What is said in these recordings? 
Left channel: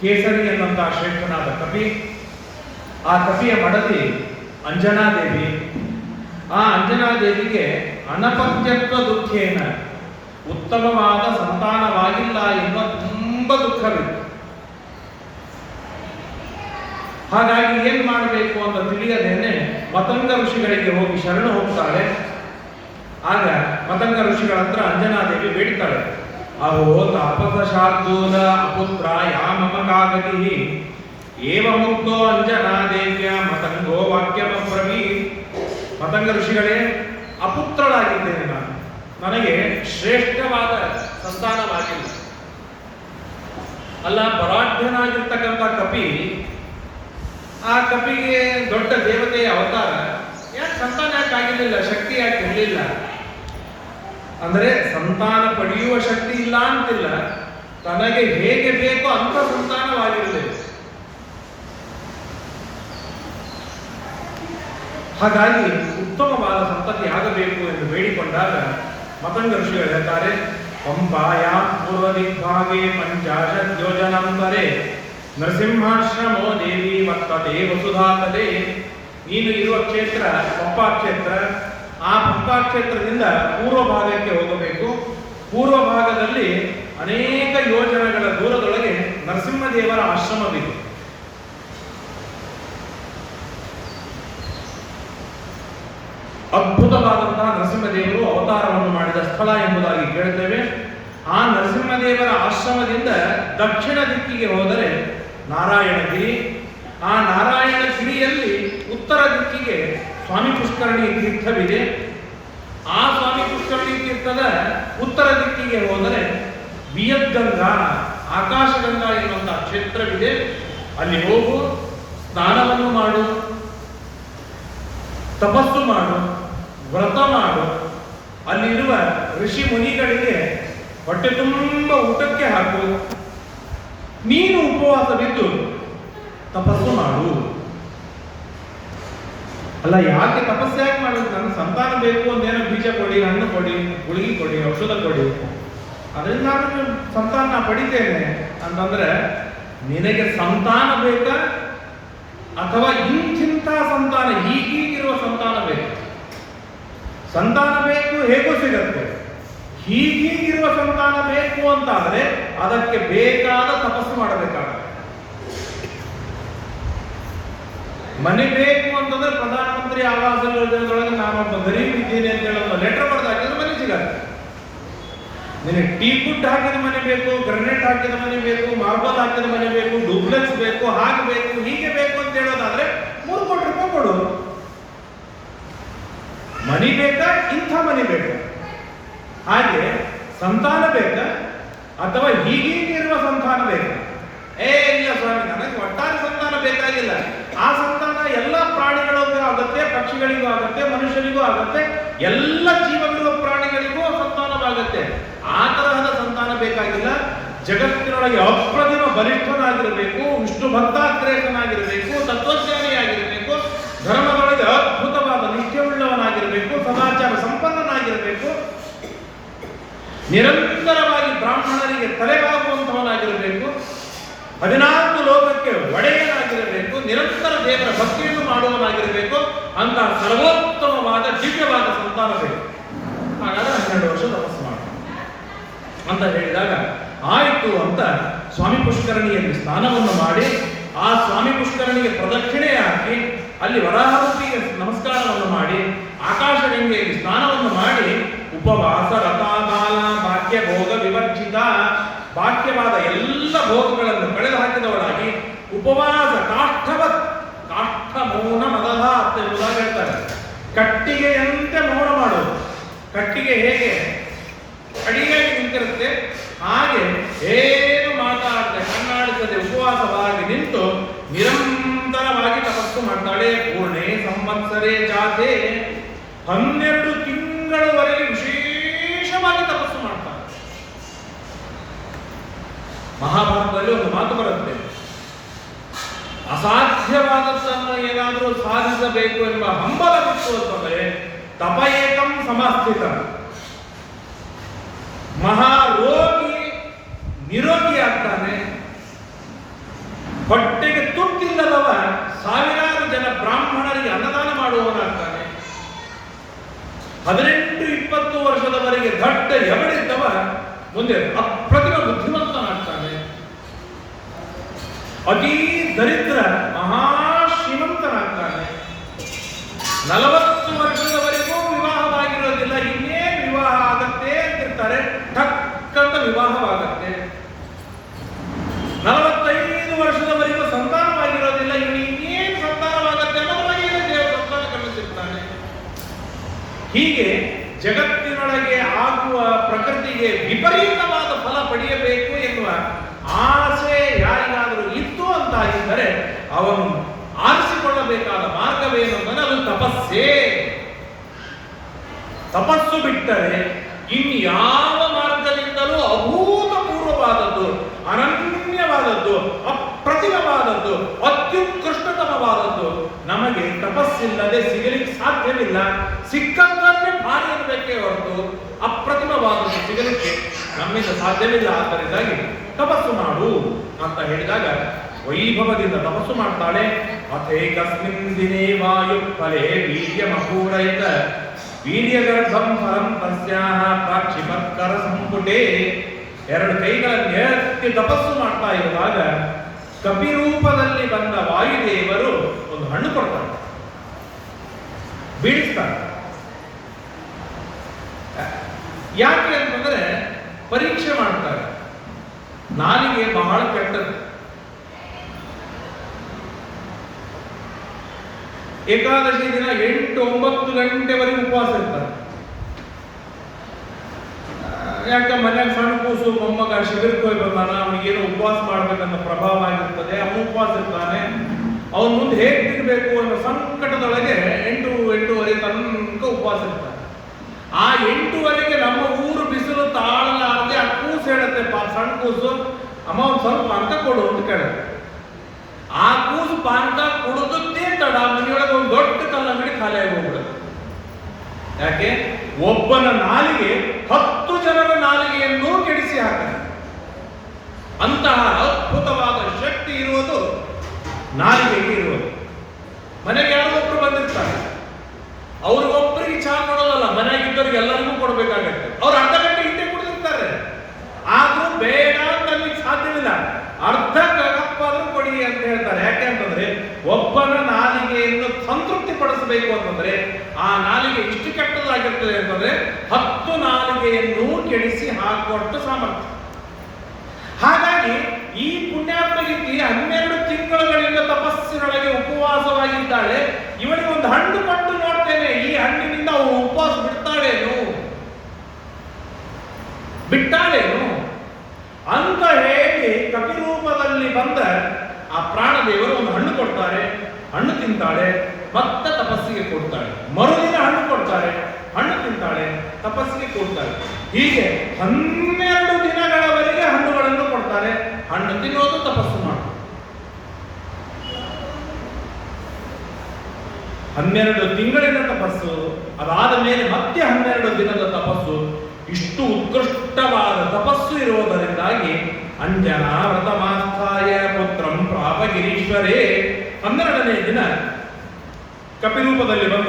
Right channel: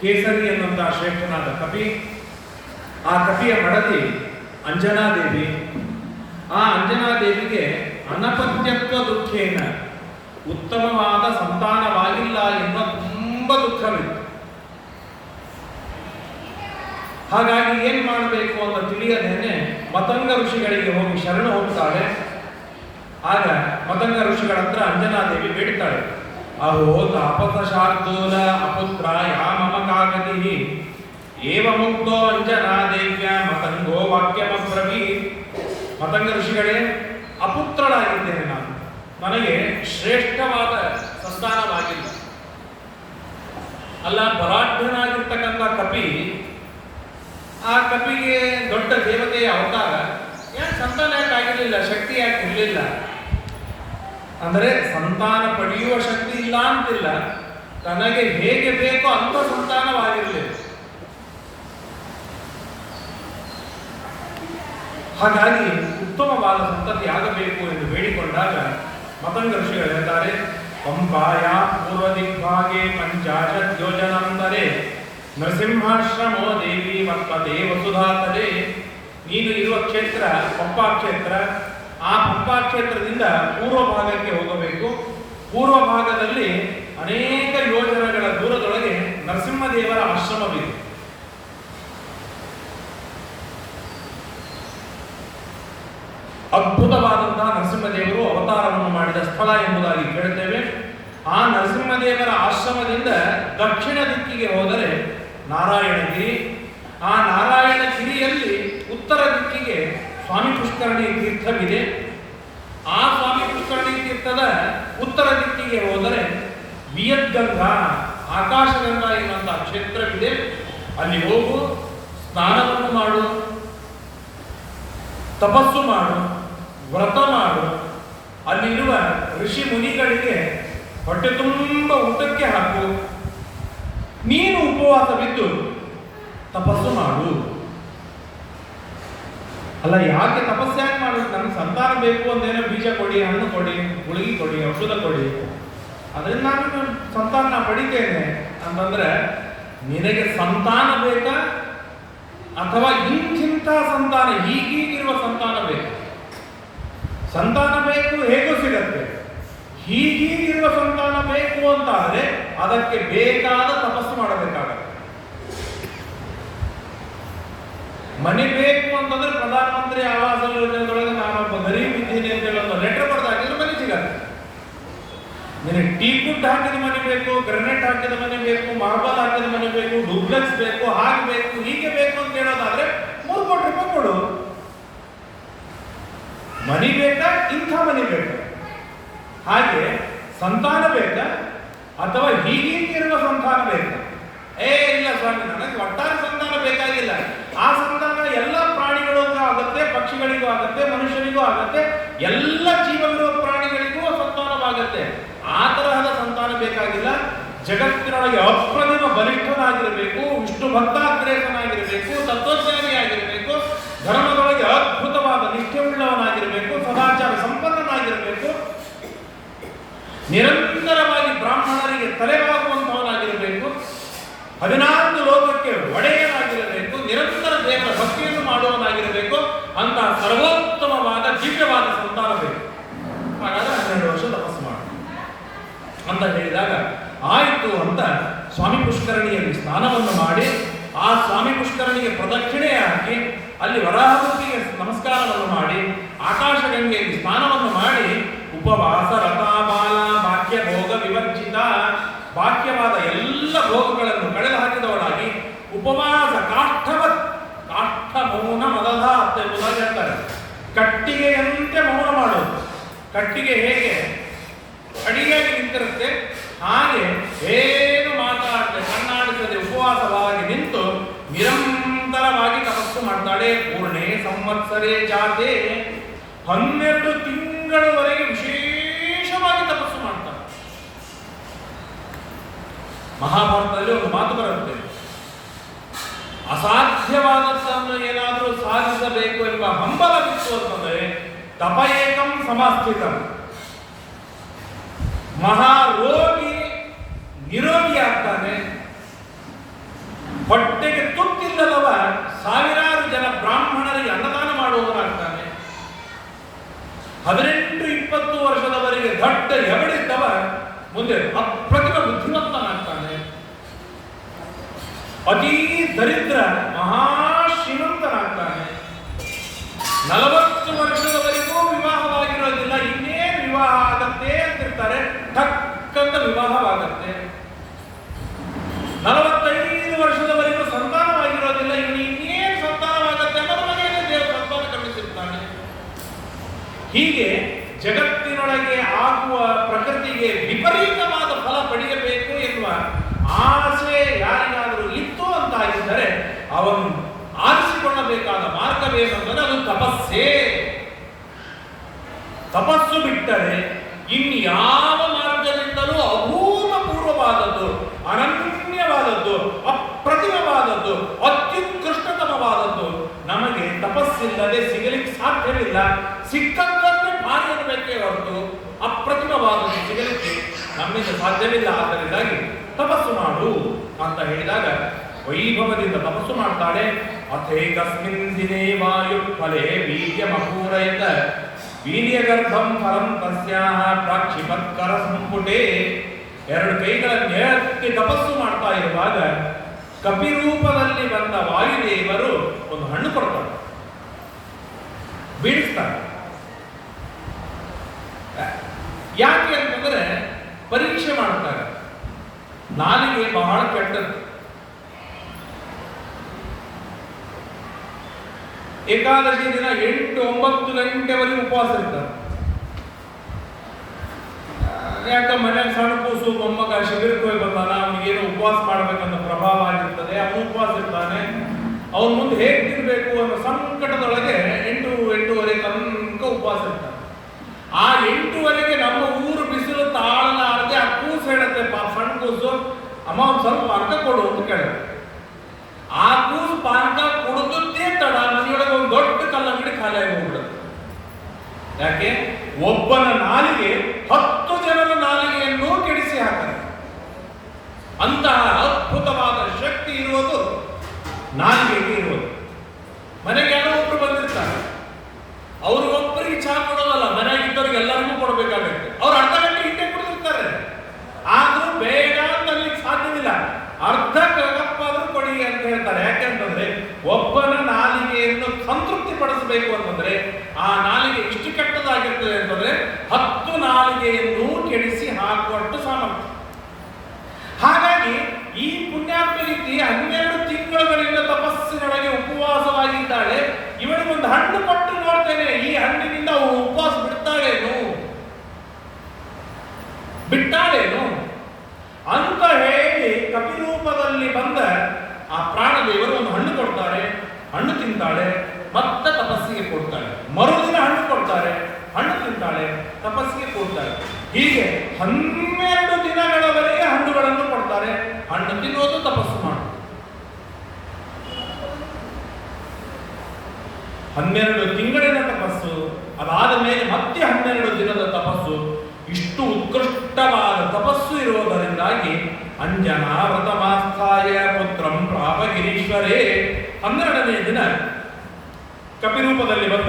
ಕೇಸರಿ ಎನ್ನುವಂತಹ ಶ್ರೇಷ್ಠನಾದ ಕಪಿ. ಆ ಕಪಿಯ ಮಡದಿ ಅಂಜನಾದೇವಿ. ಆ ಅಂಜನಾದೇವಿಗೆ ಅನಪತ್ಯತ್ವ ದುಃಖೇನ, ಉತ್ತಮವಾದ ಸಂತಾನವಾಗಿಲ್ಲ ಎನ್ನುವ ತುಂಬ ದುಃಖವಿತ್ತು. ಹಾಗಾಗಿ ಏನ್ ಮಾಡಬೇಕು ಅಂತ ತಿಳಿಯದೇನೆ ಮತಂಗ ಋಷಿಗಳಿಗೆ ಹೋಗಿ ಶರಣು ಹೋಗ್ತಾಳೆ. ಆಗ ಮತಂಗ ಋಷಿಗಳ ಹತ್ರ ಅಂಜನಾದೇವಿ ಬೇಡ್ತಾಳೆ, ಅಹೋ ತಾಪಸಶಾರ್ದೂಲ ಅಪುತ್ರ ಯಾಮಮಕಾಗತಿ ಏವ ಮುಕ್ತೋ ಅಂಜನಾದೇವ್ಯ ಮತಂಗೋ ವಾಕ್ಯಮಬ್ರವೀತ್. ಮತಂಗ ಋಷಿಗಳೇ, ಅಪುತ್ರಳಾಗಿದ್ದೇನೆ ನಾನು, ನನಗೆ ಶ್ರೇಷ್ಠವಾದ ಸಂತಾನವಾಗಿಲ್ಲ. ಅಲ್ಲ, ಬಲಾಢ್ಯನಾಗಿರ್ತಕ್ಕಂಥ ಕಪಿ, ಆ ಕಪಿಗೆ ದೊಡ್ಡ ದೇವತೆಯ ಅವತಾರ, ಯಾಕೆ ಸಂತಾನ ಯಾಕೆ ಆಗಿರಲಿಲ್ಲ, ಶಕ್ತಿ ಯಾಕೆ ಇರಲಿಲ್ಲ ಅಂದರೆ ಸಂತಾನ ಪಡೆಯುವ ಶಕ್ತಿ ಇಲ್ಲ ಅಂತಿಲ್ಲ, ತನಗೆ ಹೇಗೆ ಬೇಕೋ ಅಂತ ಸಂತಾನವಾಗಿರಲಿಲ್ಲ. ಹಾಗಾಗಿ ಉತ್ತಮವಾದ ಸಂತತಿ ಆಗಬೇಕು ಎಂದು ಬೇಡಿಕೊಂಡಾಗ ಮತಂಗ ಋಷಿಗಳು ಹೇಳ್ತಾರೆ, ಪಂಪಾಯ ಪೂರ್ವ ದಿಗ್ಭಾಗೆ ಪಂಚಾಶತ್ ಯೋಜನಂದರೆ ನರಸಿಂಹಾಶ್ರಮೋ ದೇವಿ ವರ್ತತೆ ವಸುಧಾತಲೆ. ನೀನು ಇರುವ ಕ್ಷೇತ್ರ ಪಂಪಾ ಕ್ಷೇತ್ರ. ಆ ಪಂಪಾ ಕ್ಷೇತ್ರದಿಂದ ಪೂರ್ವ ಭಾಗಕ್ಕೆ ಹೋಗಬೇಕು. ಪೂರ್ವ ಭಾಗದಲ್ಲಿ ಅನೇಕ ಯೋಜನೆಗಳ ದೂರದೊಳಗೆ ನರಸಿಂಹದೇವರ ಆಶ್ರಮವಿದೆ. ಅದ್ಭುತವಾದಂತಹ ನರಸಿಂಹದೇವರು ಅವತಾರವನ್ನು ಮಾಡಿದ ಸ್ಥಳ ಎಂಬುದಾಗಿ ಕೇಳುತ್ತೇವೆ. ಆ ನರಸಿಂಹದೇವರ ಆಶ್ರಮದಿಂದ ದಕ್ಷಿಣ ದಿಕ್ಕಿಗೆ ಹೋದರೆ ನಾರಾಯಣಗಿರಿ. ಆ ನಾರಾಯಣಗಿರಿಯಲ್ಲಿ ಉತ್ತರ ದಿಕ್ಕಿಗೆ ಸ್ವಾಮಿ ಪುಷ್ಕರಣಿ ತೀರ್ಥವಿದೆ. ಆ ಸ್ವಾಮಿ ಪುಷ್ಕರಣಿ ತೀರ್ಥದ ಉತ್ತರ ದಿಕ್ಕಿಗೆ ಹೋದರೆ ವಿಯದ್ಗಂಗಾ, ಆಕಾಶಗಂಗಾ ಎನ್ನುವಂತಹ ಕ್ಷೇತ್ರವಿದೆ. ಅಲ್ಲಿ ಹೋಗು, ಸ್ನಾನವನ್ನು ಮಾಡು, ತಪಸ್ಸು ಮಾಡು, ವ್ರತ ಮಾಡು. ಅಲ್ಲಿರುವ ಋಷಿ ಮುನಿಗಳಿಗೆ ಹೊಟ್ಟೆ ತುಂಬ ಊಟಕ್ಕೆ ಹಾಕು. ನೀನು ಉಪವಾಸವಿದ್ದು ತಪಸ್ಸು ಮಾಡು. ಅಲ್ಲ, ಯಾಕೆ ತಪಸ್ಸು ಯಾಕೆ ಮಾಡುದು? ನನಗೆ ಸಂತಾನ ಬೇಕು ಅಂದೇನೋ ಬೀಜ ಕೊಡಿ, ಹಣ್ಣು ಕೊಡಿ, ಗುಳಿಗೆ ಕೊಡಿ, ಔಷಧ ಕೊಡಿ, ಅದರಿಂದ ನಾನು ಸಂತಾನ ಪಡಿತೇನೆ ಅಂತಂದ್ರೆ, ನಿನಗೆ ಸಂತಾನ ಬೇಕಾ ಅಥವಾ ಇಂಥ ಸಂತಾನ, ಹೀಗೀಗಿರುವ ಸಂತಾನ ಬೇಕು? ಸಂತಾನ ಬೇಕು ಹೇಗೂ ಸಿಗತ್ತೆ. ಹೀಗೀಗಿರುವ ಸಂತಾನ ಬೇಕು ಅಂತ ಆದರೆ ಅದಕ್ಕೆ ಬೇಕಾದ ತಪಸ್ಸು ಮಾಡಬೇಕಾಗುತ್ತೆ. ಮನೆ ಬೇಕು ಅಂತಂದ್ರೆ ಪ್ರಧಾನಮಂತ್ರಿ ಆವಾಸ ಯೋಜನೆಯೊಳಗೆ ನಾನೊಬ್ಬ ಗರೀಬ್ ಇದ್ದೀನಿ ಅಂತ ಹೇಳಿ ಒಂದು ಲೆಟರ್ ಬರೆದಾಕಿದ್ರೆ ಮನೆ ಸಿಗತ್ತೆ. ನಿನಗೆ ಟೀ ಕುಡ್ ಹಾಕಿದ ಮನೆ ಬೇಕು, ಗ್ರನೇಟ್ ಹಾಕಿದ ಮನೆ ಬೇಕು, ಮಾರ್ಬಲ್ ಹಾಕಿದ ಮನೆ ಬೇಕು, ಡೂಪ್ಲೆಕ್ಸ್ ಬೇಕು, ಹಾಗೆ ಬೇಕು, ಹೀಗೆ ಬೇಕು ಅಂತ ಹೇಳೋದಾದ್ರೆ 3 ಕೋಟಿ ರೂಪಾಯಿ ಕೊಡು. ಮನಿ ಬೇಕಾ, ಇಂಥ ಮನೆ ಬೇಕಾ? ಹಾಗೆ ಸಂತಾನ ಬೇಕಾ ಅಥವಾ ಹೀಗಿರುವ ಸಂತಾನ ಬೇಕಾ? ಇಲ್ಲ ಸ್ವಾಮಿ, ನನಗೆ ಒಟ್ಟಾರೆ ಸಂತಾನ ಬೇಕಾಗಿಲ್ಲ. ಆ ಸಂತಾನ ಎಲ್ಲ ಪ್ರಾಣಿಗಳಿಗೂ ಆಗುತ್ತೆ, ಪಕ್ಷಿಗಳಿಗೂ ಆಗುತ್ತೆ, ಮನುಷ್ಯನಿಗೂ ಆಗುತ್ತೆ, ಎಲ್ಲ ಜೀವವಿರುವ ಪ್ರಾಣಿಗಳಿಗೂ ಸಂತಾನವಾಗುತ್ತೆ. ಆ ತರಹದ ಸಂತಾನ ಬೇಕಾಗಿಲ್ಲ. ಜಗತ್ತಿನೊಳಗೆ ಅಪ್ರತಿಮ ಬಲಿಷ್ಠನಾಗಿರಬೇಕು, ವಿಷ್ಣು ಭಕ್ತಾಗ್ರೇಸನಾಗಿರಬೇಕು, ತತ್ವಜ್ಞಾನಿಯಾಗಿರಬೇಕು, ಧರ್ಮದೊಳಗೆ ಅದ್ಭುತವಾದ ನಿಷ್ಠೆಯುಳ್ಳವನಾಗಿರಬೇಕು, ಸದಾಚಾರ ಸಂಪನ್ನನಾಗಿರಬೇಕು, ನಿರಂತರವಾಗಿ ಬ್ರಾಹ್ಮಣರಿಗೆ ತಲೆಬಾಗುವಂತವನಾಗಿರಬೇಕು, 14 ಲೋಕಕ್ಕೆ ಒಡೆಯನಾಗಿರಬೇಕು, ನಿರಂತರ ದೇವರ ಭಕ್ತಿಯನ್ನು ಮಾಡುವವನಾಗಿರಬೇಕು. ಅಂತ ಸರ್ವೋತ್ತಮವಾದ ದಿವ್ಯವಾದ ಸಂತಾನ ಬೇಕು. ಹಾಗಾದ್ರೆ 12 ವರ್ಷ ತಪಸ್ಸು ಮಾಡ ಅಂತ ಹೇಳಿದಾಗ ಆಯಿತು ಅಂತ ಸ್ವಾಮಿ ಪುಷ್ಕರಣಿಯಲ್ಲಿ ಸ್ನಾನವನ್ನು ಮಾಡಿ, ಆ ಸ್ವಾಮಿ ಪುಷ್ಕರಣಿಗೆ ಪ್ರದಕ್ಷಿಣೆ ಹಾಕಿ, ಅಲ್ಲಿ ವರಾಹರೂಪಿಗೆ ನಮಸ್ಕಾರವನ್ನು ಮಾಡಿ, ಆಕಾಶಗಂಗೆಯಲ್ಲಿ ಸ್ನಾನವನ್ನು ಮಾಡಿ, ಉಪವಾಸ ರಥಾಬಾಲ ಭಾಗ್ಯ ಭೋಗ ವಿವರ್ಜಿತ, ಭಾಗ್ಯವಾದ ಎಲ್ಲ ಭೋಗಗಳನ್ನು ಕಳೆದು ಹಾಕಿದವರಾಗಿ ಉಪವಾಸ ಕಾಷ್ಠವತ್, ಕಾಷ್ಠ ಮೌನ ಮೊದಲ ಅಂತ ಹೇಳ್ತಾರೆ. ಕಟ್ಟಿಗೆಯಂತೆ ಮೌನ ಮಾಡೋದು. ಕಟ್ಟಿಗೆ ಹೇಗೆ ಅಡಿಯಾಗಿ ನಿಂತಿರುತ್ತೆ, ಹಾಗೆ ಏನು ಮಾತಾಡದೆ ಕಣ್ಣಾಡಿಸದೆ ಉಪವಾಸವಾಗಿ ನಿಂತು ನಿರಂತರವಾಗಿ ತಪಸ್ಸು ಮಾಡ್ತಾಳೆ. ಪೂರ್ಣೆ ಸಂವತ್ಸರೇ ಜಾತೆ, 12 ತಿಂಗಳವರೆಗೆ ವಿಶೇಷವಾಗಿ ತಪಸ್ಸು ಮಾಡ್ತಾರೆ. ಮಹಾಭಾರತದಲ್ಲಿ ಒಂದು ಮಾತು ಬರುತ್ತೆ, ಅಸಾಧ್ಯವಾದದ್ದನ್ನು ಏನಾದರೂ ಸಾಧಿಸಬೇಕು ಎಂಬ ಹಂಬಲವಿತ್ತು ಅಂತಂದರೆ ತಪ ಏಕಂ ಸಮಾಸ್ಥಿತ. ಮಹಾರೋಗಿ ನಿರೋಗಿ ಆಗ್ತಾನೆ, 18-20 ವರ್ಷದವರೆಗೆ ದೊಡ್ಡ ಎವಡಿದ್ದವ ಮುಂದೆ ಅಪ್ರತಿಮ ಬುದ್ಧಿವಂತನಾಗ್ತಾನೆ. ಅತೀ ದರಿದ್ರ ಮಹಾ ಶ್ರೀಮಂತನಾಗ್ತಾನೆ. 40 ವರ್ಷದವರೆಗೂ ವಿವಾಹವಾಗಿರೋದಿಲ್ಲ, ಇನ್ನೇನು ವಿವಾಹ ಆಗತ್ತೆ ಅಂತಿರ್ತಾರೆ, ಟಕ್ಕಂತ ವಿವಾಹವಾಗತ್ತೆ. 45 ವರ್ಷದವರೆಗೂ ಸಂತಾನವಾಗಿರೋದಿಲ್ಲ, ಇನ್ನೇನು ಸಂತಾನವಾಗತ್ತೆ ಅನ್ನೋದೊಳಗೆ ದೇವರು ಸಂತಾನ ಕಳಿಸಿರ್ತಾನೆ. ಹೀಗೆ ಜಗತ್ತಿನೊಳಗೆ ಆಗುವ ಪ್ರಕೃತಿಗೆ ವಿಪರೀತವಾದ ಫಲ ಪಡೆಯಬೇಕು ಎನ್ನುವ ಆಸೆ ಯಾರಿಗಾದರೂ ಇತ್ತು ಅಂತಾಗಿದ್ದರೆ ಅವನು ಆರಿಸಿಕೊಳ್ಳಬೇಕಾದ ಮಾರ್ಗವೇನೆಂದರೆ ಅದು ತಪಸ್ಸೇ. ತಪಸ್ಸು ಬಿಟ್ಟರೆ ಇನ್ಯಾವ ಮಾರ್ಗದಿಂದಲೂ ಅಭೂತಪೂರ್ವವಾದದ್ದು, ಅನನ್ಯವಾದದ್ದು, ಅಪ್ರತಿಮವಾದದ್ದು, ಅತ್ಯುತ್ಕೃಷ್ಟತಮವಾದದ್ದು ನಮಗೆ ತಪಸ್ಸಿಲ್ಲದೆ ಸಿಗಲಿಕ್ಕೆ ಸಾಧ್ಯವಿಲ್ಲ. ಸಿಕ್ಕಂತನ್ನೇ ಭಾರಿ ಇರಬೇಕೇ ಹೊರತು ಅಪ್ರತಿಮವಾದದ್ದು ಸಿಗಲಿಕ್ಕೆ ನಮ್ಮಿಂದ ಸಾಧ್ಯವಿಲ್ಲ. ಆದ್ದರಿಂದಾಗಿ ತಪಸ್ಸು ಮಾಡು ಅಂತ ಹೇಳಿದಾಗ ವೈಭವದಿಂದ ತಪಸ್ಸು ಮಾಡ್ತಾಳೆ. ಅಥೇಕಸ್ಮಿನ್ ದಿನೇ ವಾಯು ಫಲೇ ವೀರ್ಯ ಮಕೂರೈತ ವೀರ್ಯಗರ್ಭಂ ಫಲಂ ತಸ್ಯಾಹ ಪ್ರಾಕ್ಷಿಪತ್ಕರ ಸಂಪುಟೇ. 2 ಕೈಗಳನ್ನು ಎತ್ತಿ ತಪಸ್ಸು ಮಾಡ್ತಾ ಇರುವಾಗ ಕಪಿರೂಪದಲ್ಲಿ ಬಂದ ವಾಯುದೇವರು ಒಂದು ಹಣ್ಣು ಕೊಡ್ತಾರೆ, ಬೀಳಿಸ್ತಾರೆ. ಯಾಕೆ ಅಂತಂದ್ರೆ ಪರೀಕ್ಷೆ ಮಾಡ್ತಾರೆ. ನಾಲಿಗೆ ಬಹಳ ಕೆಟ್ಟದ್ದು. ಏಕಾದಶಿ ದಿನ 8-9 ಗಂಟೆವರೆಗೆ ಉಪವಾಸ ಇರ್ತಾರೆ. ಯಾಕ ಮನ್ಯಾಗ ಸಣ್ಣ ಕೂಸು ಮೊಮ್ಮಗ ಶಿಬಿರಕ್ಕೆ ಹೋಗಿ ಬಂದಾನ, ಅವನಿಗೇನೋ ಉಪವಾಸ ಮಾಡ್ಬೇಕನ್ನೋ ಪ್ರಭಾವ ಆಗಿರ್ತದೆ, ಅವನು ಉಪವಾಸ ಇರ್ತಾನೆ. ಅವನ ಮುಂದೆ ಹೇಗೆ ತಿನ್ಬೇಕು ಅನ್ನೋ ಸಂಕಟದೊಳಗೆ 8-8:30 ತನಕ ಉಪವಾಸ ಇರ್ತಾನೆ. ಆ 8:00 ನಮ್ಮ ಊರು ಬಿಸಿಲು ತಾಳಲಾರದೆ ಆ ಕೂಸು ಹೇಳುತ್ತೆ, ಸಣ್ಣ ಕೂಸು, ಅಮ್ಮ ಒಂದು ಸ್ವಲ್ಪ ಪಾನಕ ಕೊಡು ಅಂತ ಕೇಳುತ್ತೆ. ಆ ಕೂಸು ಪಾನಕ ಕೊಡುತ್ತೇ ತಡ ಮನೆಯೊಳಗೆ ಒಂದು ದೊಡ್ಡ ಕಲ್ಲಂಗಡಿ ಖಾಲಿ ಆಗಿ ಹೋಗ್ಬಿಡುತ್ತೆ. ಯಾಕೆ? ಒಬ್ಬನ ನಾಲಿಗೆ 10 ಜನರ ನಾಲಿಗೆಯನ್ನು ಕೆಡಿಸಿ ಹಾಕ್ತಾರೆ. ಅಂತಹ ಅದ್ಭುತವಾದ ಶಕ್ತಿ ಇರುವುದು ನಾಲಿಗೆಗೆ ಇರುವುದು. ಮನೆಗೆ ಯಾರೋ ಒಬ್ರು ಬಂದಿರ್ತಾರೆ, ಅವ್ರಿಗೊಬ್ಬರಿಗೆ ಚಹಾ ಕೊಡೋದಲ್ಲ, ಮನೆಯಾಗಿದ್ದವರಿಗೆ ಎಲ್ಲರಿಗೂ ಕೊಡಬೇಕಾಗುತ್ತೆ. ಅವ್ರು ಅರ್ಧ ಗಂಟೆ ಹಿಂದೆ ಕುಡಿದಿರ್ತಾರೆ, ಆದ್ರೂ ಬೇಗ ತರಲಿಕ್ಕೆ ಸಾಧ್ಯವಿಲ್ಲ. ಅರ್ಧ ಕಪ್ಪಾದ್ರೂ ಕೊಡಿ ಅಂತ ಹೇಳ್ತಾರೆ. ಯಾಕೆ ಅಂತಂದ್ರೆ ಒಬ್ಬನ ನಾಲಿಗೆಯನ್ನು ಸಂತೃಪ್ತಿ ಪಡಿಸಬೇಕು ಅಂತಂದ್ರೆ ಆ ನಾಲಿಗೆ ಇಷ್ಟು ಕೆಟ್ಟದಾಗಿರ್ತದೆ ಅಂತಂದ್ರೆ 10 ನಾಲಿಗೆಯನ್ನು ಕೆಡಿಸಿ ಹಾಕುವಷ್ಟು ಸಾಮರ್ಥ್ಯ. ಹಾಗಾಗಿ ಈ ಪುಣ್ಯಾತ್ಮ ರೀತಿ 12 ತಿಂಗಳುಗಳಿಂದ ತಪಸ್ಸಿನೊಳಗೆ ಉಪವಾಸವಾಗಿದ್ದಾಳೆ. ಇವನಿಗೆ ಒಂದು ಹಣ್ಣು ಕೊಟ್ಟು ನೋಡ್ತೇನೆ, ಈ ಹಣ್ಣಿನಿಂದ ಅವಳು ಉಪವಾಸ ಬಿಟ್ಟಾಳೇನು ಅಂತ ಹೇಳಿ ಕಪಿರೂಪದಲ್ಲಿ ಬಂದ ಆ ಪ್ರಾಣದೇವರು ಒಂದು ಹಣ್ಣು ಕೊಡ್ತಾರೆ. ಹಣ್ಣು ತಿಂತಾಳೆ, ಮತ್ತೆ ತಪಸ್ಸಿಗೆ ಕೊಡ್ತಾಳೆ. ಮರುದಿನ ಹಣ್ಣು ಕೊಡ್ತಾರೆ, ಹಣ್ಣು ತಿಂತಾಳೆ, ತಪಸ್ಸಿಗೆ ಕೊಡ್ತಾರೆ. ಹೀಗೆ 12 ದಿನಗಳವರೆಗೆ ಹಣ್ಣುಗಳನ್ನು ಕೊಡ್ತಾರೆ. ಹಣ್ಣು ತಿನ್ನೋದು, ತಪಸ್ಸು ಮಾಡೋದು. 12 ತಿಂಗಳಿನ ತಪಸ್ಸು, ಅದಾದ ಮೇಲೆ ಮತ್ತೆ 12 ದಿನದ ತಪಸ್ಸು. ಇಷ್ಟು ಉತ್ಕೃಷ್ಟವಾದ ತಪಸ್ಸು ಇರುವುದರಿಂದಾಗಿ ಅಂಜನಾ ವ್ರತಮಾಸ್ಥಾಯ ಪುತ್ರಂ ಪ್ರಾಪಗಿರೀಶ್ವರೇ. 12ನೇ ದಿನ ಕಪಿರೂಪದಲ್ಲಿ ಬಂದ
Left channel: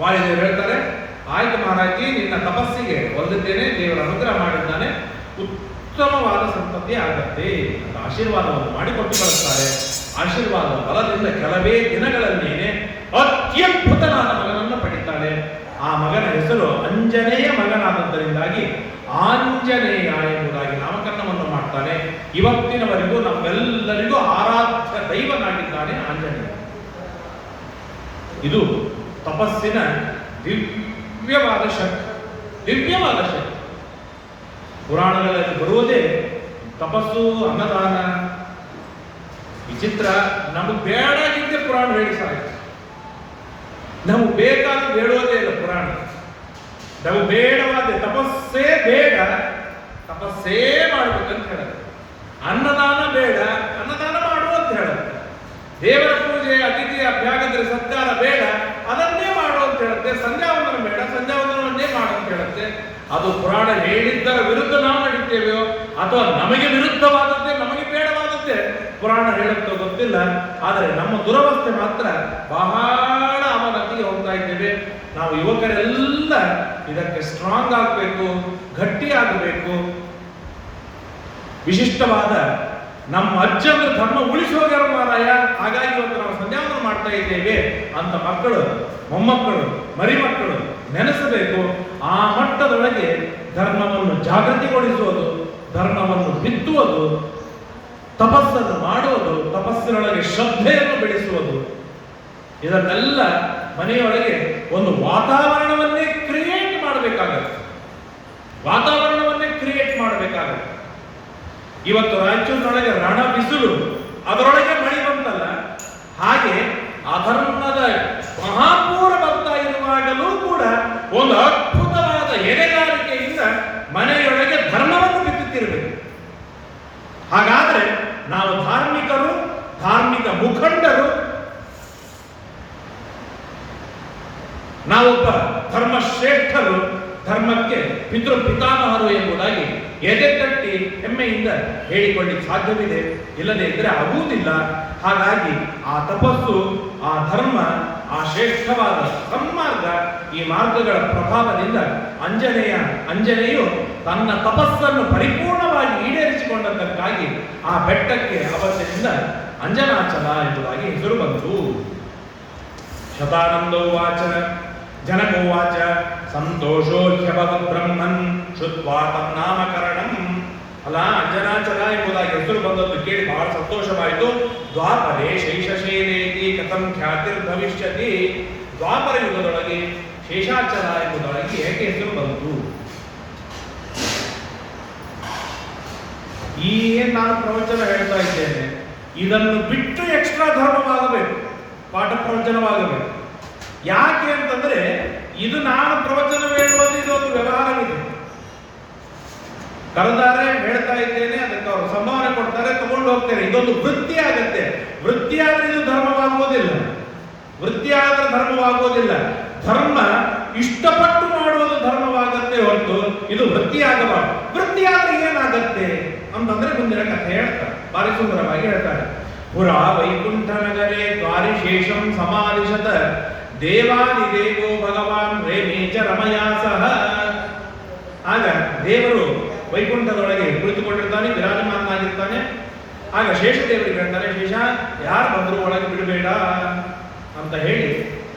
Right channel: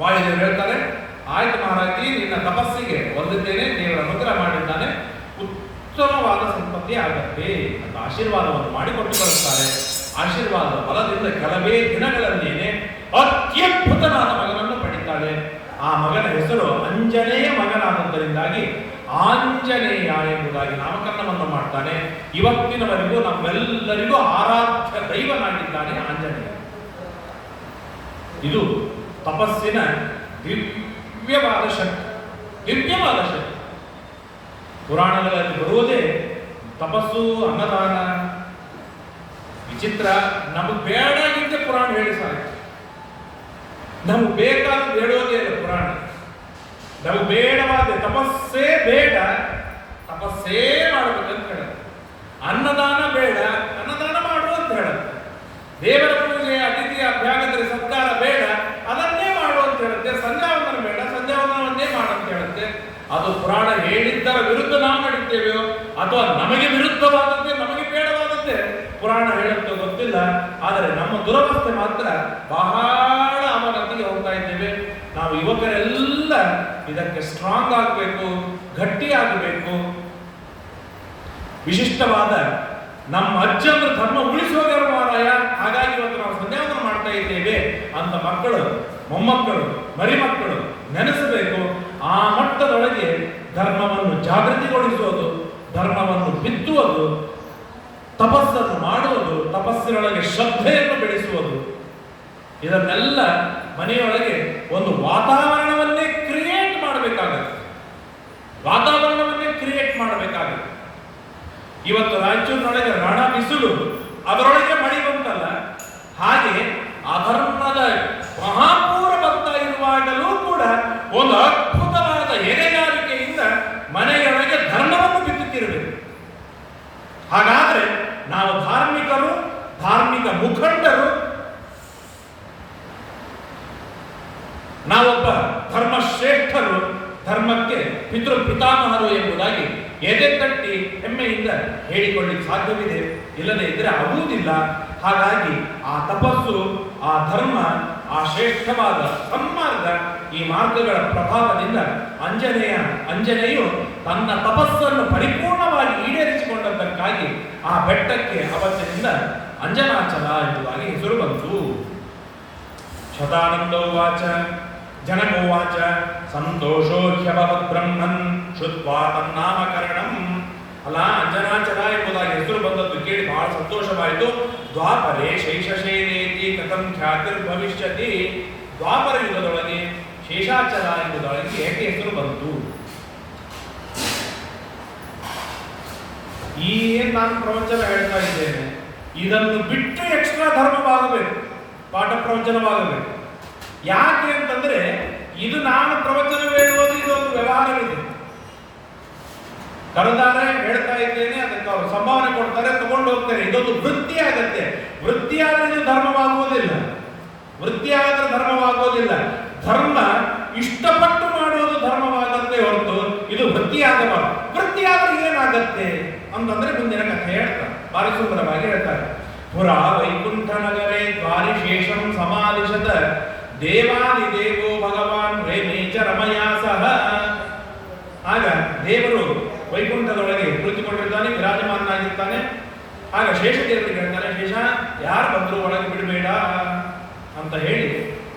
ವಾಯುದೇವರು ಹೇಳ್ತಾರೆ, ಆಯ್ತು ಮಹಾರಾಜಿ, ನಿನ್ನ ತಪಸ್ಸಿಗೆ ಒಲಿದ್ದೇನೆ, ದೇವರ ಅನುಗ್ರಹ ಮಾಡಿದ್ದಾನೆ, ಉತ್ತಮವಾದ ಸಂಪತ್ತಿ ಆಗತ್ತೆ ಅಂತ ಆಶೀರ್ವಾದವನ್ನು ಮಾಡಿಕೊಟ್ಟು ಕಳಿಸ್ತಾರೆ. ಆಶೀರ್ವಾದದ ಫಲದಿಂದ ಕೆಲವೇ ದಿನಗಳನ್ನೇನೆ ಅತ್ಯದ್ಭುತನಾದ ಮಗನನ್ನು ಪಡಿತಾಳೆ. ಆ ಮಗನ ಹೆಸರು ಅಂಜನೇಯ ಮಗನಾದದ್ದರಿಂದಾಗಿ ಆಂಜನೇಯ ಎಂಬುದಾಗಿ ನಾಮಕರಣವನ್ನು ಮಾಡ್ತಾನೆ. ಇವತ್ತಿನವರೆಗೂ ನಮ್ಮೆಲ್ಲರಿಗೂ ಆರಾಧ್ಯ ದೈವನಾಗಿದ್ದಾನೆ ಆಂಜನೇಯ. ಇದು ತಪಸ್ಸಿನ ದಿವ್ಯವಾದ ಶಕ್ತಿ. ಪುರಾಣಗಳಲ್ಲಿ ಬರುವುದೇ ತಪಸ್ಸು, ಅನ್ನದಾನ. ವಿಚಿತ್ರ, ನಮಗೆ ಬೇಡಾಗಿದ್ದೆ ಪುರಾಣ ಹೇಳಿ ಸಾಕು. ನಮಗೆ ಬೇಕಾದ ಬೇಡೋದೇ ಇಲ್ಲ ಪುರಾಣ. ನಮಗೆ ಬೇಡವಾದ ತಪಸ್ಸೇ ಬೇಡ, ತಪಸ್ಸೇ ಮಾಡಬೇಕಂತ ಹೇಳುತ್ತೆ. ಅನ್ನದಾನ ಬೇಡ, ಅನ್ನದಾನ ಮಾಡು ಅಂತ ಹೇಳುತ್ತೆ. ದೇವರ ಪೂಜೆ, ಅತಿಥಿ ಅಭ್ಯಾಗಂದ್ರೆ ಸತ್ಕಾರ ಬೇಡ, ಅದನ್ನೇ ಮಾಡು ಅಂತ ಹೇಳುತ್ತೆ. ಸಂಧ್ಯಾವಂದನ ಬೇಡ, ಸಂಧ್ಯಾವಂದನವನ್ನೇ ಮಾಡು ಅಂತ ಹೇಳುತ್ತೆ. ಅದು ಪುರಾಣ ಹೇಳಿದ್ದರ ವಿರುದ್ಧ ನಾವು ನಡೀತೇವೆಯೋ ಅಥವಾ ನಮಗೆ ವಿರುದ್ಧವಾದದ್ದೇ, ನಮಗೆ ಬೇಡವಾದದ್ದೇ ಪುರಾಣ ಹೇಳುತ್ತೋ ಗೊತ್ತಿಲ್ಲ. ಆದರೆ ನಮ್ಮ ದುರವಸ್ಥೆ ಮಾತ್ರ ಬಹಳ ಅವನತಿಗೆ ಹೋಗ್ತಾ ಇದ್ದೇವೆ. ನಾವು ಯುವಕರೆಲ್ಲ ಇದಕ್ಕೆ ಸ್ಟ್ರಾಂಗ್ ಆಗಬೇಕು, ಗಟ್ಟಿಯಾಗಬೇಕು. ವಿಶಿಷ್ಟವಾದ ನಮ್ಮ ಅಜ್ಜನ ಧರ್ಮ ಉಳಿಸುವ ಮಾರಾಯ, ಹಾಗಾಗಿ ಇವತ್ತು ನಾವು ಸಂಧ್ಯಾವಂದನ ಮಾಡ್ತಾ ಇದ್ದೇವೆ ಅಂತ ಮಕ್ಕಳು, ಮೊಮ್ಮಕ್ಕಳು, ಮರಿಮಕ್ಕಳು ನೆನೆಸಬೇಕು. ಆ ಮಟ್ಟದೊಳಗೆ ಧರ್ಮವನ್ನು ಜಾಗೃತಿಗೊಳಿಸುವುದು, ಧರ್ಮವನ್ನು ಬಿತ್ತುವುದು, ತಪಸ್ಸನ್ನು ಮಾಡುವುದು, ತಪಸ್ಸಿನೊಳಗೆ ಶ್ರದ್ಧೆಯನ್ನು ಬೆಳೆಸುವುದು, ಇದನ್ನೆಲ್ಲ ಮನೆಯೊಳಗೆ ಒಂದು ವಾತಾವರಣವನ್ನೇ ಕ್ರಿಯೇಟ್ ಮಾಡಬೇಕಾಗುತ್ತೆ. ಇವತ್ತು ರಾಯಚೂರಿನೊಳಗೆ ರಣ ಬಿಸಿಲು, ಅದರೊಳಗೆ ಮಳೆ ಬಂತಲ್ಲ, ಹಾಗೆ ಅಧರ್ಮದ ಮಹಾಪೂರ ಬರ್ತಾ ಇರುವಾಗಲೂ ಕೂಡ ಒಂದು ಅದ್ಭುತವಾದ ಎಡೆಗಾರಿಕೆಯಿಂದ ಮನೆಯೊಳಗೆ ಧರ್ಮವನ್ನು ಬಿತ್ತುತ್ತಿರಬೇಕು. ಹಾಗಾದ್ರೆ ನಾವು ಧಾರ್ಮಿಕರು, ಧಾರ್ಮಿಕ ಮುಖಂಡರು, ನಾವೊಬ್ಬ ಧರ್ಮಶ್ರೇಷ್ಠರು, ಧರ್ಮಕ್ಕೆ ಪಿತೃ ಪಿತಾಮಹರು ಎಂಬುದಾಗಿ ಎದೆ ತಟ್ಟಿ ಹೆಮ್ಮೆಯಿಂದ ಹೇಳಿಕೊಳ್ಳಿಕ್ಕೆ ಸಾಧ್ಯವಿದೆ. ಇಲ್ಲದೆ ಇದ್ರೆ ಆಗುವುದಿಲ್ಲ. ಹಾಗಾಗಿ ಆ ತಪಸ್ಸು, ಆ ಧರ್ಮ, ಆ ಶ್ರೇಷ್ಠವಾದ ಸನ್ಮಾರ್ಗ, ಈ ಮಾರ್ಗಗಳ ಪ್ರಭಾವದಿಂದ ಅಂಜನೆಯು ತನ್ನ ತಪಸ್ಸನ್ನು ಪರಿಪೂರ್ಣವಾಗಿ ಈಡೇರಿಸಿಕೊಂಡದ್ದಕ್ಕಾಗಿ ಆ ಬೆಟ್ಟಕ್ಕೆ ಅವತ್ತಿನಿಂದ ಅಂಜನಾಚಲ ಎಂಬುದಾಗಿ ಹೆಸರು ಬಂತು. ಶತಾನಂದೋವಾಚ ಜನಕೋವಾಚ ಸಂತೋಷೋ ಹ್ಯಭವತ್ ಬ್ರಹ್ಮನ್ ಶುದ್ವಾ ತನ್ನಾಮಕರಣಂ. ಅಲ್ಲ, ಅಂಜನಾಚಲ ಎಂಬುದಾಗಿ ಹೆಸರು ಬಂದದ್ದು ಕೇಳಿ ಬಹಳ ಸಂತೋಷವಾಯಿತು. ದ್ವಾಪರೇ ಶೈಷಶೇನೇತಿ ಕಥಂ ಖ್ಯಾತಿರ್ಭವಿಷ್ಯತಿ. ದ್ವಾಪರ ಯುಗದೊಳಗೆ ಶೇಷಾಚಲ ಎಂಬುದಾಗಿ ಏಕೆ ಹೆಸರು ಬಂತು? ಏನ್ ನಾನು ಪ್ರವಚನ ಹೇಳ್ತಾ ಇದ್ದೇನೆ, ಇದನ್ನು ಬಿಟ್ಟು ಎಕ್ಸ್ಟ್ರಾ ಧರ್ಮವಾಗಬೇಕು, ಪಾಠ ಪ್ರವಚನವಾಗಬೇಕು. ಯಾಕೆ ಅಂತಂದ್ರೆ ಇದು ನಾನು ಪ್ರವಚನ ಹೇಳುವುದು ಇದೊಂದು ವ್ಯವಹಾರವಿದೆ. ಕರೆದಾರೆ ಹೇಳ್ತಾ ಇದ್ದೇನೆ, ಅದಕ್ಕೆ ಅವರು ಸಂಭಾವನೆ ಕೊಡ್ತಾರೆ, ತಗೊಂಡು ಹೋಗ್ತಾರೆ. ಇದೊಂದು ವೃತ್ತಿ ಆಗತ್ತೆ. ವೃತ್ತಿಯಾದ್ರೆ ಇದು ಧರ್ಮವಾಗುವುದಿಲ್ಲ. ವೃತ್ತಿಯಾದ್ರೆ ಧರ್ಮವಾಗುವುದಿಲ್ಲ. ಧರ್ಮ ಇಷ್ಟಪಟ್ಟು ಮಾಡುವುದು ಧರ್ಮವಾಗತ್ತೆ ಹೊರತು ಇದು ವೃತ್ತಿಯಾಗಬಾರದು. ವೃತ್ತಿಯಾದ್ರೆ ಏನಾಗತ್ತೆ ಅಂತಂದ್ರೆ ಮುಂದಿನ ಕಥೆ ಹೇಳ್ತಾರೆ, ಬಾರಿ ಸುಂದರವಾಗಿ ಹೇಳ್ತಾರೆ. ಪುರಾ ವೈಕುಂಠ ನಗರೇ ದ್ವಾರಿಶೇಷಂ ಸಮಾಲಿಶತ ದೇವಾದಿದೇವೋ ಭಗವಾನ್ ರೇಮೇಚ ರಮಯಾ ಸಹ. ಆಗ ದೇವರು ವೈಕುಂಠದೊಳಗೆ ಕುಳಿತುಕೊಂಡಿರ್ತಾನೆ, ವಿರಾಜಮಾನನಾಗಿರ್ತಾನೆ. ಆಗ ಶೇಷದೇವರಿಗೆ ಹೇಳ್ತಾನೆ, ಶೇಷ ಯಾರು ಬಂದ್ರು ಒಳಗೆ ಬಿಡಬೇಡ ಅಂತ ಹೇಳಿ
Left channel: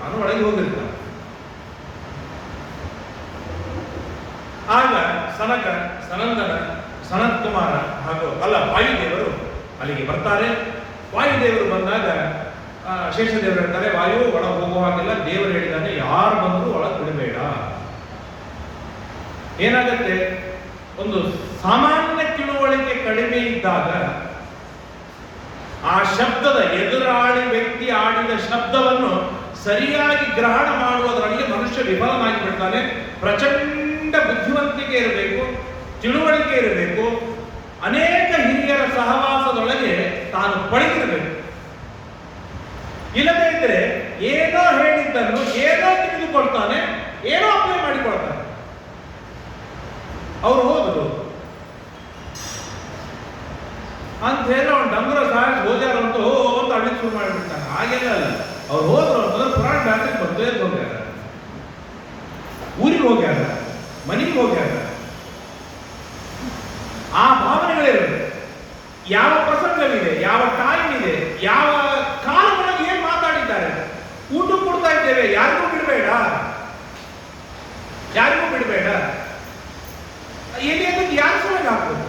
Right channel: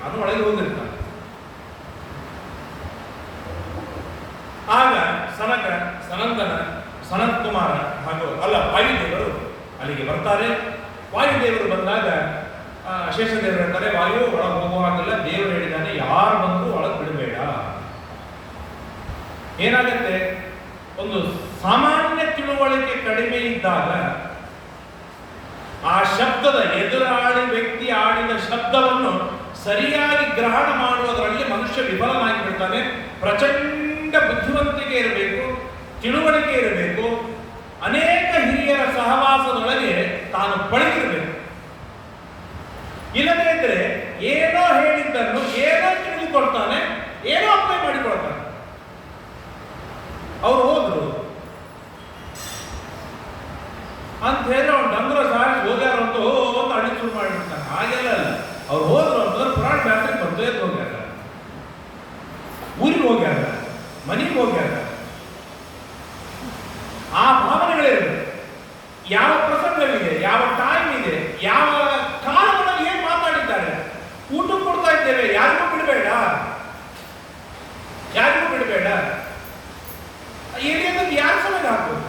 ಅವನು ಒಳಗೆ ಹೋಗಿರ್ತಾನೆ. ಆಗ ಸನಕ, ಸನಂದನ, ಸನತ್ ಕುಮಾರ ಹಾಗೂ ವಾಯುದೇವರು ಅಲ್ಲಿಗೆ ಬರ್ತಾರೆ. ವಾಯುದೇವರು ಬಂದಾಗ ಶೇಷದೇವರು ಹೇಳ್ತಾರೆ, ವಾಯು ಒಳಗೆ ಹೋಗುವಾಗಿಲ್ಲ, ದೇವರು ಹೇಳಿದ್ದಾನೆ ಯಾರು ಬಂದ್ರು ಒಳಗೆ ಬಿಡಬೇಡ. ಏನಾಗತ್ತೆ, ಒಂದು ಸಾಮಾನ್ಯ ತಿಳುವಳಿಕೆ ಕಡಿಮೆ ಇದ್ದಾಗ ಆ ಶಬ್ದದ ಎದುರಾಳಿ ವ್ಯಕ್ತಿ ಆಡಿದ ಶಬ್ದವನ್ನು ಸರಿಯಾಗಿ ಗ್ರಹಣ ಮಾಡುವುದರಲ್ಲಿ ಮನುಷ್ಯ ವಿಫಲವಾಗಿ ಬಿಡ್ತಾನೆ. ಪ್ರಚಂಡ ಬುದ್ಧಿವಂತಿಕೆ ಇರಬೇಕು, ತಿಳುವಳಿಕೆ ಇರಬೇಕು, ಅನೇಕ ಹಿರಿಯರ ಸಹವಾಸದೊಳಗೆ ತಾನು ಪಳಗಿರಬೇಕು. ಇಲ್ಲದೇ ಇದ್ರೆ ಏನೋ ಹೇಳಿದ್ದನ್ನು ಏನೋ ತಿಳಿದುಕೊಳ್ತಾನೆ, ಏನೋ ಅಪ್ಲೈ ಮಾಡಿಕೊಳ್ತಾನೆ. ಅವ್ರು ಹೋದ್ರು ಅಂತ ಹೇಳೋ ಡಂಗ್ರ ಸಾಹೇಬ್ ಹೋಗ್ಯಾರ ಅಂತ ಅಡಿ ಶುರು ಮಾಡಿಬಿಡ್ತಾನೆ. ಹಾಗೆಲ್ಲ ಅವ್ರು ಹೋದ್ರು ಅಂತಂದ್ರೆ ಪುರಾಣ ಬ್ಯಾಟ್ರಿ ಬಂದೇ ಹೋಗ್ಯಾರ, ಊರಿಗೆ ಹೋಗ್ಯಾರ, ಮನೆಗೆ ಹೋಗ್ಯಾರ. ಆ ಭಾವನೆಗಳಿರುತ್ತೆ. ಯಾವ ಪ್ರಸಂಗವಿದೆ, ಯಾವ ಟೈಮ್ ಇದೆ, ಯಾವ ಕಾಲದಲ್ಲಿ ಏನ್ ಮಾತಾಡಿದ್ದಾರೆ. ಊಟ ಕೊಡ್ತಾ ಇದ್ದೇವೆ, ಯಾರಿಗೂ ಬಿಡಬೇಡ, ಯಾರಿಗೂ ಬಿಡಬೇಡ. ಏನೇ ಯಾರು ಸಲಹೆ ಹಾಕ್ಬೋದು,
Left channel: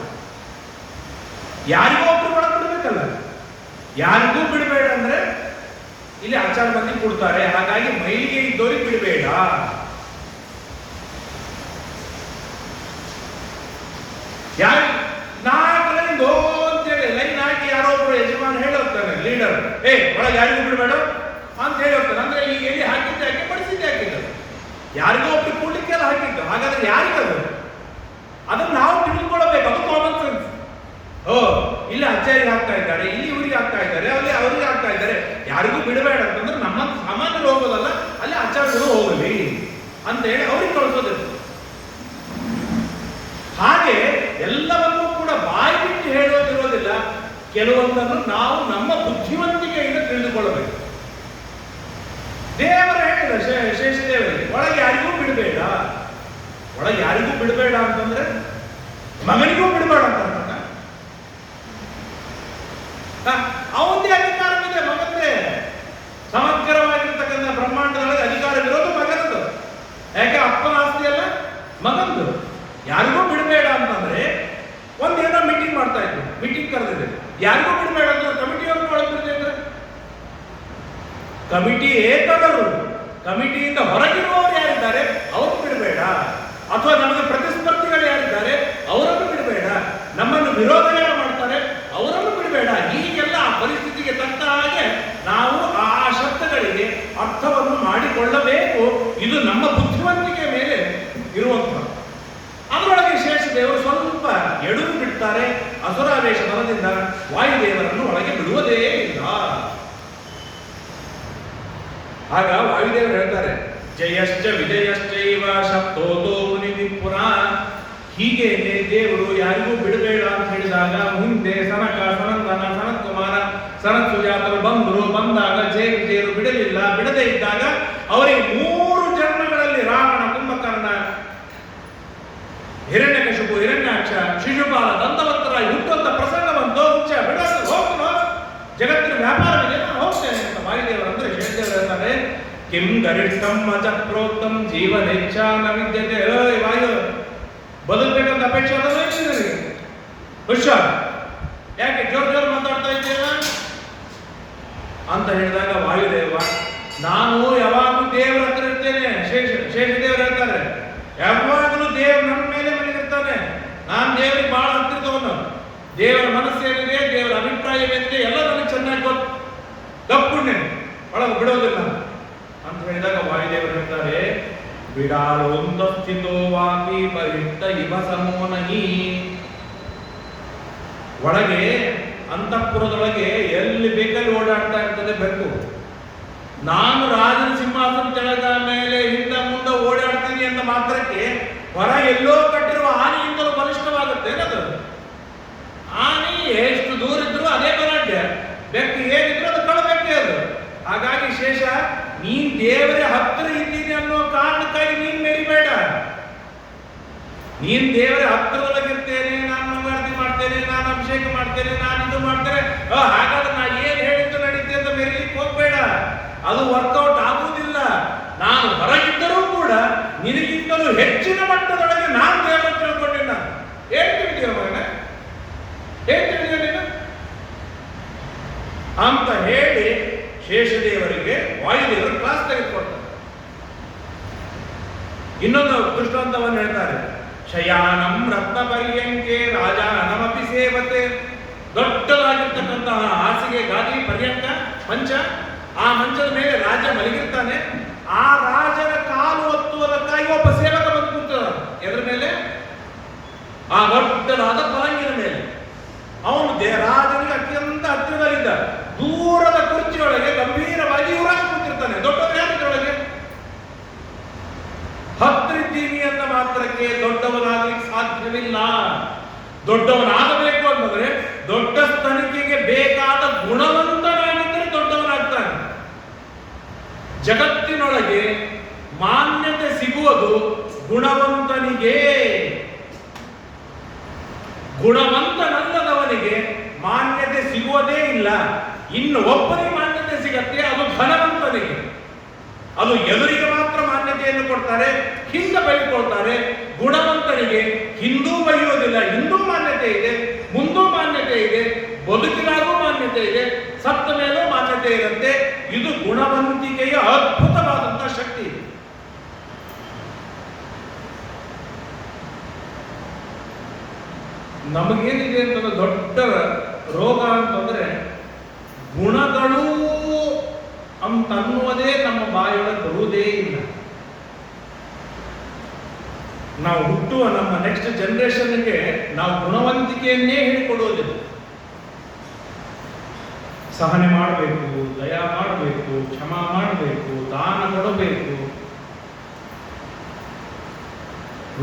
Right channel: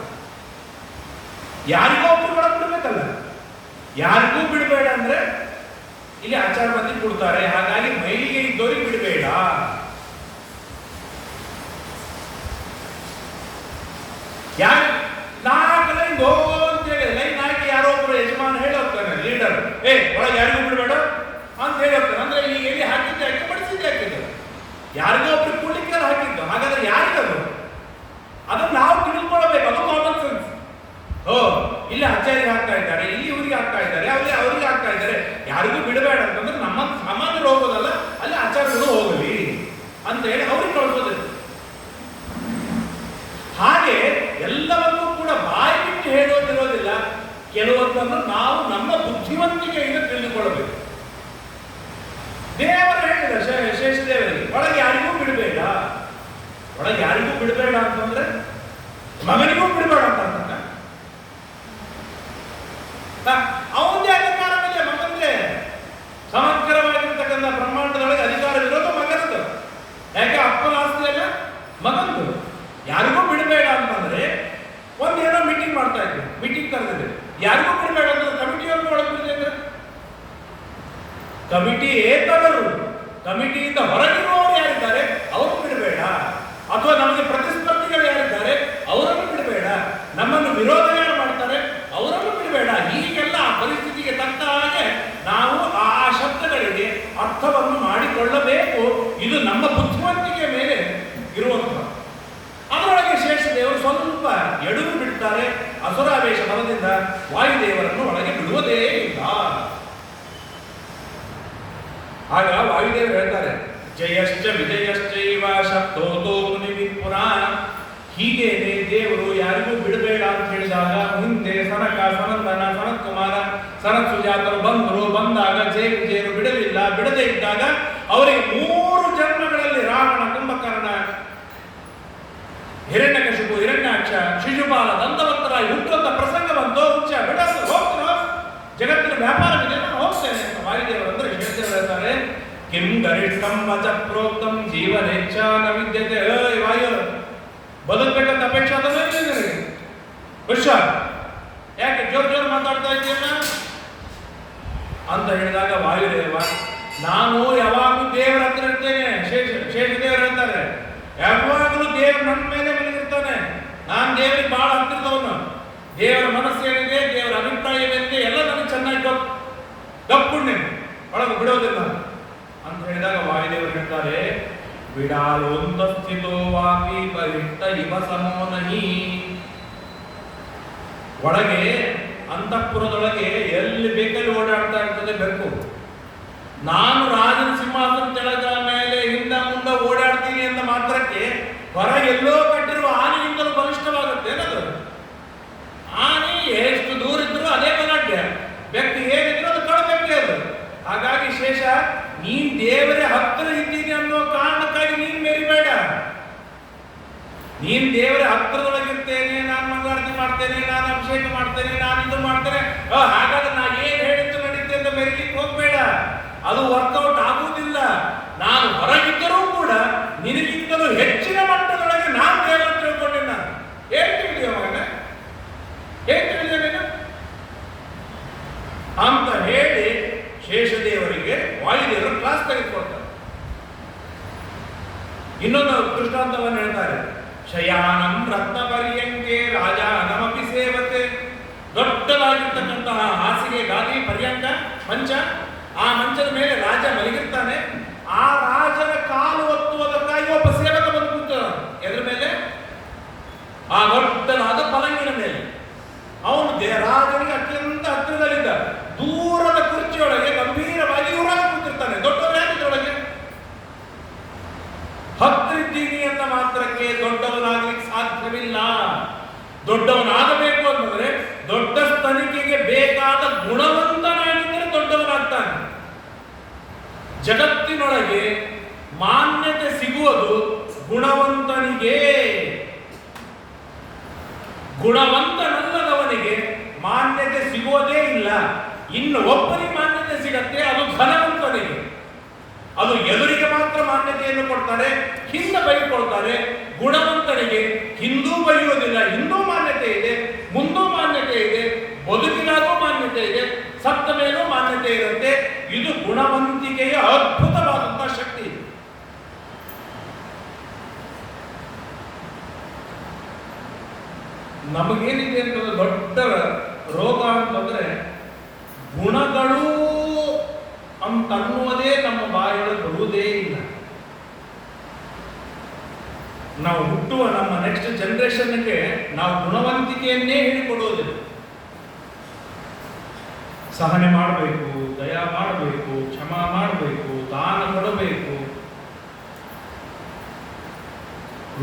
ಯಾರಿಗೂ ಒಬ್ರು ಒಳಗೆ ಬಿಡ್ಬೇಕಲ್ಲ. ಯಾರಿಗೂ ಬಿಡಬೇಡ ಅಂದ್ರೆ ಇಲ್ಲಿ ಆಚಾರ ಮಂದಿ ಕೊಡ್ತಾರೆ, ಹಾಗಾಗಿ ಮೈಲಿಗೆ ಇದ್ದೋರಿಗೆ ಬಿಡಬೇಡ. ಯಾರು ನಾಲ್ಕು ಅಂತೇಳಿ ಲೈನ್ ಹಾಕಿ ಯಾರೋ ಒಬ್ರು ಯಜಮಾನ ಹೇಳಿ ಹೋಗ್ತಾನೆ, ಲೀಡರ್, ಒಳಗೆ ಯಾರಿಗೂ ಬಿಡಬೇಡ ಅಂತ ಹೇಳಿ ಹೋಗ್ತಾನೆ. ಅಂದ್ರೆ ಈಗ ಎಲ್ಲಿ ಹಾಕಿದ್ದೆ ಹಾಕಿ ಬಡಿಸಿದ್ದೆ ಹಾಕಿದ್ದು, ಯಾರಿಗೂ ಒಬ್ರು ಕೂಡ್ಲಿಕ್ಕೆಲ್ಲ ಹಾಕಿದ್ದು. ಹಾಗಾದ್ರೆ ಯಾರಿಗದು? ಅದನ್ನು ನಾವು ತಿಳಿದುಕೊಳ್ಳಬೇಕು. ಅದು ಕಾಮನ್ ಸೆನ್ಸ್. ಇಲ್ಲಿ ಅಜ್ಜರಿಗೆ ಹಾಕ್ತಾ ಇದ್ದಾರೆ, ಇಲ್ಲಿ ಇವರಿಗೆ ಹಾಕ್ತಾ ಇದ್ದಾರೆ, ಅಲ್ಲಿ ಅವರಿಗೆ ಹಾಕ್ತಾ ಇದ್ದಾರೆ. ಯಾರಿಗೂ ಬಿಡಬೇಡ ಅಂತಂದ್ರೆ ನಮ್ಮ ಸಾಮಾನ್ಯರು ಹೋಗೋದಲ್ಲ, ಅಲ್ಲಿ ಆಚಾರ್ಯರು ಹೋಗಲಿ ಅಂತ ಹೇಳಿ ಅವ್ರಿಗೆ ಕಳಿಸೋದಿಲ್ಲ. ಹಾಗೆ ಎಲ್ಲವನ್ನೂ ಕೂಡ ಬಾಯಿ ಬಿಟ್ಟು ಹೇಳೋದಿರೋದಿಲ್ಲ. ಕೆಲವೊಂದನ್ನು ನಾವು ನಮ್ಮ ಬುದ್ಧಿವಂತಿಕೆಯಿಂದ ತಿಳಿದುಕೊಳ್ಳಬೇಕು. ದೇವರು ಹೇಳಿದ ಶೇಷದೇವರಿಗೆ ಒಳ ಒಳಗೆ ಯಾರಿಗೂ ಬಿಡಬೇಡ ಅಂತಂದ್ರೆ ಮಗನಿಗೂ ಬಿಡಬೇಡ ಅಂತ ಅವನದೇ ಅಧಿಕಾರವಿದೆ, ಮಗಂದೇ. ಸಮಗ್ರವಾಗಿರ್ತಕ್ಕಂಥ ಬ್ರಹ್ಮಾಂಡದೊಳಗೆ ಅಧಿಕಾರವಿರೋದು ಮಗನದು. ಯಾಕೆ ಅಪ್ಪನ ಆಸ್ತಿ ಅಲ್ಲ ಮಗಂದು. ಯಾರಿಗೂ ಬಿಡಬೇಡ ಅಂತಂದ್ರೆ ಒಂದೇನೋ ಮೀಟಿಂಗ್ ಮಾಡ್ತಾ ಇದ್ವಿ, ಮೀಟಿಂಗ್ ಕರೆದಿದೆ, ಯಾರಿಗೂ ಬಿಡಬೇಡ ಅಂದ್ರೆ ಕಮಿಟಿಯವ್ರನ್ನ ಒಳಗಿರ್ತೇವೆ. ಕಮಿಟಿ ಏತವರು, ಕಮಿಟಿಯಿಂದ ಹೊರಗಿರುವವರು ಯಾರಿದ್ದಾರೆ ಅವರು ಬಿಡಬೇಡ, ಅಥವಾ ನಮಗೆ ಪ್ರತಿಸ್ಪರ್ಧಿಗಳು ಯಾರಿದ್ದಾರೆ ಅವರನ್ನು ಬಿಡಬೇಡ, ನಮ್ಮನ್ನು ವಿರೋಧ ಯಾರು ಮಾಡ್ತಾರೆ ಅವರನ್ನು ಬಿಡಬೇಡ. ಹೀಗೆಲ್ಲ ಆ ಪರಿಸ್ಥಿತಿಗೆ ತಕ್ಕ ಹಾಗೆ ನಾವು ಆ ಶಬ್ದಗಳಿಗೆ ಅರ್ಥವನ್ನು ಮಾಡಿಕೊಳ್ಳಬೇಕು. ಇದು ನಮ್ಮ ಬುದ್ಧಿವಂತಿಕೆ ಮೇಲೆ ಇರುವಂತಹ. ಅದರೊಳಗೆ ಶೇಷದೇವರು ಸ್ವಲ್ಪ ಎಡುವು ಬಿಡ್ತಾರೆ. ಅಸುರಾವೇಶ ಬಲದಿಂದ ವಾಯುದೇವರನ್ನು ಒಳಗೆ ಬಿಡುವುದೇ ಇಲ್ಲ. ಆಗ ವಾಯುದೇವರು ಹೇಳ್ತಾರೆ, ಜಯಶ್ಚ ವಿಜಯಶ್ಚೈವ ಶಬ್ದೋದೋ ಮುನಿ ಪುನಃ. ಹೀಗೆ ದೇವರು ಯಾರಿಗೂ ಬಿಡಬೇಡ ಅಂತ ಹೇಳಿದಾಗ ಹಿಂದೆ ಸನಕ, ಸನಂದನ, ಸನತ್ಕುಮಾರ, ಸನತ್ ಸುಜಾತರು ಬಂದಾಗ ಜಯ ವಿಜಯರು ಬಿಡಲಿಲ್ಲ. ಬಿಡದೇ ಇದ್ದಾಗ ಅವರಿಗೆ 3 ಜನ್ಮಗಳಲ್ಲಿ ರಾವಣ, ಕುಂಭಕರ್ಣ, ಹಿರಣ್ಯಕಶಿಪು, ಹಿರಣ್ಯಾಕ್ಷ, ಶಿಶುಪಾಲ, ದಂತವಂತರಾಗಿ ಹುಟ್ಟುವಂತ ಪ್ರಸಂಗ ಬಂತು. ಬಿಡಲು ಹೋಗ್ತು, ಜಗತ್ತಿನ ವ್ಯಾಪಾರ ಇದೆ, ನಾನು ಹೋಗ್ತೇನೆ ಅಂತ ವಾಯುದೇವರು ಅಂದ್ರೆ ಶೇಷದೇವರು ಹೇಳ್ತಾರೆ, ಕಿಂ ಗರಿಷ್ಠಂ ಅಚ ಪ್ರೋಕ್ತಂ ಜೀವನೇಚ್ಛ ನ ವಿದ್ಯತೆ. ವಾಯು ಬದುಕಬೇಕಂತ ಅಪೇಕ್ಷೆ ಆದ ಹುಷಾರ್, ಯಾಕೆ ಜೋರ್ ಮಾತಾಡ್ತಾ ಇದ್ದೀರಾ ಅಂತ ಹೇಳಿದಾಗ ವಾಯುದೇವ, ನಾನು ಯಾವಾಗಲೂ ದೇವರ ಹತ್ರ ಇರ್ತೇನೆ. ಶೇಷದೇವರು ಹೇಳ್ತಾರೆ, ಯಾವಾಗಲೂ ದೇವರು ನನ್ನ ಮೇಲೆ ಮಲಗಿರ್ತಾನೆ, ನಾನು ದೇವರಿಗೆ ಬಹಳ ಹತ್ತಿರದವನು. ದೇವರ ಮನಸ್ಸೇನಿದೆ, ದೇವರ ಅಭಿಪ್ರಾಯವೇನಿದೆ ಎಲ್ಲ ನನಗೆ ಚೆನ್ನಾಗಿ ಗೊತ್ತು. ತಪ್ಪುಣ್ಯ ಒಳಗೆ ಬಿಡೋದಿಲ್ಲ ಅಂತ ಹೇಳಿದಾಗ ವಾಯುದೇವರು ಹೇಳ್ತಾರೆ, ಬಿಡಾಲೊಂದು ಸ್ಥಿತೋ ವಾಪಿ ಪರಿತ್ತ ಇವ ಸಮೋನಹಿ. ಒಳಗೆ ಅಂತಃಪುರದೊಳಗೆ ಎಲ್ಲಿ ಬೇಕಲ್ಲಿ ಓಡಾಡ್ತಾ ಇರ್ತದೆ ಬೆಕ್ಕು. ನಾನು ರಾಜನ ಸಿಂಹಾಸನ ಕೆಳಗ ಮೇಲೆ ಹಿಂದ ಮುಂದೆ ಓಡಾಡ್ತೀನಿ ಅಂತ ಮಾತ್ರಕ್ಕೆ ಹೊರ ಎಲ್ಲೋ ಕಟ್ಟಿರುವ ಆನೆಗಿಂತಲೂ ಬಲಿಷ್ಠವಾಗುತ್ತೆ ಅದು. ಆನೆ ಎಷ್ಟು ದೂರ ಇದ್ರು ಅದೇ ಬಲಾಢ್ಯ, ಬೆಕ್ಕು ಏನಿದ್ರು ಅದು ಕಳಬೇಕೆ ಅದು. ಹಾಗಾಗಿ ಶೇಷ, ನೀನ್ ದೇವರ ಹತ್ತಿರ ಇದ್ದೀನಿ ಅನ್ನೋ ಕಾರಣಕ್ಕಾಗಿ ನೀನ್ ಮೆರಿಬೇಡ. ನೀನ್ ದೇವರ ಹತ್ತಿರದೊಳಗಿರ್ತೇನೆ, ನಾನು ಮಂಗಳಾರತಿ ಮಾಡ್ತೇನೆ, ನಾನು ಅಭಿಷೇಕ ಮಾಡ್ತೇನೆ, ನಾನು ಇದು ಮಾಡ್ತೇನೆ, ಹಾಗಾದ್ರೆ ನಾ ಏನ್ ಹೇಳಿದ್ದು ನಡೀತೆ ಅಂತ ಮೆರಿಲಿಕ್ಕೆ ಹೋಗ್ಬೇಡ. ಅದು ವರ್ಕೌಟ್ ಆಗುವುದಿಲ್ಲ. ನಾನು ಹೊರಗಿದ್ದರೂ ಕೂಡ ನಿನಗಿಂತಲೂ ಹೆಚ್ಚಿನ ಮಟ್ಟದೊಳಗೆ ನಾನು ದೇವರ ತಿಳ್ಕೊಂಡೆ. ನಾನು ಏನ್ ತಿಳಿದೀಯ ಮಗನ, ಏನ್ ತಿಳಿದೀಯ ಅಂತ ಹೇಳಿ ಶೇಷದೇವರಿಗೆ ವಾಯುದೇವರು ಕ್ಲಾಸ್ ತೆಗೆದುಕೊಡ್ತಾರೆ. ಇನ್ನೊಂದು ದೃಷ್ಟಾಂತವನ್ನು ಹೇಳ್ತಾರೆ, ಶಯಾನಂ ರತ್ನ ಪರ್ಯಂಕೆ ರಾಜಾನಮಪಿ ಸೇವತೆ. ದೊಡ್ಡದಾಗಿರ್ತಕ್ಕಂತಹ ಹಾಸಿಗೆ, ಗಾದಿ, ಪರ್ಯಂಕ, ಮಂಚ, ಆ ಮಂಚದ ಮೇಲೆ ರಾಜ ಮಲಗಿರ್ತಾನೆ. ಆ ರಾಜನ ಕಾಲು ಒತ್ತುವುದಕ್ಕಾಗಿ ಒಬ್ಬ ಸೇವಕ ಬಂದು ಕೂತಾನೆ. ಎದ್ರ ಮೇಲೆ? ಆ ದೊಡ್ಡದಾದ ಪಲಂಗಿನ ಮೇಲೆ. ಅವನು ರಾಜನಿಗೆ ಅತ್ಯಂತ ಹತ್ತಿರದಲ್ಲಿದ್ದ. ದೂರದ ಕುರ್ಚಿಯೊಳಗೆ ಗಂಭೀರವಾಗಿ ಯುವರಾಜ ಕೂತಿರ್ತಾನೆ. ದೊಡ್ಡವರು ಯಾರೊಳಗೆ ಹತ್ತಿರಿದ್ದೀನಿ ಅಂತ ಮಾತ್ರಕ್ಕೆ ದೊಡ್ಡವನಾಗಲಿಕ್ಕೆ ಸಾಧ್ಯವಿಲ್ಲ. ದೊಡ್ಡವನಾಗಬೇಕು ಅಂತಂದ್ರೆ ದೊಡ್ಡ ತನಿಖೆಗೆ ಬೇಕಾದ ಗುಣವಂತನಾಗಿದ್ದರೆ ದೊಡ್ಡವನಾಗ್ತಾನೆ. ಜಗತ್ತಿನೊಳಗೆ ಮಾನ್ಯತೆ ಸಿಗುವುದು ಗುಣವಂತನಿಗೆ. ಗುಣವಂತನಲ್ಲದವನಿಗೆ ಮಾನ್ಯತೆ ಸಿಗುವುದೇ ಇಲ್ಲ. ಇನ್ನು ಒಬ್ಬನಿಗೆ ಮಾನ್ಯತೆ ಸಿಗತ್ತೆ, ಅದು ಧನವಂತನಿಗೆ. ಅದು ಎದುರಿಗೆ ಮಾತ್ರ ಮಾನ್ಯತೆಯನ್ನು ಕೊಡ್ತಾರೆ, ಹಿಂದೆ ಬೈಕೊಳ್ತಾರೆ. ಗುಣವಂತನಿಗೆ ಹಿಂದೂ ಬೈಯೋದಿಲ್ಲ, ಹಿಂದೂ ಮಾನ್ಯತೆ ಇದೆ, ಮುಂದೂ ಮಾನ್ಯತೆ ಇದೆ, ಬದುಕಿನಾಗೂ ಮಾನ್ಯತೆ ಇದೆ, ಸತ್ತ ಮೇಲೂ ಮಾನ್ಯತೆ ಇರುತ್ತೆ. ಇದು ಗುಣವಂತಿಕೆಯ ಅದ್ಭುತವಾದಂತಹ ಶಕ್ತಿ. ನಮಗೇನಿದೆ ಅಂತಂದ್ರೆ ದೊಡ್ಡ ರೋಗ ಅಂತಂದ್ರೆ ಗುಣಗಳು ಅಂತನ್ನುವುದೇ ನಮ್ಮ ಬಾಯೊಳಗೆ ಬರುವುದೇ ಇಲ್ಲ. ನಾವು ಹುಟ್ಟುವ ನಮ್ಮ ನೆಕ್ಸ್ಟ್ ಜನರೇಷನ್ಗೆ ನಾವು ಗುಣವಂತಿಕೆಯನ್ನೇ ಹೇಳಿಕೊಡುವುದಿಲ್ಲ. ಸಹನೆ ಮಾಡಬೇಕು, ದಯಾ ಮಾಡಬೇಕು, ಕ್ಷಮಾ ಮಾಡಬೇಕು, ದಾನ ಕೊಡಬೇಕು,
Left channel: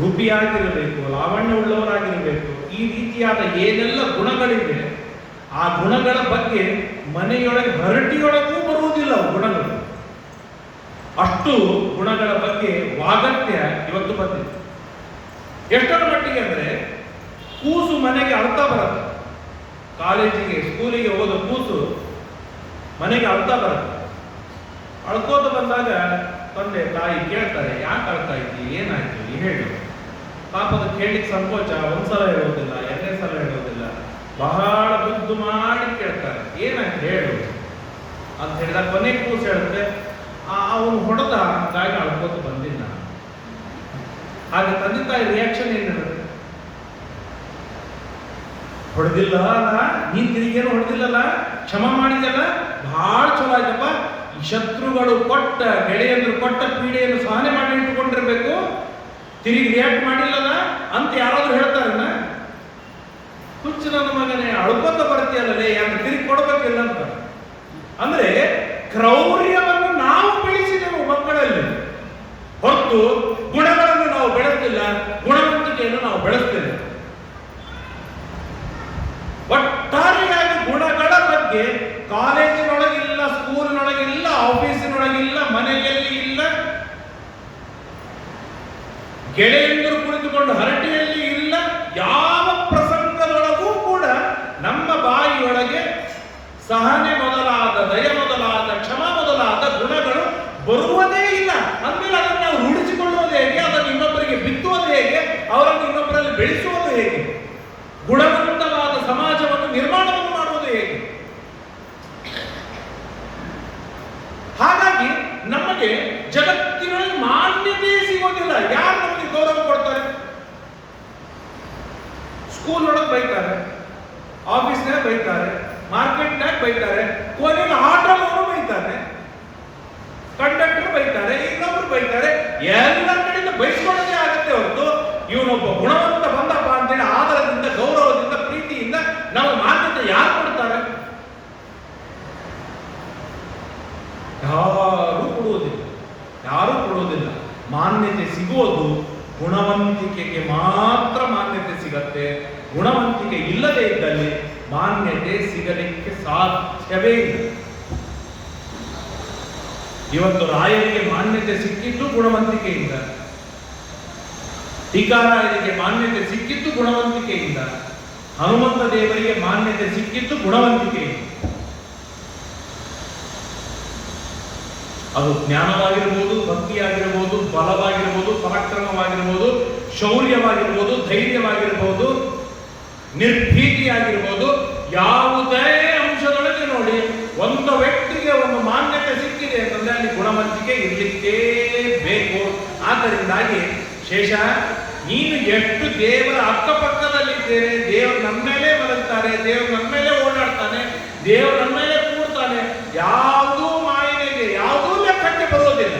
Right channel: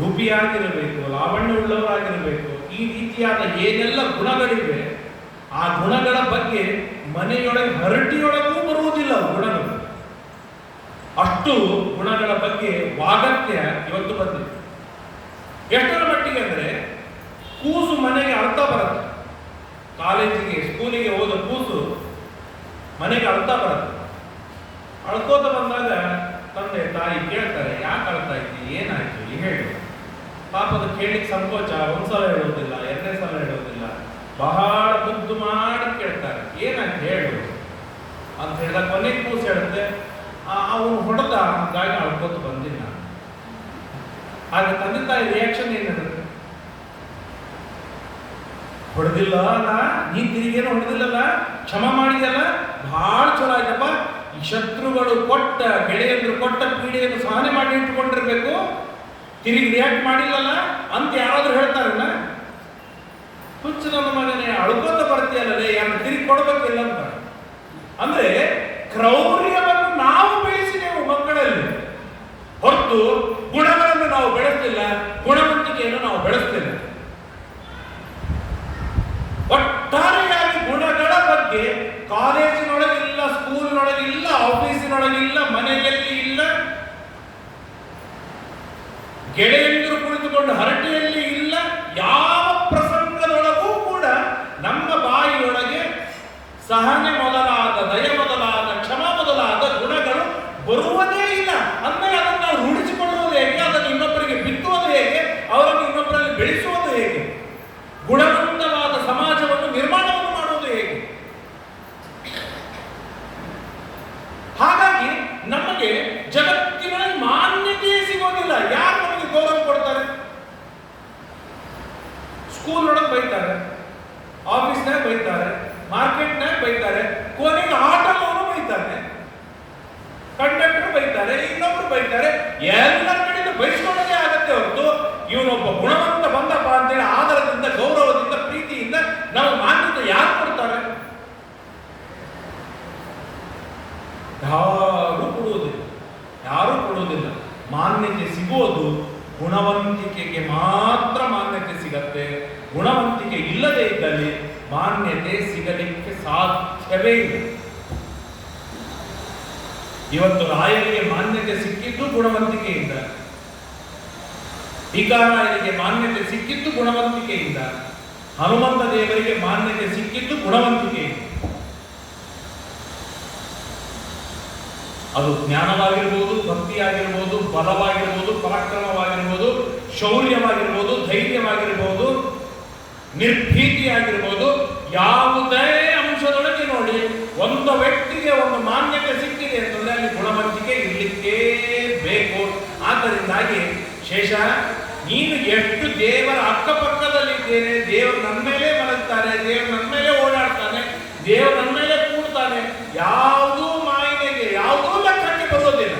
ರೂಪಿಯಾಗಿರಬೇಕು, ಲಾವಣ್ಯವುಳ್ಳವರಾಗಿರಬೇಕು. ಈ ರೀತಿಯಾದ ಏನೆಲ್ಲ ಗುಣಗಳಿವೆ, ಆ ಗುಣಗಳ ಬಗ್ಗೆ ಮನೆಯೊಳಗೆ ಹರಟಿಯೊಳಗೂ ಬರುವುದಿಲ್ಲ ಗುಣಗಳು. ಅಷ್ಟು ಗುಣಗಳ ಬಗ್ಗೆ ವಾಗತ್ಯ ಇವತ್ತು ಬಂದಿದೆ. ಎಷ್ಟರ ಮಟ್ಟಿಗೆ ಅಂದರೆ ಕೂಸು ಮನೆಗೆ ಅಳ್ತಾ ಬರುತ್ತೆ. ಕಾಲೇಜಿಗೆ ಸ್ಕೂಲಿಗೆ ಹೋದ ಕೂಸು ಮನೆಗೆ ಅಳ್ತಾ ಬರುತ್ತೆ. ಅಳ್ಕೋತ ಬಂದಾಗ ತಂದೆ ತಾಯಿ ಕೇಳ್ತಾರೆ, ಯಾಕೆ ಅಳ್ತಾ ಇದ್ದಿ, ಏನಾಯ್ತು ಹೇಳು. ಪಾಪದ ಕೇಳಿಕ್ಕೆ ಸಂಕೋಚ, ಒಂದ್ಸಲ ಹೇಳೋದಿಲ್ಲ, ಎರಡನೇ ಸಲ ಹೇಳೋದಿಲ್ಲ, ಬಹಳ ಮುದ್ದು ಮಾಡಿ ಕೇಳ್ತಾರೆ, ಏನಾಯ್ತು ಹೇಳು ಅಂತ ಹೇಳಿದಾಗ ಕೊನೆಗೆ ಕೂಸು ಹೇಳುತ್ತೆ, ಅವನು ಹೊಡೆದ, ಹಾಗಾಗಿ ಅಳ್ಕೋತ ಬಂದಿಲ್ಲ. ಹಾಗೆ ತಂದೆ ತಾಯಿ ರಿಯಾಕ್ಷನ್ ಏನಿರುತ್ತೆ? ಹೊಡೆದಿಲ್ಲ ಅಲ್ಲ, ನೀನ್ ತಿರುಗೇನು ಹೊಡೆದಿಲ್ಲಲ್ಲ, ಕ್ಷಮ ಮಾಡಿದೆಯಲ್ಲ, ಬಹಳ ಚಲೋ ಆಯ್ತಪ್ಪ. ಈ ಶತ್ರುಗಳು ಕೊಟ್ಟ ಗೆಳೆಯರು ಕೊಟ್ಟ ಪೀಡೆಯನ್ನು ಸಹನೆ ಮಾಡಿ ಇಟ್ಟುಕೊಂಡಿರ್ಬೇಕು, ತಿರುಗಿ ರಿಯಾಕ್ಟ್ ಮಾಡಿಲ್ಲಲ್ಲ ಅಂತ ಯಾರಾದ್ರೂ ಹೇಳ್ತಾರಲ್ಲ? ಹುಚ್ಚು ನನ್ನ ಮಗನೇ, ಅಳ್ಕೊಂತ ಬರ್ತೀಯಲ್ಲೇ, ಯಾರು ತಿರುಗಿ ಕೊಡಬೇಕಿಲ್ಲ ಅಂತ. ಅಂದ್ರೆ ಕ್ರೌರ್ಯವನ್ನು ನಾವು ಬೆಳೆಸಿದೆವು ಮಕ್ಕಳಲ್ಲಿ, ಹೊರತು ಗುಣಗಳನ್ನು ನಾವು ಬೆಳೆಸ್ತಿಲ್ಲ, ಗುಣವಂತಿಕೆಯನ್ನು ನಾವು ಬೆಳೆಸ್ತಿಲ್ಲ. ಒಟ್ಟಾರೆಯಾಗಿ ಗುಣಗಳ ಬಗ್ಗೆ ಕಾಲೇಜಿನೊಳಗಿಲ್ಲ, ಸ್ಕೂಲಿನೊಳಗಿಲ್ಲ, ಆಫೀಸಿನೊಳಗಿಲ್ಲ, ಮನೆಯಲ್ಲಿ ಇಲ್ಲ, ಗೆಳೆಯಂದರು ಕುಳಿತುಕೊಂಡು ಹರಟೆಯಲ್ಲಿ ಇಲ್ಲ, ಯಾವ ಪ್ರಸಂಗದೊಳಗೂ ಕೂಡ ನಮ್ಮ ಬಾಯಿಯೊಳಗೆ ಸಹನೆ ಮೊದಲಾದ, ದಯ ಮೊದಲಾದ, ಕ್ಷಮ ಮೊದಲಾದ ಗುಣಗಳು ಬರುವುದೇ ಇಲ್ಲ. ಅಂದಮೇಲೆ ಅದನ್ನು ನಾವು ರೂಢಿಸಿಕೊಳ್ಳುವುದು ಹೇಗೆ, ಅದನ್ನು ಇನ್ನೊಬ್ಬರಿಗೆ ಬಿತ್ತುವುದು ಹೇಗೆ, ಅವರನ್ನು ಇನ್ನೊಬ್ಬರಲ್ಲಿ ಬೆಳೆಸುವುದು ಹೇಗೆ, ಗುಣವಂತವಾದ ಸಮಾಜವನ್ನು ನಿರ್ಮಾಣವನ್ನು ಮಾಡುವುದು ಹೇಗೆ? ಹಾಗಾಗಿ ನಮಗೆ ಜಗತ್ತಿನಲ್ಲಿ ಮಾನ್ಯತೆ ಸಿಗೋದಿಲ್ಲ. ಯಾರು ನಮಗೆ ಗೌರವ ಕೊಡ್ತಾರೆ? ಸ್ಕೂಲ್ ಒಳಗೆ ಬೈತಾರೆ, ಆಫೀಸ್ನಾಗ ಬೈತಾರೆ, ಮಾರ್ಕೆಟ್ನಾಗ ಬೈತಾರೆ, ಕೊನೆಗೆ ಆಟೋದವರು ಬೈತಾರೆ, ಕಂಡಕ್ಟರ್ ಬೈತಾರೆ, ಇನ್ನೊಬ್ರು ಬೈತಾರೆ, ಎಲ್ಲರ ಕಡೆಯಿಂದ ಬೈಸ್ಕೊಳ್ಳೋದೇ ಆಗತ್ತೆ ಹೊರತು ಇವನೊಬ್ಬ ಗುಣವಂತ ಬಂದಪ್ಪ ಅಂತೇಳಿ ಆಧಾರದಿಂದ, ಗೌರವದಿಂದ, ಪ್ರೀತಿಯಿಂದ ನಾವು ಮಾನ್ಯತೆ ಯಾರು ಕೊಡ್ತಾರೆ? ಯಾರೂ ಕೊಡುವುದಿಲ್ಲ, ಯಾರೂ ಕೊಡುವುದಿಲ್ಲ. ಮಾನ್ಯತೆ ಸಿಗೋದು ಗುಣವಂತಿಕೆಗೆ ಮಾತ್ರ ಮಾನ್ಯತೆ ಸಿಗತ್ತೆ. ಗುಣವಂತಿಕೆ ಇಲ್ಲದೆ ಇದ್ದಲ್ಲಿ ಮಾನ್ಯತೆ ಸಿಗಲಿಕ್ಕೆ ಸಾಧ್ಯವೇ ಇಲ್ಲ. ಇವತ್ತು ರಾಯರಿಗೆ ಮಾನ್ಯತೆ ಸಿಕ್ಕಿದ್ದು ಗುಣವಂತಿಕೆಯಿಂದ, ಟೀಕಾರಾಯರಿಗೆ ಮಾನ್ಯತೆ ಸಿಕ್ಕಿದ್ದು ಗುಣವಂತಿಕೆಯಿಂದ, ಹನುಮಂತ ದೇವರಿಗೆ ಮಾನ್ಯತೆ ಸಿಕ್ಕಿದ್ದು ಗುಣವಂತಿಕೆಯಿಂದ. ಅದು ಜ್ಞಾನವಾಗಿರ್ಬೋದು, ಭಕ್ತಿಯಾಗಿರ್ಬೋದು, ಬಲವಾಗಿರ್ಬೋದು, ಪರಾಕ್ರಮವಾಗಿರ್ಬೋದು, ಶೌರ್ಯವಾಗಿರ್ಬೋದು, ಧೈರ್ಯವಾಗಿರ್ಬೋದು, ನಿರ್ಭೀತಿಯಾಗಿರ್ಬೋದು, ಯಾವುದೇ ಅಂಶದೊಳಗೆ ನೋಡಿ ಒಂದು ವ್ಯಕ್ತಿಗೆ ಒಂದು ಮಾನ್ಯತೆ ಸಿಕ್ಕಿದೆ ಅಂತಂದ್ರೆ ಅಲ್ಲಿ ಗುಣವಂತಿಕೆ ಇರಲಿಕ್ಕೇ ಬೇಕು. ಆದ್ದರಿಂದಾಗಿ ಶೇಷ, ನೀನು ಎಷ್ಟು ದೇವರ ಅಕ್ಕಪಕ್ಕದಲ್ಲಿದ್ದೇನೆ, ದೇವರು ನನ್ನ ಮೇಲೆ ಮಲಗ್ತಾರೆ, ದೇವರು ನನ್ನ ಮೇಲೆ ಓಡಾಡ್ತಾನೆ, ದೇವರು ನನ್ನ ಮೇಲೆ ಕೂಡ್ತಾನೆ, ಯಾವುದೂ ಮಾಯನೆಗೆ, ಯಾವುದೂ ಲೆಕ್ಕಕ್ಕೆ ಬರೋದಿಲ್ಲ.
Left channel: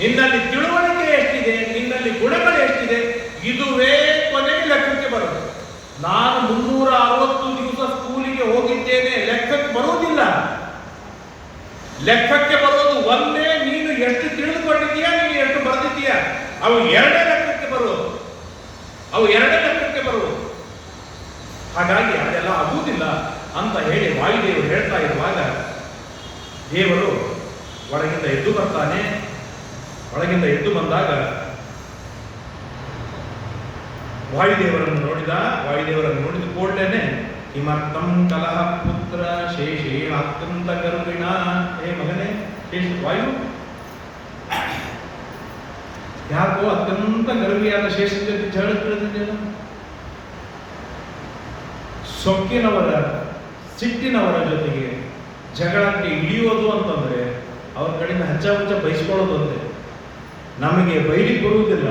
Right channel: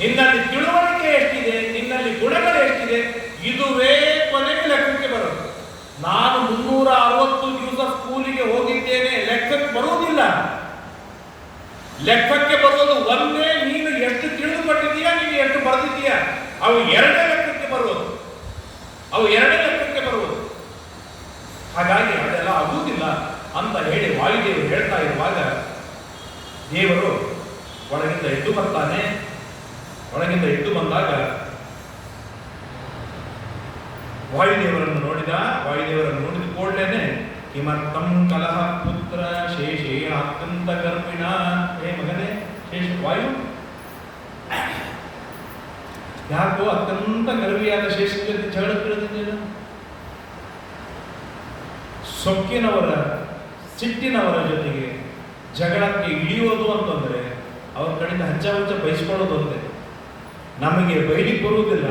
ನಿನ್ನಲ್ಲಿ ತಿಳುವಳಿಕೆ ಎಷ್ಟಿದೆ, ನಿನ್ನಲ್ಲಿ ಗುಣಗಳು ಎಷ್ಟಿದೆ, ಇದುವೇ ಕೊನೆಗೆ ಲೆಕ್ಕಕ್ಕೆ ಬರೋದು. ನಾನು 360 ದಿವಸ ಸ್ಕೂಲಿಗೆ ಹೋಗಿದ್ದೇನೆ, ಲೆಕ್ಕಕ್ಕೆ ಬರೋದಿಲ್ಲ. ಲೆಕ್ಕಕ್ಕೆ ಬರೋದು ಒಂದೇ, ನೀನು ಎಷ್ಟು ತಿಳಿದುಕೊಂಡಿದ್ದೀಯಾ, ನೀನು ಎಷ್ಟು ಬರೆದಿದ್ದೀಯಾ, ಅವು ಎರಡೇ ಲೆಕ್ಕಕ್ಕೆ ಬರುವುದು, ಅವು ಎರಡೇ ಲೆಕ್ಕಕ್ಕೆ ಬರುವುದು. ಹಾಗಾಗಿ ಅದೆಲ್ಲ ಆಗುವುದಿಲ್ಲ ಅಂತ ಹೇಳಿ ವಾಯುದೇವರು ಹೇಳ್ತಾ ಇರುವಾಗ ದೇವರು ಒಳಗಿಂದ ಎದ್ದು ಬರ್ತಾನೆ. ಒಳಗಿಂದ ಎದ್ದು ಬಂದಾಗ ವಾಯುದೇವರನ್ನು ನೋಡಿದ. ವಾಯುದೇವರನ್ನು ನೋಡಿದ ಕೂಡಲೇ ಕಿಮರ್ಥಂ ಕಲಹ ಪುತ್ರ ಶೇಷೇಣ ಅತ್ಯಂತ ಗರ್ಭಿಣ. ಹೇ ಮಗನೇ ಶೇಷ ವಾಯು, ಯಾಕೋ ಅತ್ಯಂತ ಗರ್ಭಿಯಾದ ಶೇಷನ ಜೊತೆ ಜಗಳ ತಿಳಿದಿದ್ದೇನೆ. ಸೊಕ್ಕಿನವರ, ಸಿಟ್ಟಿನವರ ಜೊತೆಗೆ ಜಗಳಕ್ಕೆ ಇಳಿಯೋದು ಅಂತಂದ್ರೆ ಅವ್ರ ಕಡೆಯಿಂದ ಹಚ್ಚ ಹಚ್ಚ ಬಯಸ್ಕೊಳ್ಳೋದು ಅಂತೆ. ನಮಗೆ ಬೈಲಿಕ್ಕೆ ಬರುವುದಿಲ್ಲ,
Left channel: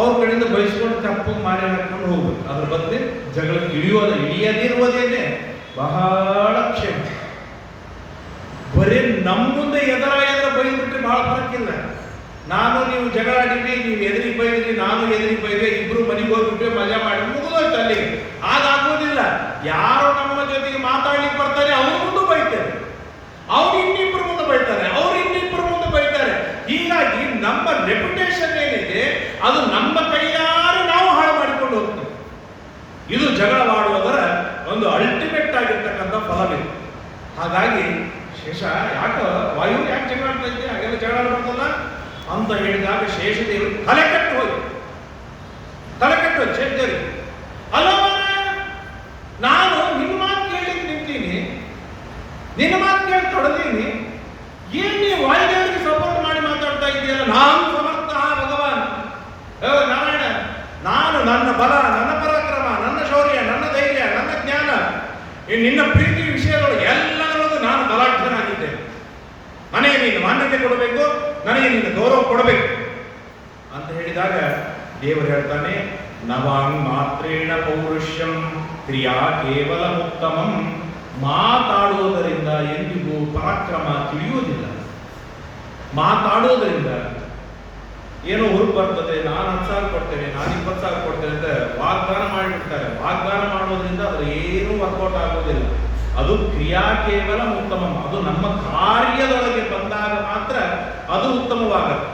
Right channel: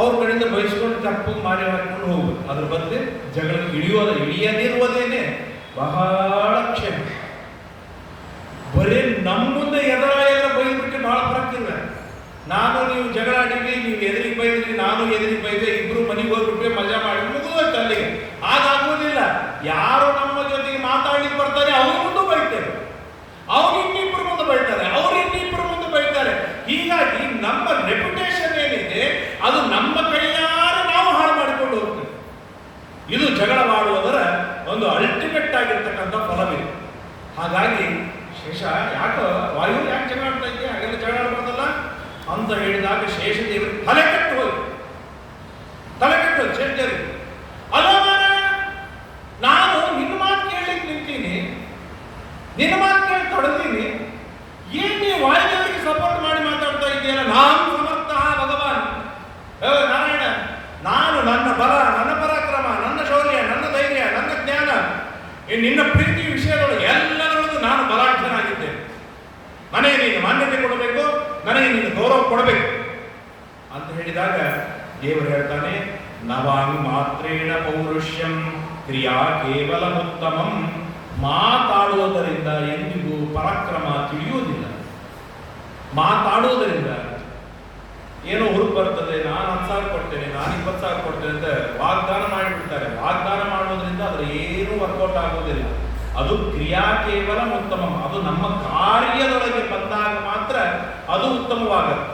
ಅವ್ರ ಕಡೆಯಿಂದ ಬಯಸ್ಕೊಂಡು ತಪ್ಪು ಮಾರಿ ಹಾಕೊಂಡು ಹೋಗ್ಬೇಕು. ಅದ್ರ ಬದಲು ಜಗಳಕ್ಕೆ ಇಳಿಯದಿರುವುದೇನೆ ಬಹಳ ಕ್ಷೇಮ. ಬರೀ ನಮ್ಮ ಮುಂದೆ ಎದರ ಬೈದ್ಬಿಟ್ಟು ಬಹಳ ಫರಕ್ಕಿಲ್ಲ. ನಾನು ನೀವು ಜಗಳ ಆಡಿದ್ವಿ, ನೀವು ಎದುರಿಗೆ ಬೈದ್ರಿ, ನಾನು ಎದುರಿಗೆ ಬೈದೆ, ಇಬ್ರು ಮನೆಗೆ ಹೋಗ್ಬಿಟ್ರೆ ಮಜಾ ಮಾಡಿ ಮುಗಿದೋಯ್ತು ಅಲ್ಲಿಗೆ. ಆಗುವುದಿಲ್ಲ. ಯಾರು ನಮ್ಮ ಜೊತೆಗೆ ಮಾತಾಡ್ಲಿಕ್ಕೆ ಬರ್ತಾರೆ ಅವ್ರ ಮುಂದೆ ಬೈತಾರೆ, ಅವ್ರು ಇನ್ನಿಬ್ರು ಮುಂದೆ ಬೈತಾರೆ, ಅವ್ರು ಇನ್ನಿಬ್ರು ಮುಂದೆ ಬೈತಾರೆ. ಹೀಗಾಗಿ ನಮ್ಮ ರೆಪ್ಯುಟೇಷನ್ ಏನಿದೆ ಅದು ನಮ್ಮ ಕೈಯಾರೆ ನಾವು ಹಾಳು ಮಾಡಿಕೊಂಡು ಹೋಗ್ತೀವಿ. ಇದು ಜಗಳವಾಡುವವರ ಒಂದು ಅಲ್ಟಿಮೇಟ್ ಆಗಿರ್ತಕ್ಕಂಥ ಫಲವಿದೆ. ಹಾಗಾಗಿ ಶೇಷ ಯಾಕೆ ವಾಯು ಯಾಕೆ ಜಗಳ ಆಡ್ತಾ ಇದ್ದೆ, ಹಾಗೆಲ್ಲ ಜಗಳ ಆಡ್ಬಾರ್ದಲ್ಲ ಅಂತ ಹೇಳಿದಾಗ ಶೇಷದೇವರು ತಲೆ ಕಟ್ಟು ಹೋಗಿ ನಿನ್ನ ಪ್ರೀತಿ ವಿಷಯದೊಳಗೆ ಎಲ್ಲದರೊಳಗೂ ನಾನು ಬಲಾಢ್ಯನಾಗಿದ್ದೇನೆ. ನನಗೆ ನೀನು ಮಾನ್ಯತೆ ಕೊಡಬೇಕು, ನನಗೆ ನೀನು ಗೌರವ ಕೊಡಬೇಕು ಅಂತ ಹೇಳಿದಾಗ ದೇವರು ಹೇಳ್ತಾನೆ, ನವಾಂಗ್ ಮಾತ್ರೇಣ ಪೌರುಷ್ಯಂ ಕ್ರಿಯಾ ಕೇವಲ ಉತ್ತಮಂ. ಮಾತಾಡೋದರಿಂದ ಎಂದಿಗೂ ಪರಾಕ್ರಮ ತಿಳಿಯುವುದಿಲ್ಲ. ಮಾತಾಡೋದರಿಂದ ಏನೋ ಹುರುಪು ಬರ್ತದೆ, ನಾನು 10,000 ಕೊಡ್ತೇನೆ, ನಾನು 20,000 ಕೊಡ್ತೇನೆ ಅಂತ ವಾಗ್ದಾನ ಮಾಡಿಬಿಡ್ತಾರೆ. ವಾಗ್ದಾನ ಮಾಡೋದ್ರಿಂದ ಅದ್ರ ಏನೂ ವರ್ಕೌಟ್ ಆಗೋದಿಲ್ಲ. ಅದು ಕ್ರಿಯಾ ಕೇವಲ ಉತ್ತಮ. ಅದು ನಮ್ಮ ಕಾರ್ಯದೊಳಗೆ ಬಂದಾಗ ಮಾತ್ರ ಅದು ಉತ್ತಮವಾಗುತ್ತೆ.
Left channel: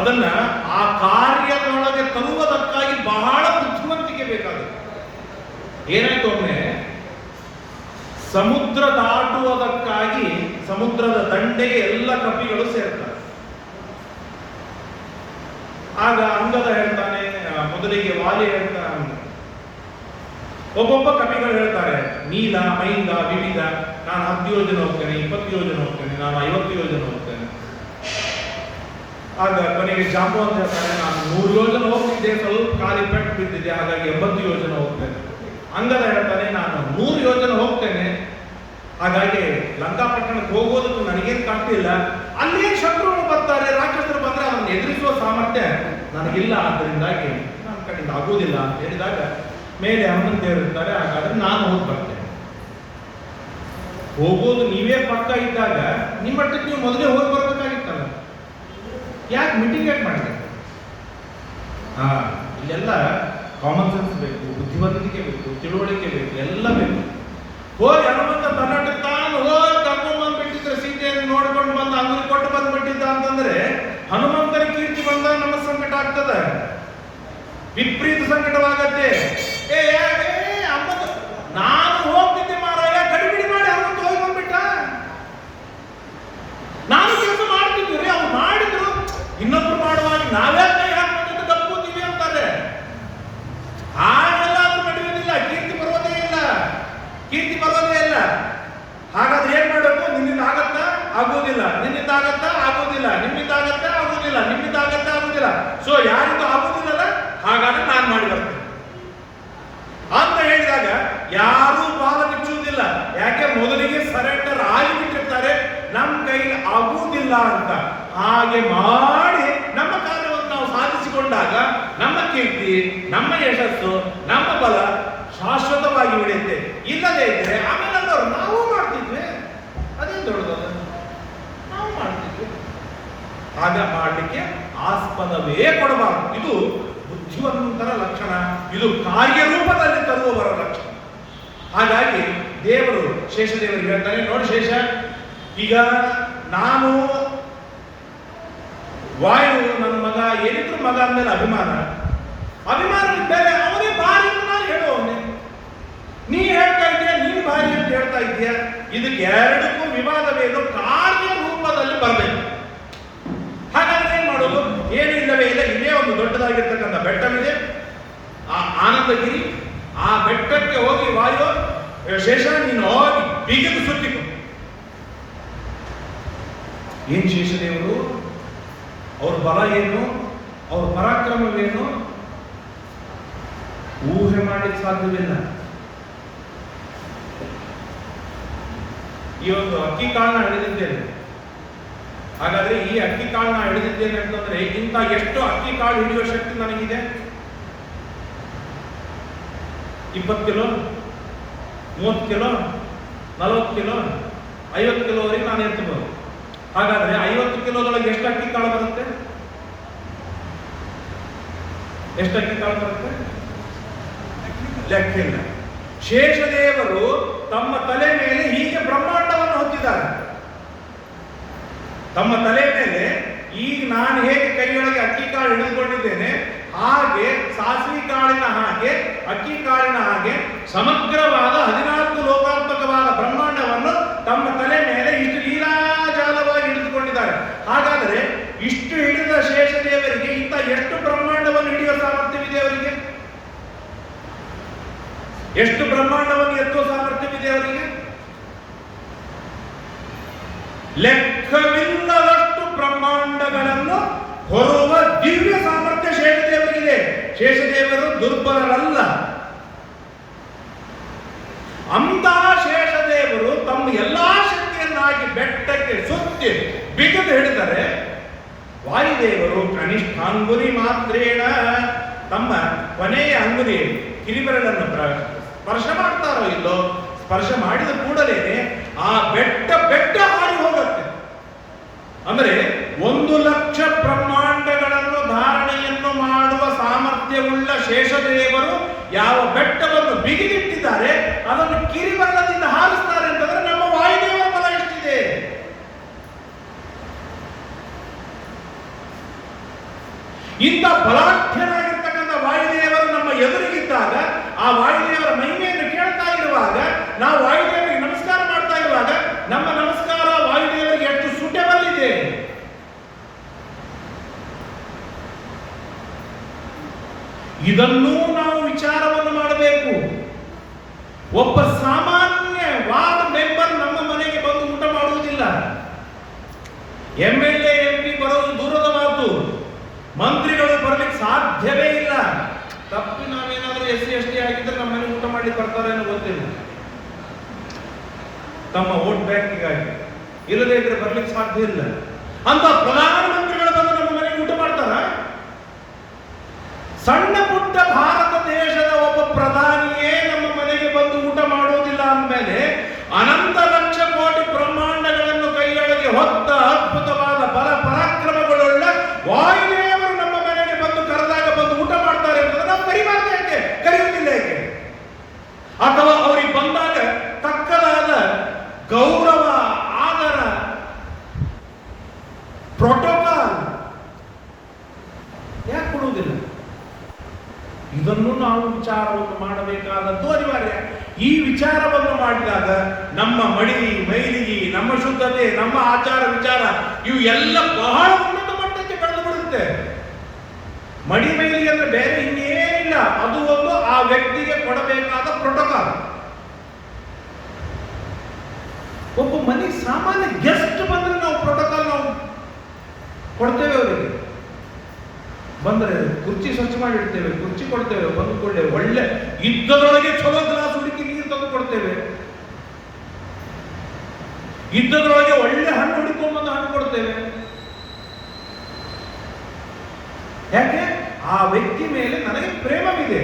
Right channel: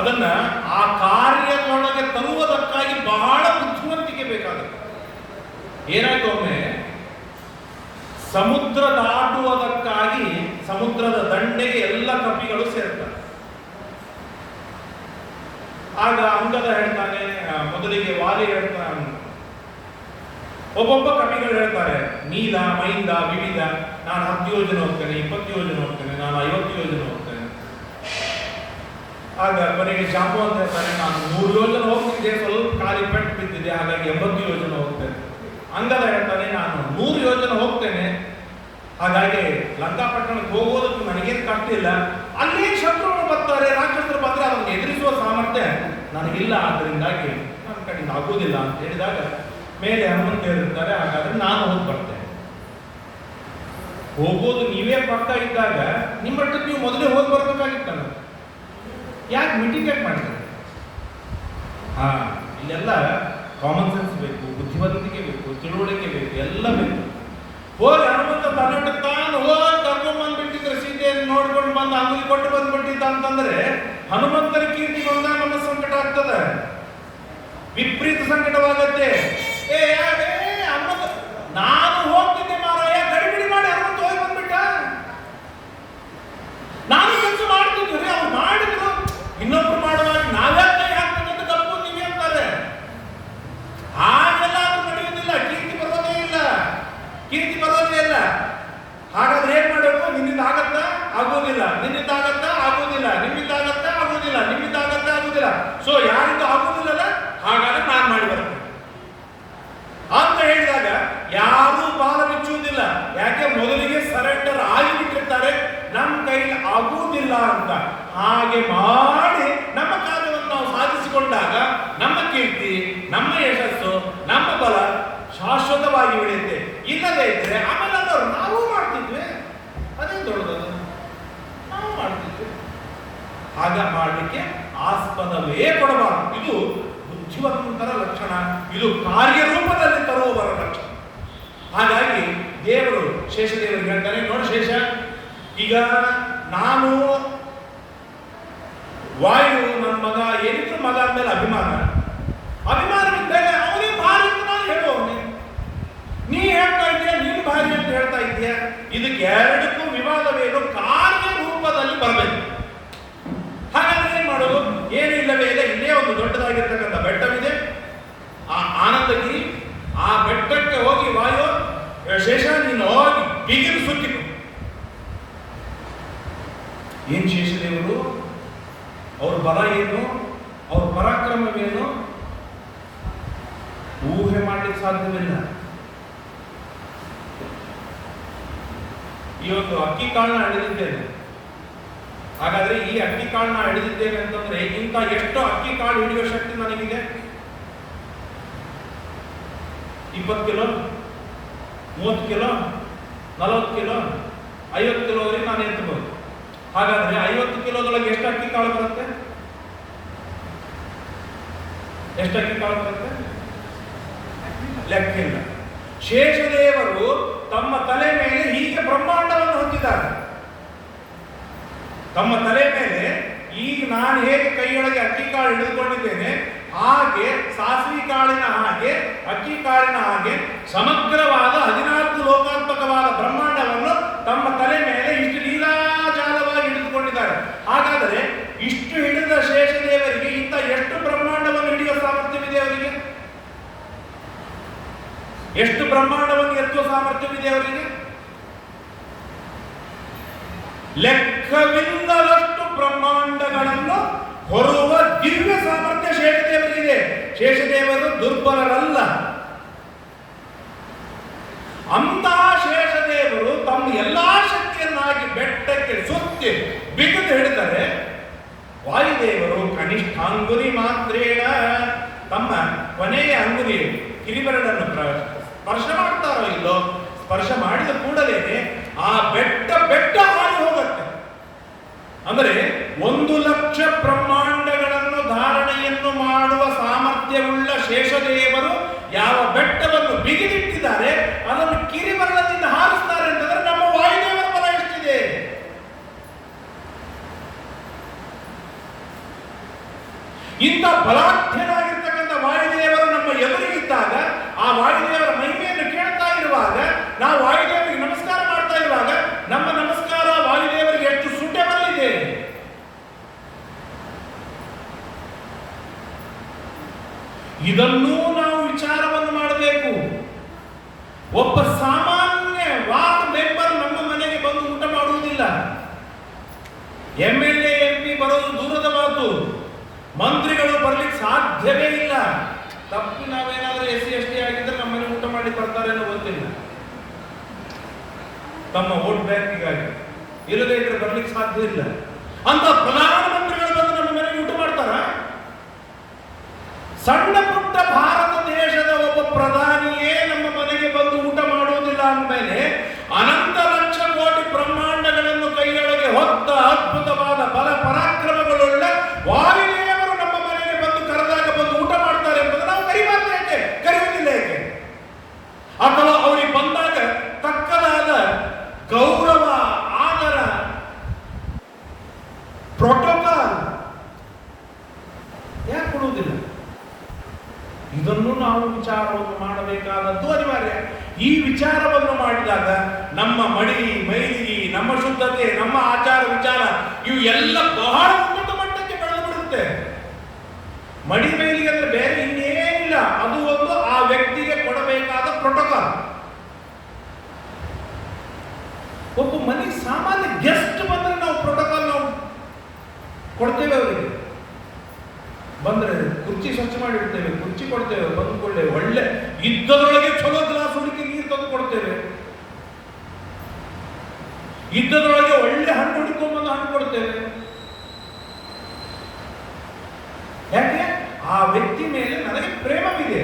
ಅದನ್ನ ಆ ಕಾರ್ಯದೊಳಗೆ ತರುವುದಕ್ಕಾಗಿ ಬಹಳ ಬುದ್ಧಿವಂತಿಕೆ ಬೇಕಾಗುತ್ತೆ. ಏನಾಯ್ತು ಒಮ್ಮೆ ಸಮುದ್ರ ದಾಟುವುದಕ್ಕಾಗಿ ಸಮುದ್ರದ ದಂಡೆಗೆ ಎಲ್ಲ ಕಪಿಗಳು ಸೇರ್ತಾರೆ. ಆಗ ಅಂಗದ ಹೇಳ್ತಾನೆ, ಮೊದಲಿಗೆ ವಾಲಿ ಹೇಳ್ತಾನೆ, ಒಬ್ಬೊಬ್ಬ ಕಪಿಗಳು ಹೇಳ್ತಾರೆ, ನೀಲ, ಮೈಂದ, ವಿವಿಧ, ನಾನು 10 ಯೋಜನೆ ಹೋಗ್ತೇನೆ, 20 ಯೋಜನೆ ಹೋಗ್ತೇನೆ, ನಾನು 50 ಯೋಜನೆ ಹೋಗ್ತೇನೆ. ಆಗ ಕೊನೆಗೆ ಜಾಂಬು ಅಂತ ಹೇಳ್ತಾನೆ, ನಾನು 100 ಯೋಜನೆ ಹೋಗ್ತಿದ್ದೆ, ಸ್ವಲ್ಪ ಕಾಲಿ ಪೆಟ್ಟು ಬಿದ್ದಿದೆ, ಹಾಗಾಗಿ 80 ಯೋಜನೆ ಹೋಗ್ತೇನೆ. ಅಂಗದ ಹೇಳ್ತಾನೆ, ನಾನು 100 ಯೋಜನೆ ಹೋಗ್ತೇನೆ, ಹಾಗಾಗಿ ಲಂಕಾಪಟ್ಟಣಕ್ಕೆ ಹೋಗೋದಕ್ಕೂ ನನಗೇನು ತಪ್ಪಿಲ್ಲ. ಅಲ್ಲಿ ಶತ್ರುಗಳು ಬರ್ತಾರೆ, ರಾಕ್ಷಸರು ಬಂದ್ರೆ ಅದನ್ನು ಎದುರಿಸುವ ಸಾಮರ್ಥ್ಯ ನನಗಿಲ್ಲ, ಆದ್ದರಿಂದಾಗಿ ನನ್ನ ಕಡೆಯಿಂದ ಆಗುವುದಿಲ್ಲ ಅಂತ ಹೇಳಿದಾಗ ಮೇಲೆ ಹನುಮಂತ ಇರ್ತಾರೆ. ಹಾಗಾದ್ರೆ ನಾನು ಹೋಗಿ ಬರ್ತೇನೆ. ಹೋಗೋದು ನೀವೇ ಪಕ್ಕ ಇದ್ದಾಗ ನಿಮ್ಮಟ್ಟಕ್ಕೆ ನೀವು ಮೊದಲೇ ಹೋಗಿ ಬರ್ಬೇಕಾಗಿತ್ತಲ್ಲ, ಯಾಕೆ ಮೀಟಿಂಗ್ ಯಾಕೆ ಮಾಡಿದ್ರೆ? ಇಲ್ಲೆಲ್ಲ ಕಾಮನ್ ಸೆನ್ಸ್ ಬೇಕು, ಬುದ್ಧಿವಂತಿಕೆ ಬೇಕು, ತಿಳುವಳಿಕೆ ಬೇಕು, ಎಲ್ಲ ಬೇಕು. ಹೋಗಿ ಹನುಮಂತ ತನ್ನಟ್ಟು ತಾನು ಹೋಗಿ ಕರ್ಕೊಂಡು ಬಂದ್ಬಿಟ್ಟಿದ್ರೆ, ಸೀತೆಯನ್ನು ನೋಡ್ಕೊಂಡು ಬಂದು ಅಂಗಡಿ ಕೊಟ್ಟು ಬಂದ್ಬಿಟ್ಟಿದ್ದ ಅಂತಂದ್ರೆ ಹನುಮಂತನ ಕೀರ್ತಿ ಬಂದಾಗ ನಮ್ಮ ಸಂಕಟ ಆಗ್ತದೆ, ವಿಪರೀತ ಸಂಕಟವಾಗತ್ತೆ. ನಾನು ಹೋಗ್ತಿದ್ದೆ ಮಾರಾಯ, ಗಡಿಬಿಡಿ ಮಾಡಿ ಹನುಮಂತ ಹೋಗಿ ಬಂದ್ಬಿಟ್ಟ. ನಾನು ಕೆಲಸ ಮಾಡ್ತಿದ್ವಿ, ಅವ್ರು ಮಾಡಿದ್ರು, ಇನ್ನೊಬ್ರು ಮಾಡುವಾಗ ನಾವೇ ಕೈ ಹಾಕ್ಬೇಕಂತ ಕಲ್ಕೋತೀವಿ ಅಂತಾರೆ. ಹಾಗೆಲ್ಲ ಅದು ನಡೆಯುವುದಿಲ್ಲ, ಕೀರ್ತಿ ಬರೋದೇ ಇಲ್ಲ, ಕೀರ್ತಿ ಬರೋದೇ ಇಲ್ಲ. ಹಾಗಾದ್ರೆ ಏನ್ ಮಾಡಬೇಕು? ನಿನ್ನಿಂದ ಆಗತ್ತಾ? ಆಗೋದಿಲ್ಲ. ನಿನ್ನಿಂದ ಆಗತ್ತಾ? ಆಗೋದಿಲ್ಲ. ನಿಮ್ಮಿಂದ ಆಗತ್ತಾ? ಆಗೋದಿಲ್ಲ. ನಿಮ್ಮಿಂದ ಆಗತ್ತಾ? ಆಗೋದಿಲ್ಲ. ಸೊ ಯಾರಿಂದ ಆಗೋದಿಲ್ಲಲ್ಲ, ಹಾಗಾದ್ರೆ ನಾನು ಮಾಡಿ ಬರ್ತೇನೆ ಅಂತ ಹೇಳಿದಾಗ ಯಾರೂ ಪಾದ ಬಿಚ್ಚುವುದಿಲ್ಲ. ಯಾಕೆ? ಮೊದಲಿಗೆ ಸರೆಂಡರ್ ಆಗಿಬಿಟ್ಟಿರ್ತಾರೆ, ನಮ್ಮ ಕೈಲಿ ಆಗುವುದಿಲ್ಲ ಅಂತ. ಹಾಗೆ ಮಾಡಿ ನಮ್ಮ ಕಾರ್ಯವನ್ನು ನಾವು ಸಾಧಿಸಿಕೊಂಡಾಗ ನಮ್ಮ ಕೀರ್ತಿ, ನಮ್ಮ ಯಶಸ್ಸು, ನಮ್ಮ ಬಲ ಶಾಶ್ವತವಾಗಿ ಉಳಿಯುತ್ತೆ. ಇಲ್ಲದೇ ಇದ್ರೆ ಆಮೇಲೆ ನಾವು ಮಾಡ್ತಿದ್ವಿ, ಅದೇ ದೊಡ್ಡದಲ್ಲ, ನಾವು ಮಾಡ್ತಿದ್ವಿ. ಆಗ ಮಾಡಲಿಕ್ಕೆ ಆಸ್ಪದವೇ ಕೊಡಬಾರದು. ಇದು ಬುದ್ಧಿವಂತರ ಲಕ್ಷಣ, ಇದು ಕಾರ್ಯರೂಪದಲ್ಲಿ ತರುವವರ ಲಕ್ಷಣ. ಹಾಗಾಗಿ ದೇವರು ಶೇಷದೇವರಿಗೆ ಹೇಳ್ತಾನೆ, ನೋಡಿ ಶೇಷ, ಈಗ ನಾನು ವಾಯು ನನ್ನ ಮಗ, ಏನಿದ್ರು ಮಗ ಅಂದ್ಮೇಲೆ ಅಭಿಮಾನವಿದ್ದರೆ ಅವನೇ ಭಾರಿ ಅಂತ ನಾನು ಹೇಳುವವನೇ. ನೀ ಹೇಳ್ತಾ ಇದೆಯಾ, ನೀನು ಭಾರಿ ಅಂತ ಹೇಳ್ತಾ ಇದೆಯಾ, ಇದಕ್ಕೆ ಎರಡಕ್ಕೂ ವಿವಾದವೇನು? ಕಾರ್ಯರೂಪದಲ್ಲಿ ಬರಬೇಕು. ಹಾಗಾದ್ರೆ ಏನ್ ಮಾಡೋದು? ಏನು ಇಲ್ಲವೇ ಇಲ್ಲ. ಇಲ್ಲೇ ಒಂದು ದೊಡ್ಡದಾಗಿರ್ತಕ್ಕಂಥ ಬೆಟ್ಟವಿದೆ, ಆ ಆನಂದಗಿರಿ. ಆ ಬೆಟ್ಟಕ್ಕೆ ಹೋಗಿ ವಾಯು, ಶೇಷ ನೀನು ಹೋಗಿ ಬಿಗಿದು ಸುತ್ತಿಕೊ. ಏನ್ ಶೇಷದೇವರು, ಅವ್ರ ಬಲ ಏನು, ಅವ್ರ ಪರಾಕ್ರಮವೇನು ಊಹೆ ಮಾಡಲಿಕ್ಕೆ ಸಾಧ್ಯವಿಲ್ಲ. ಈ ಒಂದು ಅಕ್ಕಿ ಕಾಳನ್ನ ಹಿಡಿದಿದ್ದೇನೆ, ಹಾಗಾದ್ರೆ ಈ ಅಕ್ಕಿ ಕಾಳನ್ನ ಹಿಡಿದಿದ್ದೇನೆ ಅಂತಂದ್ರೆ ಇಂಥ ಎಷ್ಟು ಅಕ್ಕಿ ಕಾಳು ಹಿಡಿಯುವ ಶಕ್ತಿ ನನಗಿದೆ? 20 ಕಿಲೋ, 30 ಕಿಲೋ, 40 ಕಿಲೋ, 50 ಕಿಲೋವರೆಗೆ ನಾನು ಎತ್ತಬಹುದು. ಹಾಗಾದ್ರೆ 50 ಕಿಲೋದೊಳಗೆ ಎಷ್ಟು ಅಕ್ಕಿ ಕಾಳು ಬರುತ್ತೆ? ಎಷ್ಟು ಅಕ್ಕಿ ಕಾಳು ಬರುತ್ತೆ? ಲೆಕ್ಕಿಲ್ಲ. ಶೇಷದೇವರು ತಮ್ಮ ತಲೆ ಮೇಲೆ ಹೀಗೆ ಬ್ರಹ್ಮಾಂಡವನ್ನು ಹೊಂದಿದ್ದಾರೆ. ತಮ್ಮ ತಲೆ ಮೇಲೆ ಈಗ ನಾನು ಹೇಗೆ ಕೈಯೊಳಗೆ ಅಕ್ಕಿ ಕಾಳು ಹಿಡಿದುಕೊಂಡಿದ್ದೇನೆ, ಹಾಗೆ ಸಾಸಿವೆ ಕಾಳಿನ ಹಾಗೆ, ಅಕ್ಕಿ ಕಾಳಿನ ಹಾಗೆ ಸಮಗ್ರವಾದ 14 ಲೋಕಾತ್ಮಕವಾದ ಬ್ರಹ್ಮಾಂಡವನ್ನು ತಮ್ಮ ತಲೆ ಮೇಲೆ ಇಷ್ಟು ಲೀಲಾಜಾಲವಾಗಿ ಹಿಡಿದುಕೊಂಡಿದ್ದಾರೆ. ಹಾಗಾದರೆ ಇಷ್ಟು ಹಿಡಿದ ಶೇಷದೇವರಿಗೆ ಇಂಥ ಎಷ್ಟು ಬ್ರಹ್ಮಾಂಡವನ್ನು ಹಿಡಿಯುವ ಸಾಮರ್ಥ್ಯವಿದೆ ಅವರಿಗೆ? ಎಷ್ಟು ಬ್ರಹ್ಮಾಂಡವನ್ನು ಎತ್ತುವ ಸಾಮರ್ಥ್ಯವಿದೆ ಅವರಿಗೆ? ಲೆಕ್ಕವಿಲ್ಲದಷ್ಟು ಬ್ರಹ್ಮಾಂಡಗಳನ್ನು ಹೊರುವ ದಿವ್ಯ ಸಾಮರ್ಥ್ಯ ಶೇಷದೇವರಿಗಿದೆ. ಶೇಷದೇವರು ದುರ್ಬಲರಲ್ಲ. ಅಂತಹ ಶೇಷದೇವರು ತಮ್ಮ ಎಲ್ಲಾ ಶಕ್ತಿಯನ್ನಾಗಿ ಬೆಟ್ಟಕ್ಕೆ ಸುತ್ತಿ ಬಿಗಿದು ಹಿಡಿದರೆ, ವಾಯುದೇವರು ಕನಿಷ್ಠಾಂಗುಲಿ ಮಾತ್ರೇಣ ತಮ್ಮ ಕೊನೆಯ ಅಂಗುಲಿ ಕಿರಿಬೆರಳನ್ನು ಸ್ಪರ್ಶ ಮಾಡ್ತಾರೋ ಇಲ್ಲೋ, ಸ್ಪರ್ಶ ಮಾಡಿದ ಕೂಡಲೇ ಆ ಬೆಟ್ಟ ಹಾರಿ ಹೋಗುತ್ತೆ. ಅಂದರೆ 1,00,000 ಬ್ರಹ್ಮಾಂಡಗಳನ್ನು ಧಾರಣೆಯನ್ನು ಮಾಡುವ ಸಾಮರ್ಥ್ಯವುಳ್ಳ ಶೇಷದೇವರು ಯಾವ ಬೆಟ್ಟವನ್ನು ಬಿಗಿದಿಟ್ಟಿದ್ದಾರೆ ಅದನ್ನು ಕಿರಿಬೆರಳದಿಂದ ಹಾರಿಸ್ತಾರೆ ಅಂತಂದ್ರೆ ನಮ್ಮ ವಾಯುದೇವರ ಬಲ ಎಷ್ಟಿದೆ. ಇಂಥ ಬಲಾಢ್ಯನಾಗಿರ್ತಕ್ಕಂಥ ವಾಯುದೇವರು ನಮ್ಮ ಎದುರಿಗಿದ್ದಾಗ, ಆ ವಾಯುದೇವರ ಮಹಿಮೆಯನ್ನು ಕೇಳ್ತಾ ಇರುವಾಗ, ನಾವು ವಾಯುದೇವರಿಗೆ ನಮಸ್ಕಾರ ಮಾಡ್ತಾ ಇರುವಾಗ ನಮ್ಮ ನಮಸ್ಕಾರ ವಾಯುದೇವರಿಗೆ ಎಷ್ಟು ಸೂಟೇಬಲ್ ಇದೆ. ಇದನ್ನೂ ನಾವು ವಿಚಾರವನ್ನು ಮಾಡಬೇಕು. ಒಬ್ಬ ಸಾಮಾನ್ಯ ವಾರ್ಡ್ ಮೆಂಬರ್ ನಮ್ಮ ಮನೆಗೆ ಬಂದು ಊಟ ಮಾಡುವುದಿಲ್ಲ. MLA MP ಬರೋದು ದೂರದ ಮಾತು, ಮಂತ್ರಿಗಳು ಬರ್ಲಿಕ್ಕೆ ಸಾಧ್ಯವೇ ಇಲ್ಲ. ತಪ್ಪಿ ನಾವೇನಾದ್ರೂ SC ST ಆಗಿದ್ರೆ ನಮ್ಮ ಮನೆ ಊಟ ಮಾಡಿ ಬರ್ತಾರೆ ಅನ್ನೋ ಗೊತ್ತಿಲ್ಲ. ತಮ್ಮ ವೋಟ್ ಬ್ಯಾಂಕ್ಗಾಗಿ ಇಲ್ಲದೇ ಇದ್ರೆ ಬರ್ಲಿಕ್ಕೆ ಸಾಧ್ಯ ಇಲ್ಲ. ಅಂತ ಪ್ರಧಾನಮಂತ್ರಿಗಳು ಬಂದು ನಮ್ಮ ಮನೆಗೆ ಊಟ ಮಾಡ್ತಾರ? ಸಣ್ಣ ಪುಟ್ಟ ಭಾರತ ದೇಶದ ಒಬ್ಬ ಪ್ರಧಾನಿಯೇ ನಮ್ಮ ಮನೆಗೆ ಬಂದು ಊಟ ಮಾಡೋದಿಲ್ಲ ಅಂದಮೇಲೆ, ಅನಂತ ಲಕ್ಷ ಕೋಟಿ ಬ್ರಹ್ಮಾಂಡಗಳನ್ನು ಕೈಯೊಳಗೆ ಹೊತ್ತ ಅದ್ಭುತವಾದ ಬಲ ಪರಾಕ್ರಮಗಳುಳ್ಳ ವಾಯುದೇವರು ನಮ್ಮ ಮನೆಗೆ ಬಂದು ಕರೆದಾಗ ಬಂದು ಊಟ ಮಾಡ್ತಾರೆ ಅಂತಂದ್ರೆ ನಾವು ಕರಿಬಾರ್ದು ಯಾಕೆ? ಕರೆಯುವುದಿಲ್ಲ ಯಾಕೆ? ಅಥವಾ ಅವ್ರಿಗೆ ಬಂದಾಗ ತಕ್ಕದಾದ ಗೌರವ, ಆದರ, ಪ್ರೋಟೋಕಾಲ್ ಯಾಕೆ ಕೊಡುವುದಿಲ್ಲ? ಇದನ್ನು ನಾವು ವಿಚಾರವನ್ನು ಮಾಡಬೇಕಾದದ್ದು ಅನಿವಾರ್ಯ. ಈ ವಿಚಾರವನ್ನು ಮಾಡಿದಾಗ ನಮ್ಮ ಮೈಲಿಗೆ, ನಮ್ಮ ಶುದ್ಧತೆ, ನಮ್ಮ ಆಚಾರ ವಿಚಾರ ಇವು ಎಲ್ಲ ಬಹಳ ಉನ್ನತ ಮಟ್ಟಕ್ಕೆ ಬೆಳೆದು ಬಿಡುತ್ತೆ. ಮೈಲಿಗೆ ಅಂದ್ರೆ ಬೇರೆ ಇನ್ನೇನಿಲ್ಲ, ಅದು ಒಂದು ಆ ವ್ಯಕ್ತಿಗೆ ಕೊಡಬೇಕಾದ ಪ್ರೋಟೋಕಾಲ್. ಒಬ್ಬ ಮನೆ ಸಾಮಾನ್ಯ ಗೆಸ್ಟ್ ಬಂದ್ರೆ ನಾವು ಪ್ರೋಟೋಕಾಲ್ ನಾವು ಕೊಡ್ತೇವೆ. ಅವರಿಗೆ ಬಂದ್ರೆ ಕುರ್ಚಿ ಸ್ವಚ್ಛ ಮಾಡಿಡ್ತೇವೆ, ಕುರ್ಚಿ ಕೊಡ್ತೇವೆ, ಬಂದುಕೊಳ್ಳೆ ಒಳ್ಳೆ ಇದ್ದದೊಳಗೆ ಚಲೋ ಗ್ಲಾಸ್ ಹುಡುಕಿ ನೀರು ತಂದು ಕೊಡ್ತೇವೆ, ಇದ್ದದೊಳಗೆ ಒಳ್ಳೆ ಹಣ್ಣು ಹುಡುಕೊಂಬಂದು ಹಣ್ಣು ಕೊಡ್ತೇವೆ. ಯಾಕೆ? ಆ ವ್ಯಕ್ತಿ ಮೇಲೆ ನನಗೆ ಪ್ರೇಮವಿದೆ.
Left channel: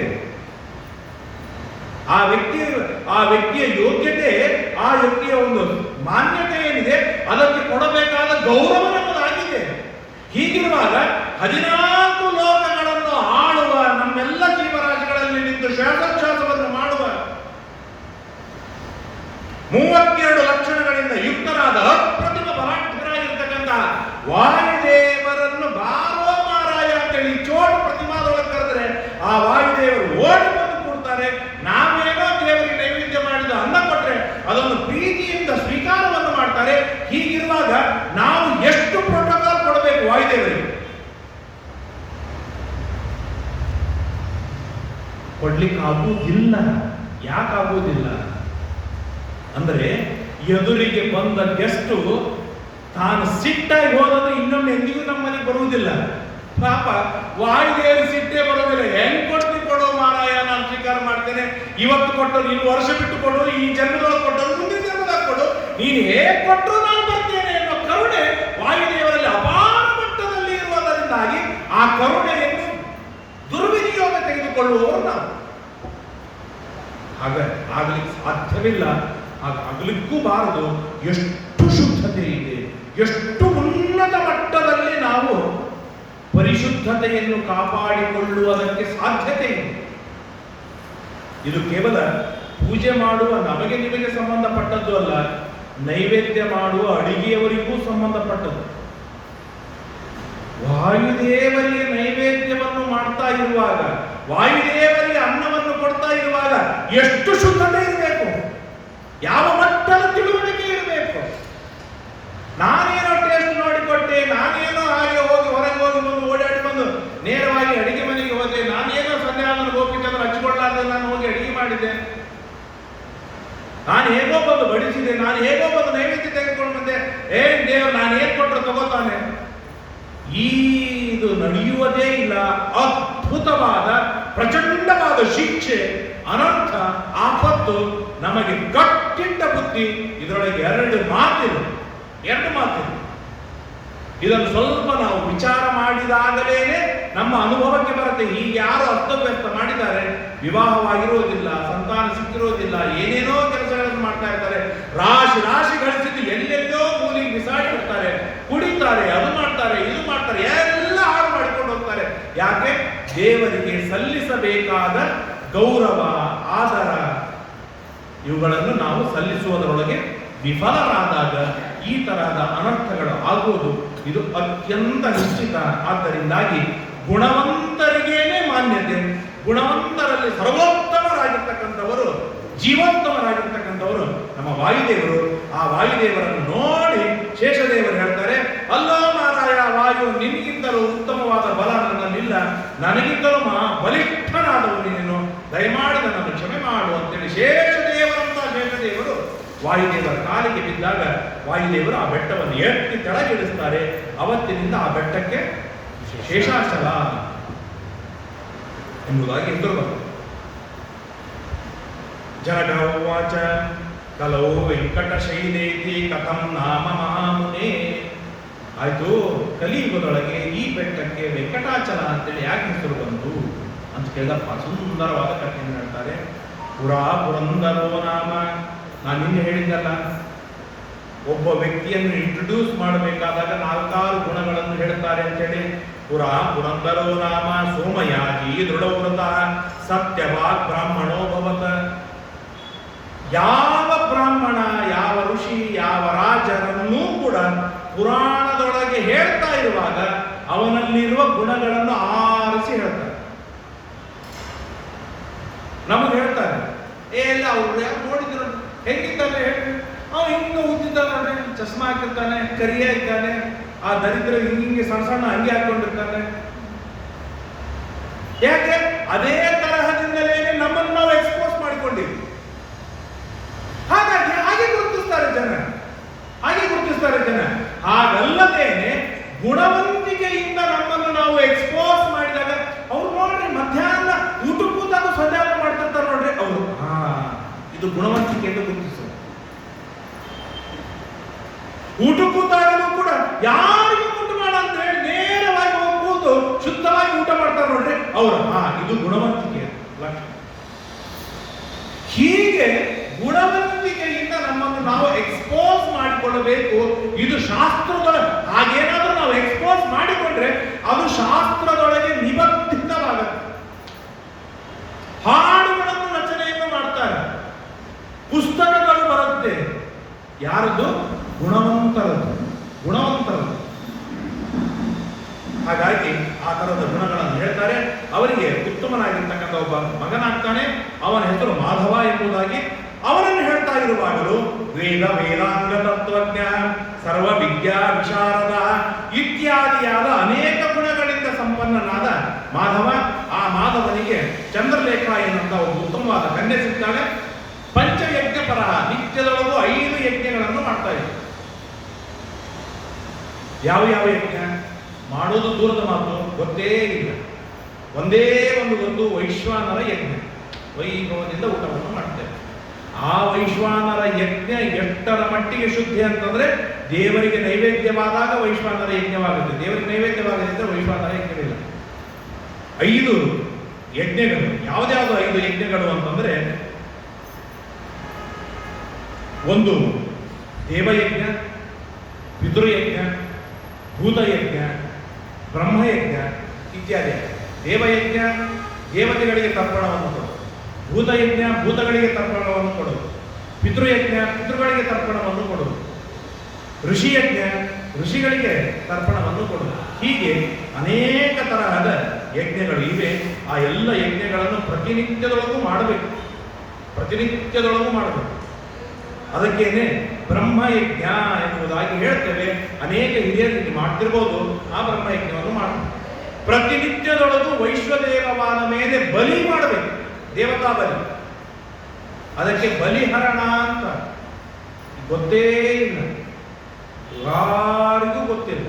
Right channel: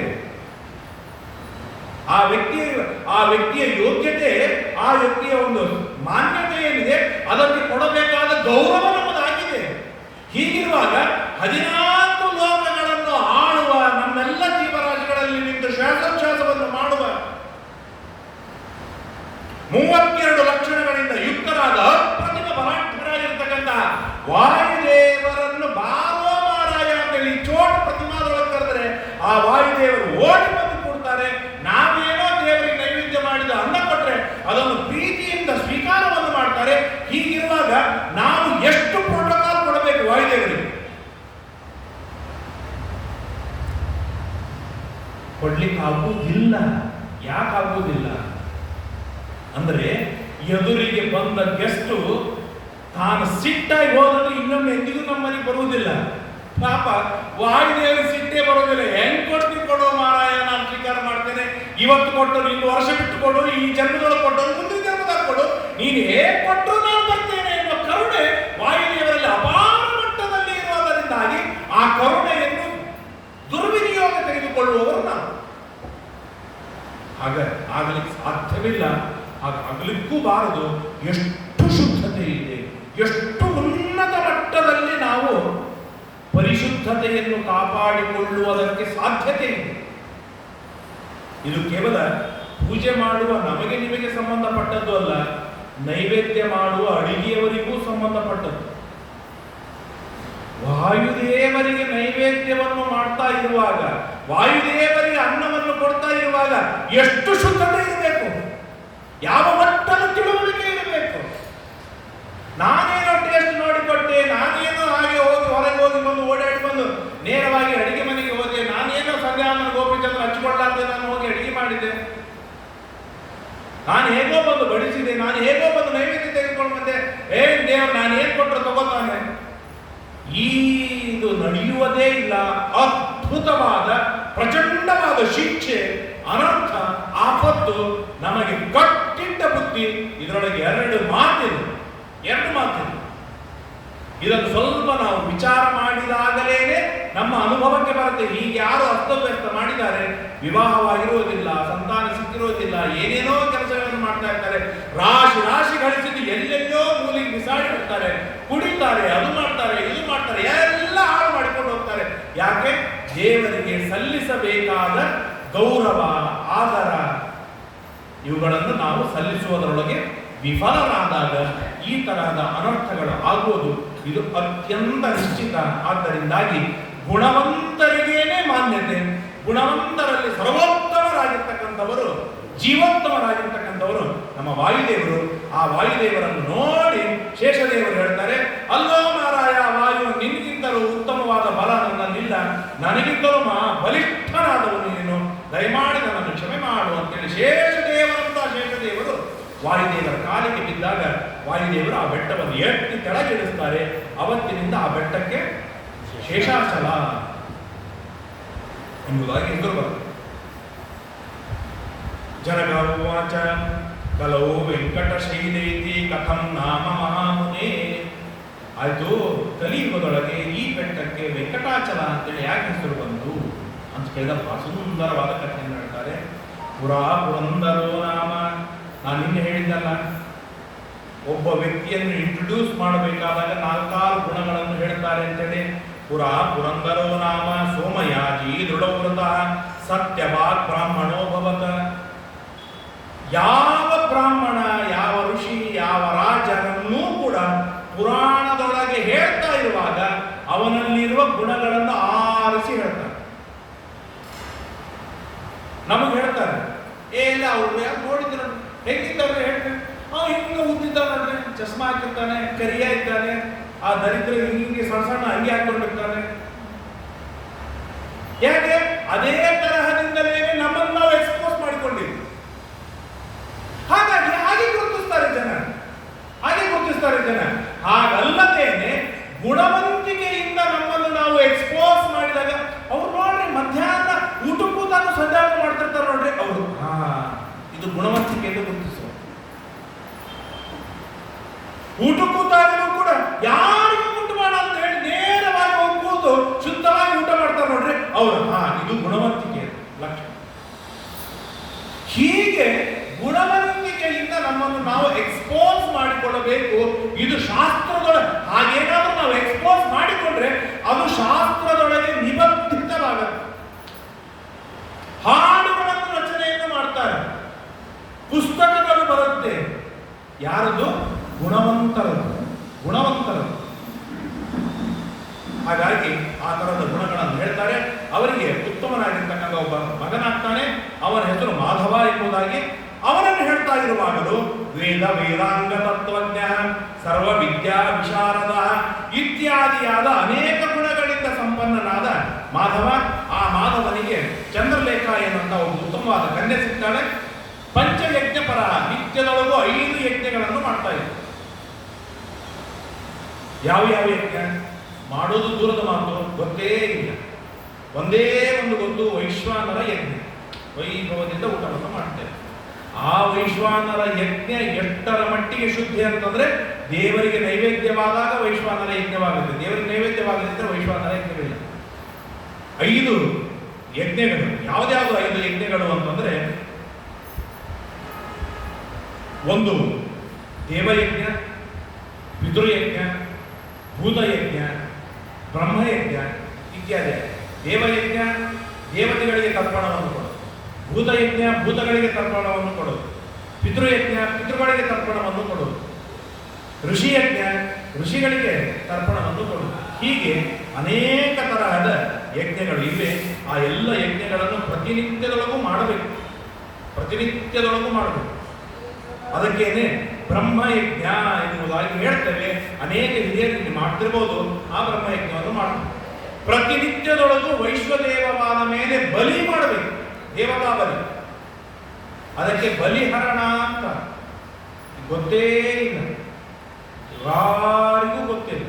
ಆ ವ್ಯಕ್ತಿಯ ಯೋಗ್ಯತೆ, ಆ ವ್ಯಕ್ತಿಯ ಒಂದು ಮಾನ್ಯತೆ ಏನಿದೆ ಅದಕ್ಕೆ ಕೊಡಬೇಕಾದ ಗೌರವ ನಮ್ಮದಾಗಿದೆ. ಹೀಗಿರುವಾಗ 14 ಲೋಕಗಳನ್ನು ಆಳುವ, ನಮ್ಮೆಲ್ಲ ಜೀವರಾಶಿಗಳಲ್ಲಿ ನಿಂತು ಶ್ವಾಸೋಚ್ಛ್ವಾಸವನ್ನು ಮಾಡುವ, 32 ಲಕ್ಷಣಗಳಿಂದ ಯುಕ್ತರಾದ ಅಪ್ರತಿಮ ಪರಾಕ್ರಮರಾಗಿರ್ತಕ್ಕಂತಹ ವಾಯುದೇವರನ್ನು ಬಾರೋ ಮಾರಾಯ ಅಂತೇಳಿ ಚೋಟ್ ಪ್ರತಿಮಾದೊಳಗೆ ಕರೆದರೆ ಆ ವಾಯುದೇವರು ಓಡಿ ಬಂದು ಕೊಡ್ತಾರೆ. ನಾವೇನೋ ದೇವರಿಗೆ ನೈವೇದ್ಯ ಮಾಡಿದ ಅನ್ನ ಕೊಟ್ರೆ ಅದನ್ನು ಪ್ರೀತಿಯಿಂದ ಸ್ವೀಕಾರವನ್ನು ಮಾಡ್ತಾರೆ. ಹೀಗಿರುವಾಗ ನಾವು ಎಷ್ಟು ಪ್ರೋಟೋಕಾಲ್ ಕೊಡಬೇಕು ವಾಯುದೇವರಿಗೆ? ಕೊಡ್ಲಿಕ್ಕೆ ಆಗುವುದಿಲ್ಲ. ಯಾಕಾಗುವುದಿಲ್ಲ ಅಂದ್ರೆ, ಎದುರಿಗೆ ಬಂದ ಗೆಸ್ಟು ತಾನು ಸಿಟ್ಟಾಗಿ ಹೋದ್ರೆ ಇನ್ನೊಮ್ಮೆ ಎಂದಿಗೂ ನಮ್ಮ ಮನೆಗೆ ಬರುವುದಿಲ್ಲ. ಪಾಪ ವಾಯುದೇವರು ಸಿಟ್ಟೇ ಬರೋದಿಲ್ಲ. ಹೆಂಗ್ ಕೊಡ್ತಿ ಕೊಡೋ ಮಾರಾಯ, ನಾನು ಸ್ವೀಕಾರ ಮಾಡ್ತೇನೆ, ಇವತ್ತು ಕೊಟ್ಟರು, ಇನ್ನು ವರ್ಷ ಬಿಟ್ಟು ಕೊಡು, ಈ ಜನ್ಮದೊಳಗೆ ಕೊಟ್ಟರು, ಮುಂದಿನ ಜನ್ಮದಾಗ ಕೊಡು, ನೀನು ಹೇಗೆ ಕೊಟ್ಟರು ನಾನು ಬರ್ತೇನೆ ಎನ್ನುವ ಕರುಣೆ ವಾಯುದೇವರಲ್ಲಿ ಅಪಾರ ಮಟ್ಟದಲ್ಲಿ ಇರುವುದರಿಂದಾಗಿ ಆ ಕರುಣೆಯನ್ನು ದುರ್ವಿನಿಯೋಗ ತೆಗೆದುಕೊಳ್ಳುವವರು ನಾವು. ಆಗಲಿಕ್ಕೆ ಸಾಧ್ಯವಿಲ್ಲ, ಆಗಲಿಕ್ಕೂ ಬಾರದು. ಎಷ್ಟು ಶುದ್ಧತೆ ಇದೆ, ಎಷ್ಟು ಉನ್ನತ ಮಟ್ಟದಲ್ಲಿ ನಾವು ಪರಿಶುದ್ಧತೆಯನ್ನು ಕಾಪಾಡಿಕೊಳ್ಳುವುದಕ್ಕೆ ಸಾಧ್ಯತೆ ಇದೆ. ಇದು ಕೇವಲ ಪೂಜೆ ಮಾಡುವ ನಮಗೆ ನಿಮಗೆ ಸಂಬಂಧಪಟ್ಟದ್ದು ಅಲ್ಲ, ನೈವೇದ್ಯ ಮಾಡುವ ಅಡಿಗೆಯವರಿಗೂ ಸಂಬಂಧಪಟ್ಟದ್ದು. ವಾಯುದೇವರಿಗೆ ನೈವೇದ್ಯವನ್ನು ಮಾಡ್ತಾ ಇರುವಾಗ, ವಾಯುದೇವರಿಗೆ ಅನ್ನವನ್ನು ಕೊಡ್ತಾ ಇರುವಾಗ ಎಷ್ಟು ಶುದ್ಧತೆ ಇರಬೇಕು, ಯಾವ ಮಟ್ಟದ ತಿಳುವಳಿಕೆ ಇರಬೇಕು. ನಾನೇನೋ ಟೇಸ್ಟ್ ನೋಡಿಕೊಟ್ಟೆ, ನಾನೇನೋ ಹಾಗೆ ಹೋಗಿ ಹೊರಗೆ ಹೋಗಿ ಬಂದು ಓಡಾಡಿ ಬಂದು ನೇರವಾಗಿ ಅಡಿಗೆ ಮನೆಗೆ ಹೋದೆ, ನಾನೇನೋ ಸಂಧ್ಯಾವನ ಗೋಪಿಚಂದ್ರ ಹಚ್ಕೊಳ್ಳಾರ್ದೆ ನಾನು ಹೋಗಿ ಅಡಿಗೆ ಮಾಡಿದೆ, ನಾನು ಹೇಗೋ ಬಂದು ಬಡಿಸಿದೆ, ನಾನು ಹೇಗೋ ಬಂದು ನೈವೇದ್ಯ ತೆಗೆದುಕೊಂಡು ಬಂದೆ, ದೇವರು ನಾನು ಏನ್ ಕೊಟ್ಟರು ತಗೋತಾನೆ. ಇದು ನಡೆಯುವುದೇ ಇಲ್ಲ. ಅದ್ಭುತವಾದ ಪ್ರಚಂಡವಾದ ಶಿಕ್ಷೆ, ಅನರ್ಥ, ಆಪತ್ತು, ನಮಗೆ ಕಟ್ಟಿಟ್ಟ ಬುದ್ಧಿ. ಇದರೊಳಗೆ ಎರಡು ಮಾತಿದೆ. ಇದನ್ನು ಸ್ವಲ್ಪ ನಾವು ವಿಚಾರ ಮಾಡಿದಾಗಲೇನೆ ನಮ್ಮ ಅನುಭವಕ್ಕೆ ಬರುತ್ತೆ. ಹೀಗೆ ಯಾರು ಅಸ್ತವ್ಯಸ್ತ ಮಾಡಿದ್ದಾರೆ, ವಿವಾಹವಾಗಿರುವುದಿಲ್ಲ, ಸಂತಾನ ಸಿಕ್ಕಿರುವುದಿಲ್ಲ, ಏನೇನೋ ಕೆಲಸಗಳನ್ನು ಮಾಡ್ತಾ ಇರ್ತಾರೆ, ರಾಶಿ ಗಳಿಸಿದ್ದು ಎಲ್ಲೆಲ್ಲೋ ಮೂಲಿಗೆ ಬಿಸಾಡಿರ್ತಾರೆ, ಕುಡಿತಾರೆ, ಅದು ಮಾಡ್ತಾರೆ, ಇದು ಮಾಡ್ತಾರೆ, ಎಲ್ಲ ಹಾಳು ಮಾಡಿಕೊಂಡು ಹೋಗ್ತಾರೆ. ಯಾಕೆ? ದೇವರಿಗೆ ಸಲ್ಲಿಸಬೇಕಾದ ಗೌರವ, ಆದರ ಇವುಗಳನ್ನು ನಾವು ಸಲ್ಲಿಸುವುದರೊಳಗೆ ವಿಫಲರಾದಾಗ ಈ ತರಹದ ಅನರ್ಥಗಳು ಆಗುವುದು ಇದು ಅತ್ಯಂತ ನಿಶ್ಚಿತ. ಆದ್ದರಿಂದಾಗಿ ಗುಣವಂತರಿಗೇನೆ ಮಾನ್ಯತೆ. ಗುಣವಂತರಲ್ಲಿ ಸರ್ವೋತ್ತಮರಾಗಿರ್ತಕ್ಕಂಥವರು, ಜೀವೋತ್ತಮರಾಗಿರ್ತಕ್ಕಂಥವರು ನಮ್ಮ ವಾಯುದೇವರು. ಆ ವಾಯುದೇವರನ್ನು ನೋಡಿ ಶೇಷದೇವರು ಹೇಳ್ತಾರೆ, ಅಲ್ಲೋ ಮಾರಾಯ ವಾಯು, ನಿನಗಿಂತಲೂ ಉತ್ತಮವಾದ ಬಲ ನನ್ನಲ್ಲಿಲ್ಲ, ನನಗಿಂತಲೂ ಬಲಿಷ್ಠನಾದವನು ನೀನು, ದಯಮಾಡಿ ನನ್ನನ್ನು ಕ್ಷಮೆ ಮಾಡು ಅಂತೇಳಿ ಶೇಷದೇವರಂತ ಶೇಷದೇವರು ವಾಯುದೇವರ ಕಾಲಿಗೆ ಬಿದ್ದಾಗ ವಾಯುದೇವರು ಆ ಬೆಟ್ಟವನ್ನು ಎತ್ತಿ ಕೆಳಗಿಳಿಸ್ತಾರೆ. ಅವತ್ತಿನಿಂದ ಆ ಬೆಟ್ಟಕ್ಕೆ ಶೇಷಾಚಲ ಎಂಬುದಾಗಿ ಹೆಸರು ಬರುತ್ತೆ. ಜನಗವಾಚ ಕಲೋ ವೆಂಕಟಶೈಲೇತಿ ಕಥಂ ನಾಮ ಮಹಾಮುನೇ. ಆಯ್ತು, ಕಲಿಯುಗದೊಳಗೆ ಈ ಬೆಟ್ಟಕ್ಕೆ ವೆಂಕಟಾಚಲ ಅಂತೇಳಿ ಯಾಕೆ ಹೆಸರು ಬಂತು ಅಂತ ಕೇಳಿದಪ್ಪ ಸುಂದರವಾದ ಕಥೆಯನ್ನು ಹೇಳ್ತಾರೆ. ಪುರಾ ಪುರಂದರೋ ನಾಮ. ನಾನು ನಿನ್ನೆ ಹೇಳಿದ್ದಲ್ಲ, ಒಬ್ಬ ವ್ಯಕ್ತಿಯನ್ನು ಇಂಟ್ರೊಡ್ಯೂಸ್ ಮಾಡಬೇಕಾದಾಗ 4 ಗುಣಗಳನ್ನು ಹೇಳ್ತಾರೆ ಅಂತೇಳಿ. ಪುರಾ ಪುರಂದರೋ ನಾಮ ಸೋಮಯಾಜಿ ದೃಢವ್ರತ ಸತ್ಯವಾಗ್ ಬ್ರಾಹ್ಮಣೋ ಭವತ. ಯಾವ ಬ್ರಾಹ್ಮಣ, ಯಾವ ಋಷಿ, ಯಾವ ರಾಜರನ್ನೂ ಕೂಡ ಪುರಾಣದೊಳಗೆ ಹೇಳ್ತಾ ಇರುವಾಗ ಅವನಲ್ಲಿರುವ ಗುಣಗಳನ್ನು ಆರಿಸಿ ಹೇಳ್ತಾರೆ. ನಮಗೆ ಹೇಳ್ತಾರೆ, ಎಲ್ಲ ಅವ್ರು ಯಾರು ನೋಡಿದ್ರು ಹೇಗಿದ್ದಾರೆ ಹೇಳ್ರಿ, ಹಿಂಗೆ ಉದ್ದಿದ್ದಾನೆ ನೋಡ್ರಿ, ಚಸ್ಮಾ ಹಾಕಿರ್ತಾನೆ, ಕರಿಯ ಇದ್ದಾನೆ, ಆ ದರಿದ್ರ ಹಿಂಗೆ ಸಣ್ಣ ಹಂಗೆ ಹಾಕೊಂಡಿರ್ತಾನೆ. ಯಾಕೆ? ಅದೇ ತರಹದಿಂದಲೇ ನಮ್ಮನ್ನು ನಾವು ಎಕ್ಸ್ಪೋಸ್ ಮಾಡಿಕೊಂಡಿವಿ. ಹಾಗಾಗಿ ಹಾಗೆ ಗುರುತಿಸ್ತಾರೆ ಜನ. ಹಾಗಲ್ಲದೇನೆ ಗುಣವಂತಿಕೆಯಿಂದ ನಮ್ಮನ್ನು ನಾವು ಎಕ್ಸ್ಪೋಸ್ ಮಾಡಿದಾಗ ಅವ್ರು ನೋಡ್ರಿ ಮಧ್ಯಾಹ್ನ ಊಟಕ್ಕೆ ಕೂತಾಗ ಸಂಧಾನ ಮಾಡ್ತಿರ್ತಾರೆ ನೋಡ್ರಿ, ಅವರು ಇದು ಗುಣವಂತಿಕೆಯನ್ನು ಗುರುತಿಸುವ. ಊಟ ಕೂತಾಗಲೂ ಕೂಡ ಯಾರಿಗೂ ಊಟ ಮಾಡ ಅಂತ ಹೇಳಿ ನೇರವಾಗಿ ಹೋಗಿ ಕೂತು ಶುದ್ಧವಾಗಿ ಊಟ ಮಾಡ್ತಾರೆ ನೋಡ್ರಿ, ಅವರು ಇದು ಗುಣವಂತಿಕೆ ಲಕ್ಷಣ. ಹೀಗೆ ಗುಣವಂತಿಕೆಯಿಂದ ನಮ್ಮನ್ನು ನಾವು ಎಕ್ಸ್ಪೋಸ್ ಮಾಡಿಕೊಳ್ಳಬೇಕು. ಇದು ಶಾಸ್ತ್ರದೊಳಗೆ ಹಾಗೇನಾದ್ರೂ ನಾವು ಎಕ್ಸ್ಪೋಸ್ ಮಾಡಿಕೊಂಡ್ರೆ ಅದು ಶಾಸ್ತ್ರದೊಳಗೆ ನಿಬದ್ಧಿತವಾಗುತ್ತೆ. ಹಾಡುಗಳನ್ನು ರಚನೆಯನ್ನು ಮಾಡ್ತಾರೆ, ಪುಸ್ತಕಗಳು ಬರುತ್ತೆ. ಯಾರದು? ಗುಣವಂತರದು. ಹಾಗಾಗಿ ಆ ತರದ ಗುಣಗಳನ್ನು ಹೇಳ್ತಾರೆ. ಅವರಿಗೆ ಉತ್ತಮನಾಗಿರ್ತಕ್ಕಂಥ ಒಬ್ಬ ಮಗನಾಗ್ತಾನೆ, ಅವನ ಹೆಸರು ಮಾಧವ ಎಂಬುದಾಗಿ. ಅವನನ್ನು ಹೇಳ್ತಾ ಇರುವಾಗಲೂ ವೇದಾಂಗ ತತ್ವಜ್ಞ, ಸರ್ವ ವಿದ್ಯಾ ವಿಶಾರದ ಇತ್ಯಾದಿಯಾದ ಅನೇಕ ಗುಣಗಳಿಂದ ಸಂಪನ್ನನಾದ ಮಾಧವ. ಆ ಮಾಧವನಿಗೆ ಚಂದ್ರಲೇಖ ಎನ್ನುವಂತ ಒಂದು ಉತ್ತಮವಾದ ಕನ್ಯೆ ಸಿಗ್ತಾಳೆ. ಪಂಚಯಜ್ಞಪರ, ನಿತ್ಯದೊಳಗೂ 5 ಯಜ್ಞಗಳನ್ನು ಮಾಡ್ತಾ ಇದ್ರು. ಯಾವ ಯಜ್ಞ ಮಾಡೋದು ದೂರದ ಮಾತು, ಗೊತ್ತೇ ಇಲ್ಲ. ಒಂದೇ ಒಂದು ಗೊತ್ತು, ವೈಶ್ವಾನರ ಯಜ್ಞ. ವೈಭವದಿಂದ ಊಟವನ್ನು ಮಾಡ್ತೇವೆ. ಆ ವೈಶ್ವಾನರ ಯಜ್ಞ ಎಷ್ಟರ ಮಟ್ಟಿಗೆ ಶುದ್ಧಿ ಅಂತಂದ್ರೆ, ದೇವರಿಗೆ ನೈವೇದ್ಯವಾದಾಗ ವೈಶ್ವಾನರ ಯಜ್ಞವಾಗುತ್ತೆ, ದೇವರಿಗೆ ನೈವೇದ್ಯವಾಗದಿದ್ದರೆ ವೈಶ್ವಾನರ ಯಜ್ಞವಿಲ್ಲ. 5 ಯಜ್ಞಗಳು. ಯಾವುದ್ಯಾವುದು 5 ಯಜ್ಞಗಳು ಅಂತಂದ್ರೆ, ಒಂದು ದೇವಯಜ್ಞ, ಪಿತೃಯಜ್ಞ, ಭೂತಯಜ್ಞ, ಬ್ರಹ್ಮಯಜ್ಞ ಇತ್ಯಾದಿ. ದೇವಯಜ್ಞ ದೇವತೆಗಳಿಗೆ ತರ್ಪಣವನ್ನು ಕೊಡೋದು, ಭೂತಯಜ್ಞ ಭೂತಗಳಿಗೆ ತರ್ಪಣವನ್ನು ಕೊಡೋದು, ಪಿತೃಯಜ್ಞ ಪಿತೃಗಳಿಗೆ ತರ್ಪಣವನ್ನು ಕೊಡೋದು, ಋಷಿಯಜ್ಞ ಋಷಿಗಳಿಗೆ ತರ್ಪಣವನ್ನು ಕೊಡೋದು. ಹೀಗೆ ಅನೇಕ ತರಹದ ಯಜ್ಞಗಳು ಇವೆ. ಆ ಎಲ್ಲ ಯಜ್ಞಗಳನ್ನು ಪ್ರತಿನಿತ್ಯದೊಳಗೂ ಮಾಡಬೇಕು. ಅದಕ್ಕೇನೆ ಬ್ರಹ್ಮಯಜ್ಞ ಎನ್ನುವುದಾಗಿ ಹೇಳ್ತೇವೆ. ಅನೇಕ ಹಿರಿಯರು ಮಾಡ್ತಿರ್ಬೋದು. ಆ ಬ್ರಹ್ಮಯಜ್ಞವನ್ನು ಮಾಡಬೇಕು. ಪ್ರತಿನಿತ್ಯದೊಳಗೂ ವೈಶ್ವದೇವವಾದ ಮೇಲೆ ಬಲಿ ಮಾಡಬೇಕು, ದೇವತಾ ಬಲಿ. ಅದಕ್ಕೆ ಬಲಿಹರಣ ಅಂತ ಗೊತ್ತೇ ಇಲ್ಲ, ಯಾರಿಗೂ ಗೊತ್ತಿಲ್ಲ.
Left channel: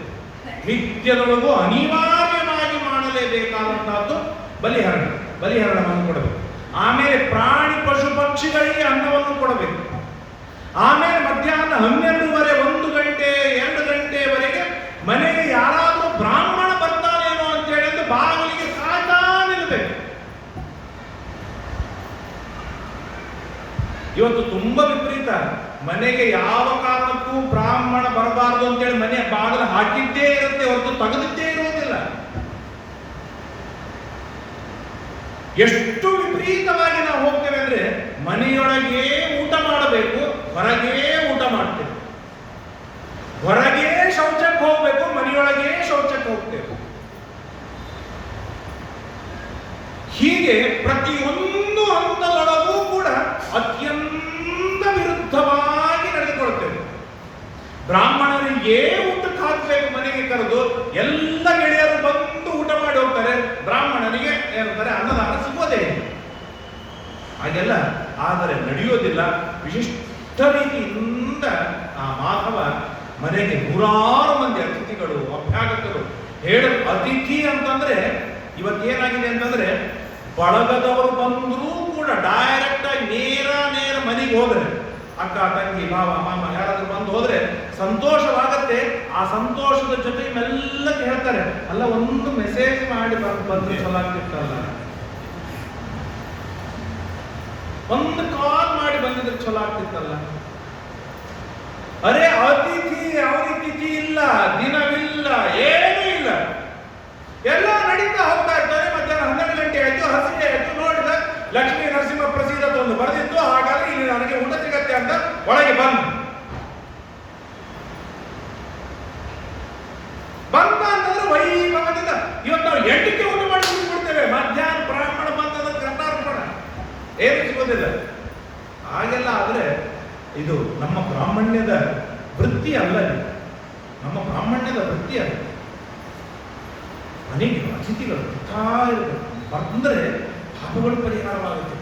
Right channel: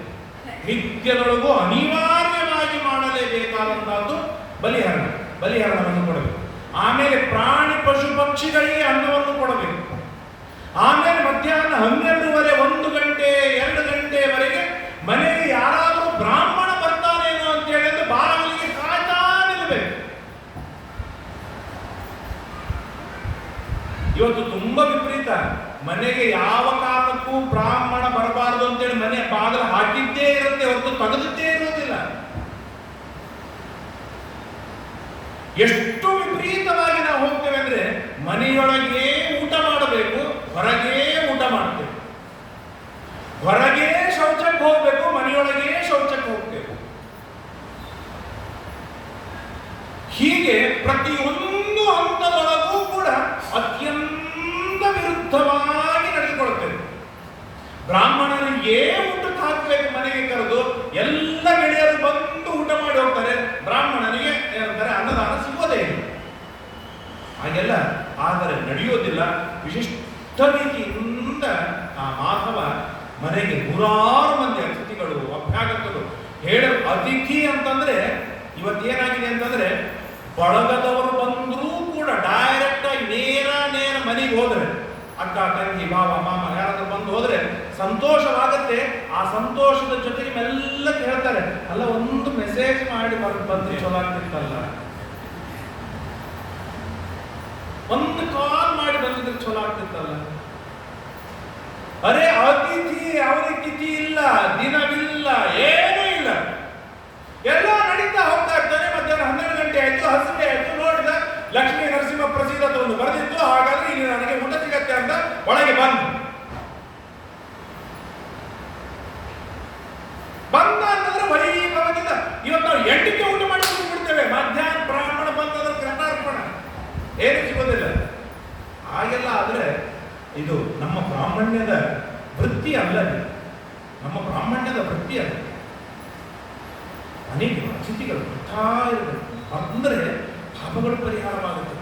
ನಿತ್ಯದೊಳಗೂ ಅನಿವಾರ್ಯವಾಗಿ ಮಾಡಲೇಬೇಕಾದಂತಹದ್ದು ಬಲಿಹರಣ. ಬಲಿಹರಣವನ್ನು ಕೊಡಬೇಕು. ಆಮೇಲೆ ಪ್ರಾಣಿ ಪಶು ಪಕ್ಷಿಗಳಿಗೆ ಅನ್ನವನ್ನು ಕೊಡಬೇಕು. ಆಮೇಲೆ ಮಧ್ಯಾಹ್ನ 12:30, 1 ಗಂಟೆ 2 ಗಂಟೆವರೆಗೆ ಮನೆಗೆ ಯಾರಾದರೂ ಬ್ರಾಹ್ಮಣ ಬರ್ತಾನೇನೋ ಅಂತ ಹೇಳಿದ್ರೆ ಬಾಗಿಲಿಗೆ ಕಾಯ್ತಾ ನಿಲ್ಲಬೇಕು. ಇವತ್ತು ತುಂಬಾ ವಿಪರೀತ. ಮನೆಗೆ ಯಾವ ಕಾರಣಕ್ಕೂ ಬ್ರಾಹ್ಮಣ ಬರಬಾರದು ಅಂತೇಳಿ ಮನೆ ಬಾಗಿಲು ಹಾಕಿದ್ದೇ ಇರುತ್ತೆ ಹೊರತು ತೆಗೆದಿದ್ದೇ ಇರೋದಿಲ್ಲ. ಎಷ್ಟು ವಿಪರೀತವಾಗಿ ನಾವು ಹೋಗ್ತೇವೆ ಅಂದ್ರೆ ಮನೆಯೊಳಗೆ ಊಟ ಮಾಡಬೇಕು, ಹೊರಗೆ ಊಟ ಮಾಡ್ತೇವೆ. ಹೊರಗೆ ಶೌಚಕ್ಕೆ ಹೋಗ್ಬೇಕು, ಮನೆಯೊಳಗೆ ಶೌಚಕ್ಕೆ ಹೋಗ್ತೇವೆ. ಹೀಗೆ ಪ್ರತಿಯೊಂದು ಹಂತದೊಳಗೂ ಕೂಡ ಅತ್ಯಂತ ವಿರುದ್ಧವಾಗಿ ನಡೆದುಕೊಳ್ತೇವೆ. ಬ್ರಾಹ್ಮಣರಿಗೆ ಊಟಕ್ಕೆ ಹಾಕಬೇಕು ಮನೆಗೆ ಕರೆದು, ಎಲ್ಲ ಗೆಳೆಯರು ಬಂದು ಊಟ ಮಾಡಿ ಹೋಗ್ತಾರೆ. ಬ್ರಾಹ್ಮಣನಿಗೆ ಏನಂತಾರೆ ಅನ್ನದಾನ ಸಿಗೋದೇ ಇಲ್ಲ. ಹಾಗೆಲ್ಲ ಆದರೆ ನಡೆಯೋದಿಲ್ಲ. ವಿಶಿಷ್ಟ ರೀತಿಯಿಂದ ಆ ಮಾಧವ ಮನೆಗೆ 100 ಮಂದಿ ಅತಿಥಿಗಳು, ಅಭ್ಯಾಗತರು. ಅತಿಥಿ ಅಂತಂದ್ರೆ ಇವತ್ತೇನಾಗಿದೆ ಅಂತಂದ್ರೆ ಬಳಗದವರು ಬಂದರೂ ಕೂಡ ಡೈರೆಕ್ಟ್ ಆಗಿ ನೇರ ಮನೆಗೆ ಹೋದ್ರೆ, ಅಕ್ಕ ತಂಗಿ ಬಾವ ಮಾಮ ಯಾರಾದ್ರೂ ಬಂದು ಹೋದ್ರೆ ಸಂತೋಷವಾಗತ್ತೆ. ಆ ಸಂತೋಷದ ಜೊತೆಗೆ ಮೆಲ್ಲಕ್ಕೆ ಹೇಳ್ತಾರೆ, ಅಲ್ಲ ಒಂದು ಮೆಸೇಜ್ ಮಾಡಿ ಬಂದು ಚಲೋ ಆಗ್ತಿತ್ತಲ್ಲ, ಒಂದು ಕಾಲ್ ಮಾಡಿ ಬಂದಿದ್ರೆ ಚಲೋ ಆಗ್ತಿತ್ತಲ್ಲ. ಅರೆ ಅತಿಥಿ ಅವನಿಗೆ ತಿಥಿ ಇಲ್ಲ, ದಿನವಿಲ್ಲ, ಏನೂ ಇಲ್ಲ, ಎಲ್ಲ ನಡೀತಾ ಹೋಗ್ತಾ ಇರ್ತಾನೆ. ಮಧ್ಯಾಹ್ನ 12 ಗಂಟೆ ಆಯ್ತು, ಹಸಿವೆ ಆಯ್ತು, ನೋಡಿದ ಲಕ್ಷ್ಮೀ ನರಸಿಂಹ ಪ್ರಸೀದತ ಒಂದು ಬರೆದಿತ್ತು, ಹಾಗಾದ್ರೆ ಇಲ್ಲಿ ನನಗೆ ಊಟ ಸಿಗತ್ತೆ ಅಂತ ಒಳಗೆ ಬಂದ ಅಂತಂದ್ರೆ ವೈಭವದಿಂದ ಇವತ್ತು ನಾವು 8ಕ್ಕೆ ಊಟ ಮಾಡಿ ಬಿಡ್ತೇವೆ. ಮಧ್ಯಾಹ್ನ ಬ್ರಾಹ್ಮಣ ಬಂತಂದ್ರೆ ಕರ್ನಾರ್ಪಣ ಏನು ಸಿಗೋದಿಲ್ಲ. ಹಾಗೆಲ್ಲ ಆದ್ರೆ ಇದು ನಮ್ಮ ಬ್ರಾಹ್ಮಣ್ಯದ ವೃತ್ತಿ ಅಲ್ಲ, ನಮ್ಮ ಬ್ರಾಹ್ಮಣ್ಯದ ವೃತ್ತಿ ಅಲ್ಲ. ಅನೇಕ ಅತಿಥಿಗಳು ಬರ್ತಾ ಇರಬೇಕು. ಬಂದರೆ ಪಾಪಗಳು ಪರಿಹಾರವಾಗುತ್ತೆ.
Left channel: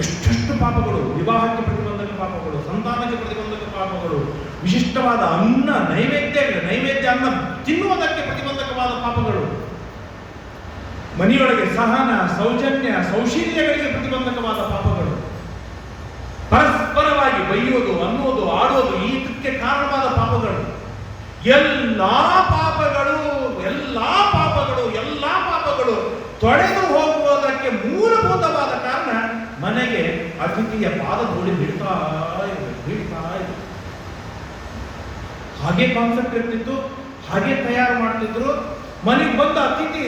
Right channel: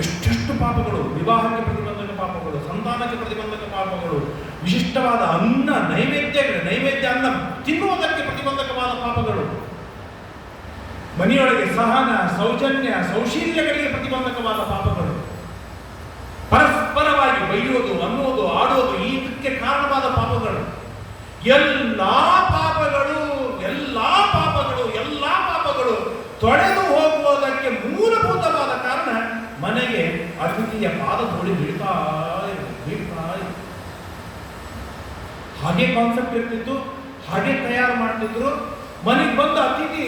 ಎಷ್ಟೆಷ್ಟು ಪಾಪಗಳು, ವಿವಾಹಕ್ಕೆ ಪ್ರತಿಬಂಧಕ ಪಾಪಗಳು, ಸಂತಾನಕ್ಕೆ ಪ್ರತಿಬಂಧಕ ಪಾಪಗಳು, ವಿಶಿಷ್ಟವಾದ ಅನ್ನ ನೈವೇದ್ಯ ಅನ್ನ ತಿನ್ನುವುದಕ್ಕೆ ಪ್ರತಿಬಂಧಕವಾದ ಪಾಪಗಳು, ಮನೆಯೊಳಗೆ ಸಹನ ಸೌಜನ್ಯ ಸೌಶೀಲ್ಯಗಳಿಗೆ ಪ್ರತಿಬಂಧಕವಾದ ಪಾಪಗಳು, ಪರಸ್ಪರವಾಗಿ ಬೈಯೋದು ಅನ್ನೋದು ಆಡೋದು ಇದಕ್ಕೆ ಕಾರಣವಾದ ಪಾಪಗಳು, ಎಲ್ಲಾ ಪಾಪಗಳು ತೊಡೆದು ಹೋಗುವುದಕ್ಕೆ ಮೂಲಭೂತವಾದ ಕಾರಣ ಮನೆಗೆ ಅತಿಥಿಯ ಪಾದಧೂಳಿ ಬೀಳ್ತಾ ಇದೆ. ಹಾಗೆ ಕಾನ್ಸೆಪ್ಟ್ ಇರ್ತಿತ್ತು, ಹಾಗೆ ತಯಾರು ಮಾಡ್ತಿದ್ರು. ಮನೆಗೆ ಬಂದ ಅತಿಥಿ,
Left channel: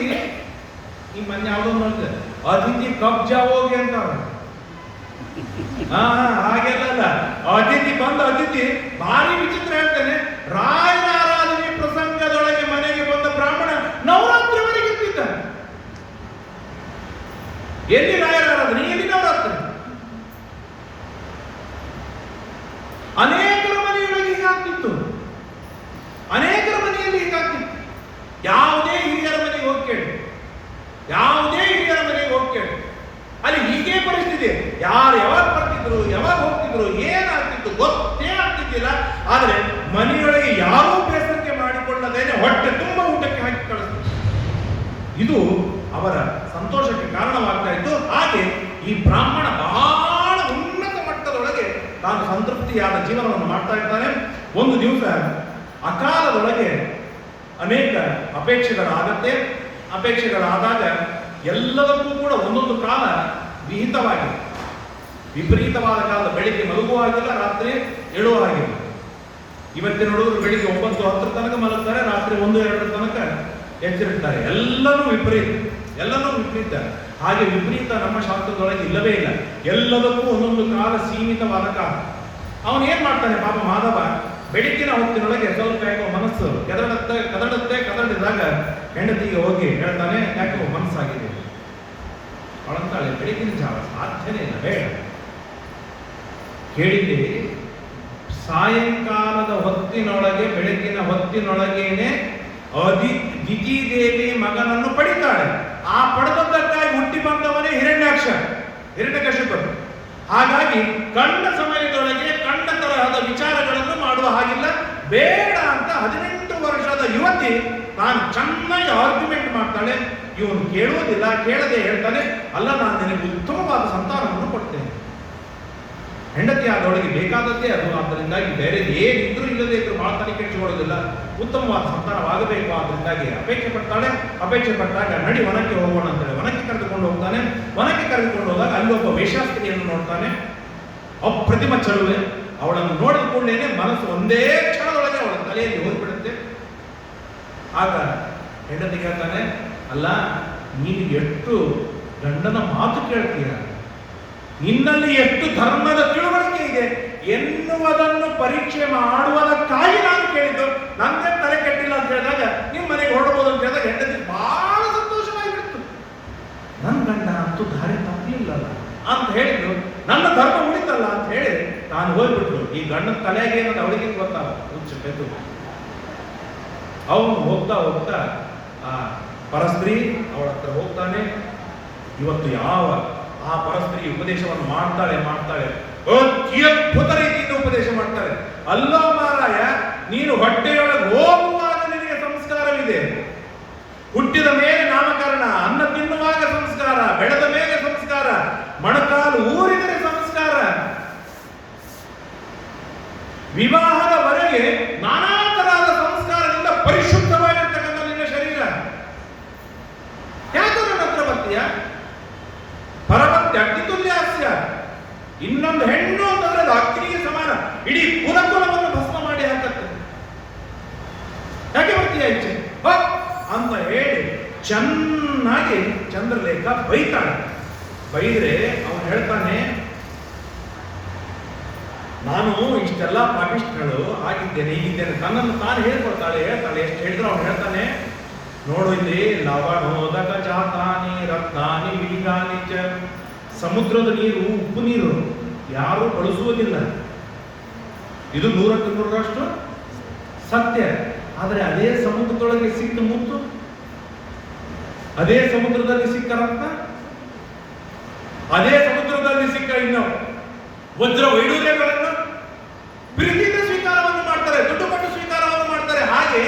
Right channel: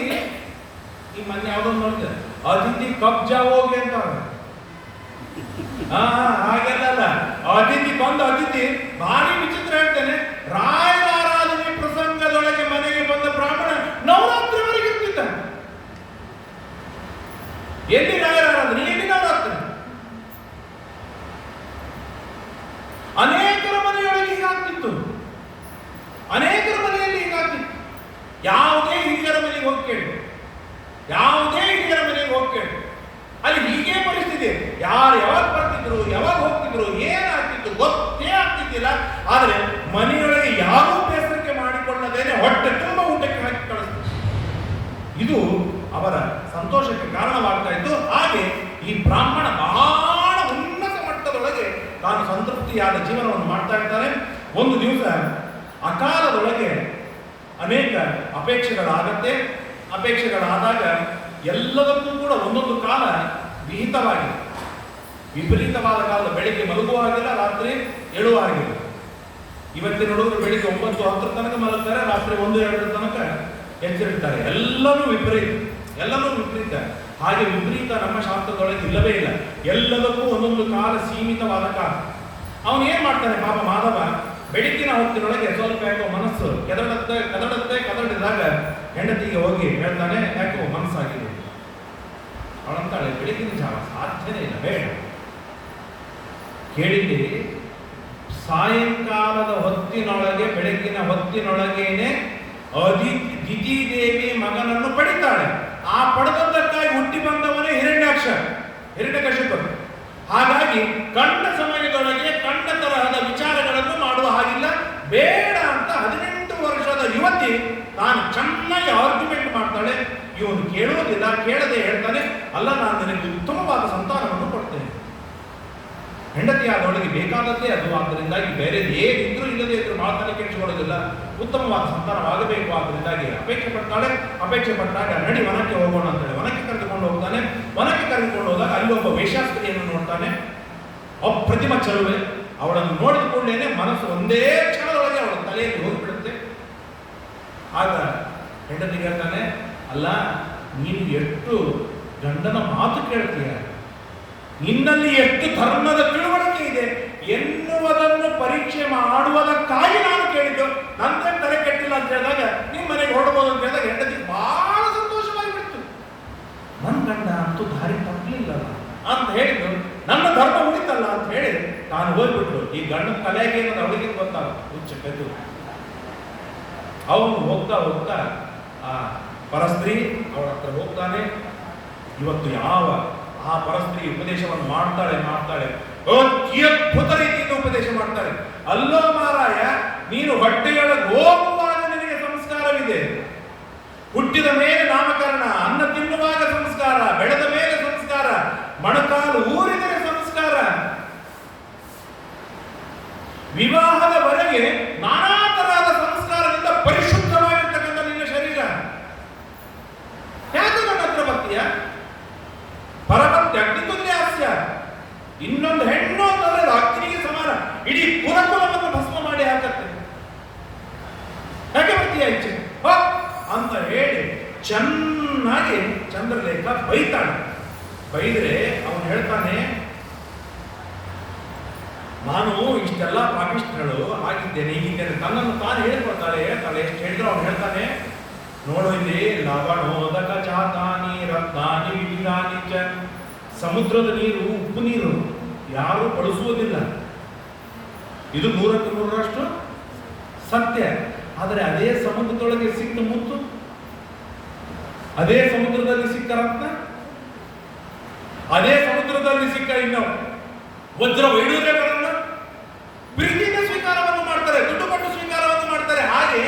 ಈ ಮೊನ್ನೆ ಯಾವುದೋ ನೋಡಿದೆ, ಅತಿಥಿ ಕಬ್ಜಾ ಹೋಗಿ ಅಂತ. ಹಾಗೆಲ್ಲ ಅತಿಥಿ ಭಾರಿ ವಿಚಿತ್ರ ಹೇಳ್ತೇನೆ. ರಾಯರ ಆರಾಧನೆ ಪ್ರಸಂಗದೊಳಗೆ ಮನೆಗೆ ಬಂದ ಬ್ರಾಹ್ಮಣ ನವರಾತ್ರಿವರೆಗೆ ಇರ್ತಿದ್ದ. ಎಲ್ಲಿ ರಾಯರ ಆರಾಧನೆ, ಎಲ್ಲಿ ನವರಾತ್ರಿ? ಅನೇಕರ ಮನೆಯೊಳಗೆ ಹೀಗಾಗ್ತಿತ್ತು, ಅನೇಕರ ಮನೆಯಲ್ಲಿ ಹೀಗಾಗ್ತಿತ್ತು. ಯಾವುದೇ ಹಿರಿಯರ ಮನೆಗೆ ಹೋಗಿ ಕೇಳಿ, ಅಲ್ಲಿ ಹೀಗೆ ಪರಿಸ್ಥಿತಿ. ಯಾರು ಯಾವಾಗ ಬರ್ತಿದ್ರು, ಯಾವಾಗ ಹೋಗ್ತಿದ್ರು, ಏನಾಗ್ತಿತ್ತು ಗೊತ್ತೇ ಆಗ್ತಿದ್ದಿಲ್ಲ. ಆದರೆ ಮನೆಯೊಳಗೆ ಯಾರೂ ಬೇಸರಿಕೆ ಮಾಡಿಕೊಳ್ಳದೇನೆ ಹೊಟ್ಟೆ ತುಂಬ ಊಟಕ್ಕೆ ಹಾಕಿ ಕಳಿಸ್ತಿದ್ರು. ಇದು ಅವರ ಸಂತೋಷಕ್ಕೆ ಕಾರಣವಾಗ್ತಾ ಇತ್ತು. ಹಾಗೆ ಈ ಬ್ರಾಹ್ಮಣ ಬಹಳ ಉನ್ನತ ಮಟ್ಟದೊಳಗೆ ತಾನು ಸಂತೃಪ್ತಿಯಾದ ಜೀವನವನ್ನು ಮಾಡ್ತಾ ಇದ್ದಾನೆ. ಒಂದು ದಿವಸ ಅಕಾಲದೊಳಗೆ ಅನೇಕ ಅಪೇಕ್ಷೆಗಳಾದಾಗ ಎಲ್ಲದಕ್ಕೂ ಕೂಡ ಒಂದೊಂದು ಕಾಲ ವಿಹಿತವಾಗಿದೆ. ವಿಪರೀತವಾದ ಕಾಲ, ಬೆಳಿಗ್ಗೆ ಮಲಗುವಾಗಿಲ್ಲ, ರಾತ್ರಿ ಏಳುವಾಗಿಲ್ಲ. ಇವತ್ತಿನ ಹುಡುಗರು ಬೆಳಿಗ್ಗೆ 9-10 ತನಕ ಮಲಗ್ತಾರೆ, ರಾತ್ರಿ 1-2 ತನಕ ಎಚ್ಚರಿರ್ತಾರೆ. ಎಲ್ಲನೂ ವಿಪರೀತ. ಹಾಗೆ ವಿಪರೀತ ನಮ್ಮ ಶಾಸ್ತ್ರದೊಳಗೆ ಇಲ್ಲವೇ ಇಲ್ಲ. ಎಲ್ಲದಕ್ಕೂ ಒಂದೊಂದು ಕಾಲ, ಸೀಮಿತವಾದ ಕಾಲ. ಅವನು ಏನ್ ಮಾಡ್ತಾನೆ ಪಾಪ ಮಾಧವ, ಬೆಳಕಿನ ಹೊತ್ತಿನೊಳಗೆ ಸ್ವಲ್ಪ ಯಾಕೋ ಮನಸ್ಸು ಕದಡಿದಾಗ ಹೆಂಡತಿಗೆ ಹೋಗಿ ಹೇಳ್ತಾನೆ, ಯಾಕೋ ಮನಸ್ಸಾಗಿದೆ. ಅವಳಂತಾಳೆ, ಬೆಳಕಿನ ಜಾವ ಸಾಧ್ಯನೇ ಇಲ್ಲ, ಬೇಡ. ಕೇಳಿದ್ದೆ, ಸಾಯಂಕಾಲದ ಹೊತ್ತಿನೊಳಗೆ, ಬೆಳಕಿನ ಹೊತ್ತಿನೊಳಗೇನೆ ದಿತಿದೇವಿ ಮಗನನ್ನು ಪಡಿತಾಳೆ. ಆ ಪಡೆದದ್ದಕ್ಕಾಗಿ ಹುಟ್ಟಿ ಬಂದವನೇ ಹಿರಣ್ಯಕಶಿಪು. ಹಾಗಾಗಿ ಕಂಡ ಸಮಯದೊಳಗೆ ಕಂಡ ತರಹದ ವಿಚಾರಗಳನ್ನು ಮಾಡುವ ಹಾಗಿಲ್ಲ, ಬೇಡ ಅಂತ 18 ವರ್ಷದ ಯುವತಿ ತಾನು ಚೆನ್ನಾಗಿ ಆರ್ಗ್ಯುಮೆಂಟ್ ಮಾಡ್ತಾಳೆ. ಇವನು ಕೇಳುವುದಿಲ್ಲ, ಕೇಳದೆ ಹೇಳ್ತಾನೆ, ಅಲ್ಲ ನಾನು ನಿನಗೆ ಉತ್ತಮವಾದ ಸಂತಾನವನ್ನು ಕೊಡ್ತೇನೆ. ಹೆಂಡತಿ ಆದವಳಿಗೆ ಬೇಕಾದದ್ದೇ ಅದು. ಆದ್ದರಿಂದಾಗಿ ಬೇರೆ ಏನಿದ್ರು ಇಲ್ಲದೆ ಇದ್ರು ಮಾತನ್ನು ಕೆಡಿಸಿಕೊಳ್ಳೋದಿಲ್ಲ. ಉತ್ತಮವಾದ ಸಂತಾನವಾಗಬೇಕು. ಆದ್ದರಿಂದಾಗಿ ಅಪೇಕ್ಷೆ ಪಟ್ಟಾಗ ನಡಿ ವನಕ್ಕೆ ಹೋಗೋಣ ಅಂತೇಳಿ ವನಕ್ಕೆ ಕರೆದುಕೊಂಡು ಹೋಗ್ತಾನೆ. ವನಕ್ಕೆ ಕರೆದುಕೊಂಡು ಹೋದಾಗ ಅಲ್ಲಿ ಒಬ್ಬ ವೇಶ್ಯಾಸ್ತ್ರೀಯನ್ನು ನೋಡ್ತಾನೆ. ಅಪ್ರತಿಮ ಚಲುವೆ. ಅವಳನ್ನು ನೋಡಿದ ಕೂಡಲೇ ಮನಸ್ಸು ಒಂದೇ ಕ್ಷಣದೊಳಗೆ ಅವಳ ತಲೆಯಲ್ಲಿ ಹೋಗ್ಬಿಡುತ್ತೆ. ಆಗ ಹೆಂಡತಿ ಹೇಳ್ತಾನೆ, ಅಲ್ಲ ನೀನು ಎಷ್ಟು ಗಂಡನ ಮಾತು ಕೇಳ್ತೀಯ, ನಿನ್ನಲ್ಲಿ ಎಷ್ಟು ಧರ್ಮದ ತಿಳುವಳಿಕೆ ಇದೆ ಎನ್ನುವುದನ್ನು ಪರೀಕ್ಷೆ ಮಾಡುವುದಕ್ಕಾಗಿ ನಾನು ಕೇಳಿದ್ದು. ನಂದೇ ತಲೆ ಕೆಟ್ಟಿಲ್ಲ ಅಂತ ಹೇಳಿದಾಗ ನಿಮ್ಮ ಮನೆಗೆ ಹೊರಡಬಹುದು ಅಂತ ಹೇಳಿದಾಗ ಹೆಂಡತಿ ಬಹಳ ಸಂತೋಷವಾಗಿಬಿಡ್ತು. ನನ್ನ ಗಂಡ ಅಂತೂ ದಾರಿ ತಪ್ಪಲಿಲ್ಲ ಅಂತ ಹೇಳಿದ್ರು, ನನ್ನ ಧರ್ಮ ಉಳಿತಲ್ಲ ಅಂತ ಹೇಳಿ ನಾನು ಹೋಗ್ಬಿಟ್ರು. ಈ ಗಂಡನ ತಲೆಗೆ ಏನದು ಅವಳಿಗೆ ಗೊತ್ತಾಗ ಹುಚ್ಚು. ಅವನು ಹೋಗ್ತಾ ಹೋಗ್ತಾ ಆ ಪರಸ್ತ್ರೀ ಅವಳ ಹತ್ರ ಹೋಗ್ತಾನೆ. ಇವತ್ತು ಯಾವ ಆ ಪರಸ್ತ್ರೀ ಉಪದೇಶವನ್ನು ಮಾಡ್ತಾಳೆ ಅದ್ಭುತ ರೀತಿಯಿಂದ ಉಪದೇಶ ಮಾಡ್ತಾರೆ. ಅಲ್ಲೋ ಮಾರಾಯ, ನೀನು ಹೊಟ್ಟೆಯೊಳಗೆ ಹೋಗುವಾಗ ನಿನಗೆ ಸಂಸ್ಕಾರವಿದೆ. ಹುಟ್ಟಿದ ಮೇಲೆ ನಾಮಕರಣ, ಅನ್ನ ತಿನ್ನುವಾಗ ಸಂಸ್ಕಾರ, ಬೆಳೆದ ಮೇಲೆ ಸಂಸ್ಕಾರ, ಮೊಣಕಾಲು ಊರಿದರೆ ಸಂಸ್ಕಾರ, ವಿವಾಹದವರೆಗೆ ನಾನಾ ತರಹದ ಸಂಸ್ಕಾರದಿಂದ ಪರಿಶುದ್ಧವಾಗಿರ್ತಕ್ಕಂಥ ನಿನ್ನ ಶರೀರ. ಯಾಕೆ ನನ್ನ ಹತ್ರ ಬರ್ತೀಯ? ಪರಮತ್ಯ ಅಗ್ನಿತುಲ್ಯಾಸ್ಯ. ಇನ್ನೊಂದು ಹೆಣ್ಣು ಅಂತಂದ್ರೆ ಅಗ್ನಿಗೆ ಸಮಾನ. ಇಡೀ ಕುಲವನ್ನು ಭಸ್ಮ ಮಾಡಿ ಹಾಕತ್ತೆ. ಯಾಕೆ ಬರ್ತೀಯ ಈಚೆ ಅಂತ ಹೇಳಿ ಚೆನ್ನಾಗಿ ಚಂದ್ರಲೇಖ ಬೈತಾಳೆ. ಬೈದ್ರೆ ಅವನು ಹೇಳ್ತಾನೆ, ನಾನು ಇಷ್ಟೆಲ್ಲ ಪಾಪಿಷ್ಟ್ಗಳು ಆಗಿದ್ದೇನೆ, ಹೀಗಿದ್ದೇನೆ. ತನ್ನನ್ನು ತಾನು ಹೇಳ್ತಾಳೆ. ಎಷ್ಟು ಹೇಳಿದ್ರು ಅವನು ಹೇಳ್ತಾನೆ, ನೋಡು ಇಲ್ಲಿ ಲವಣೋದಕ ಜಾತಾನಿ ರತ್ನಾನಿ ವಿಲೀನಾನಿ ಚ. ಸಮುದ್ರದ ನೀರು ಉಪ್ಪು ನೀರು ಯಾರು ಬಳಸುವುದಿಲ್ಲ. ಇದು 100ಕ್ಕೆ 100ರಷ್ಟು ಸತ್ಯ. ಆದರೆ ಅದೇ ಸಮುದ್ರದೊಳಗೆ ಸಿಕ್ಕ ಮುತ್ತು, ಅದೇ ಸಮುದ್ರದಲ್ಲಿ ಸಿಕ್ಕ ರತ್ನ, ಅದೇ ಸಮುದ್ರದಲ್ಲಿ ಸಿಕ್ಕ ಇನ್ನು ವಜ್ರ ವೈಡೂರ್ಯಗಳನ್ನು ಪ್ರೀತಿಯಿಂದ ಸ್ವೀಕಾರವನ್ನು ಮಾಡ್ತಾರೆ, ದುಡ್ಡು ಕೊಟ್ಟು ಸ್ವೀಕಾರವನ್ನು ಮಾಡ್ತಾರೆ. ಹಾಗೆ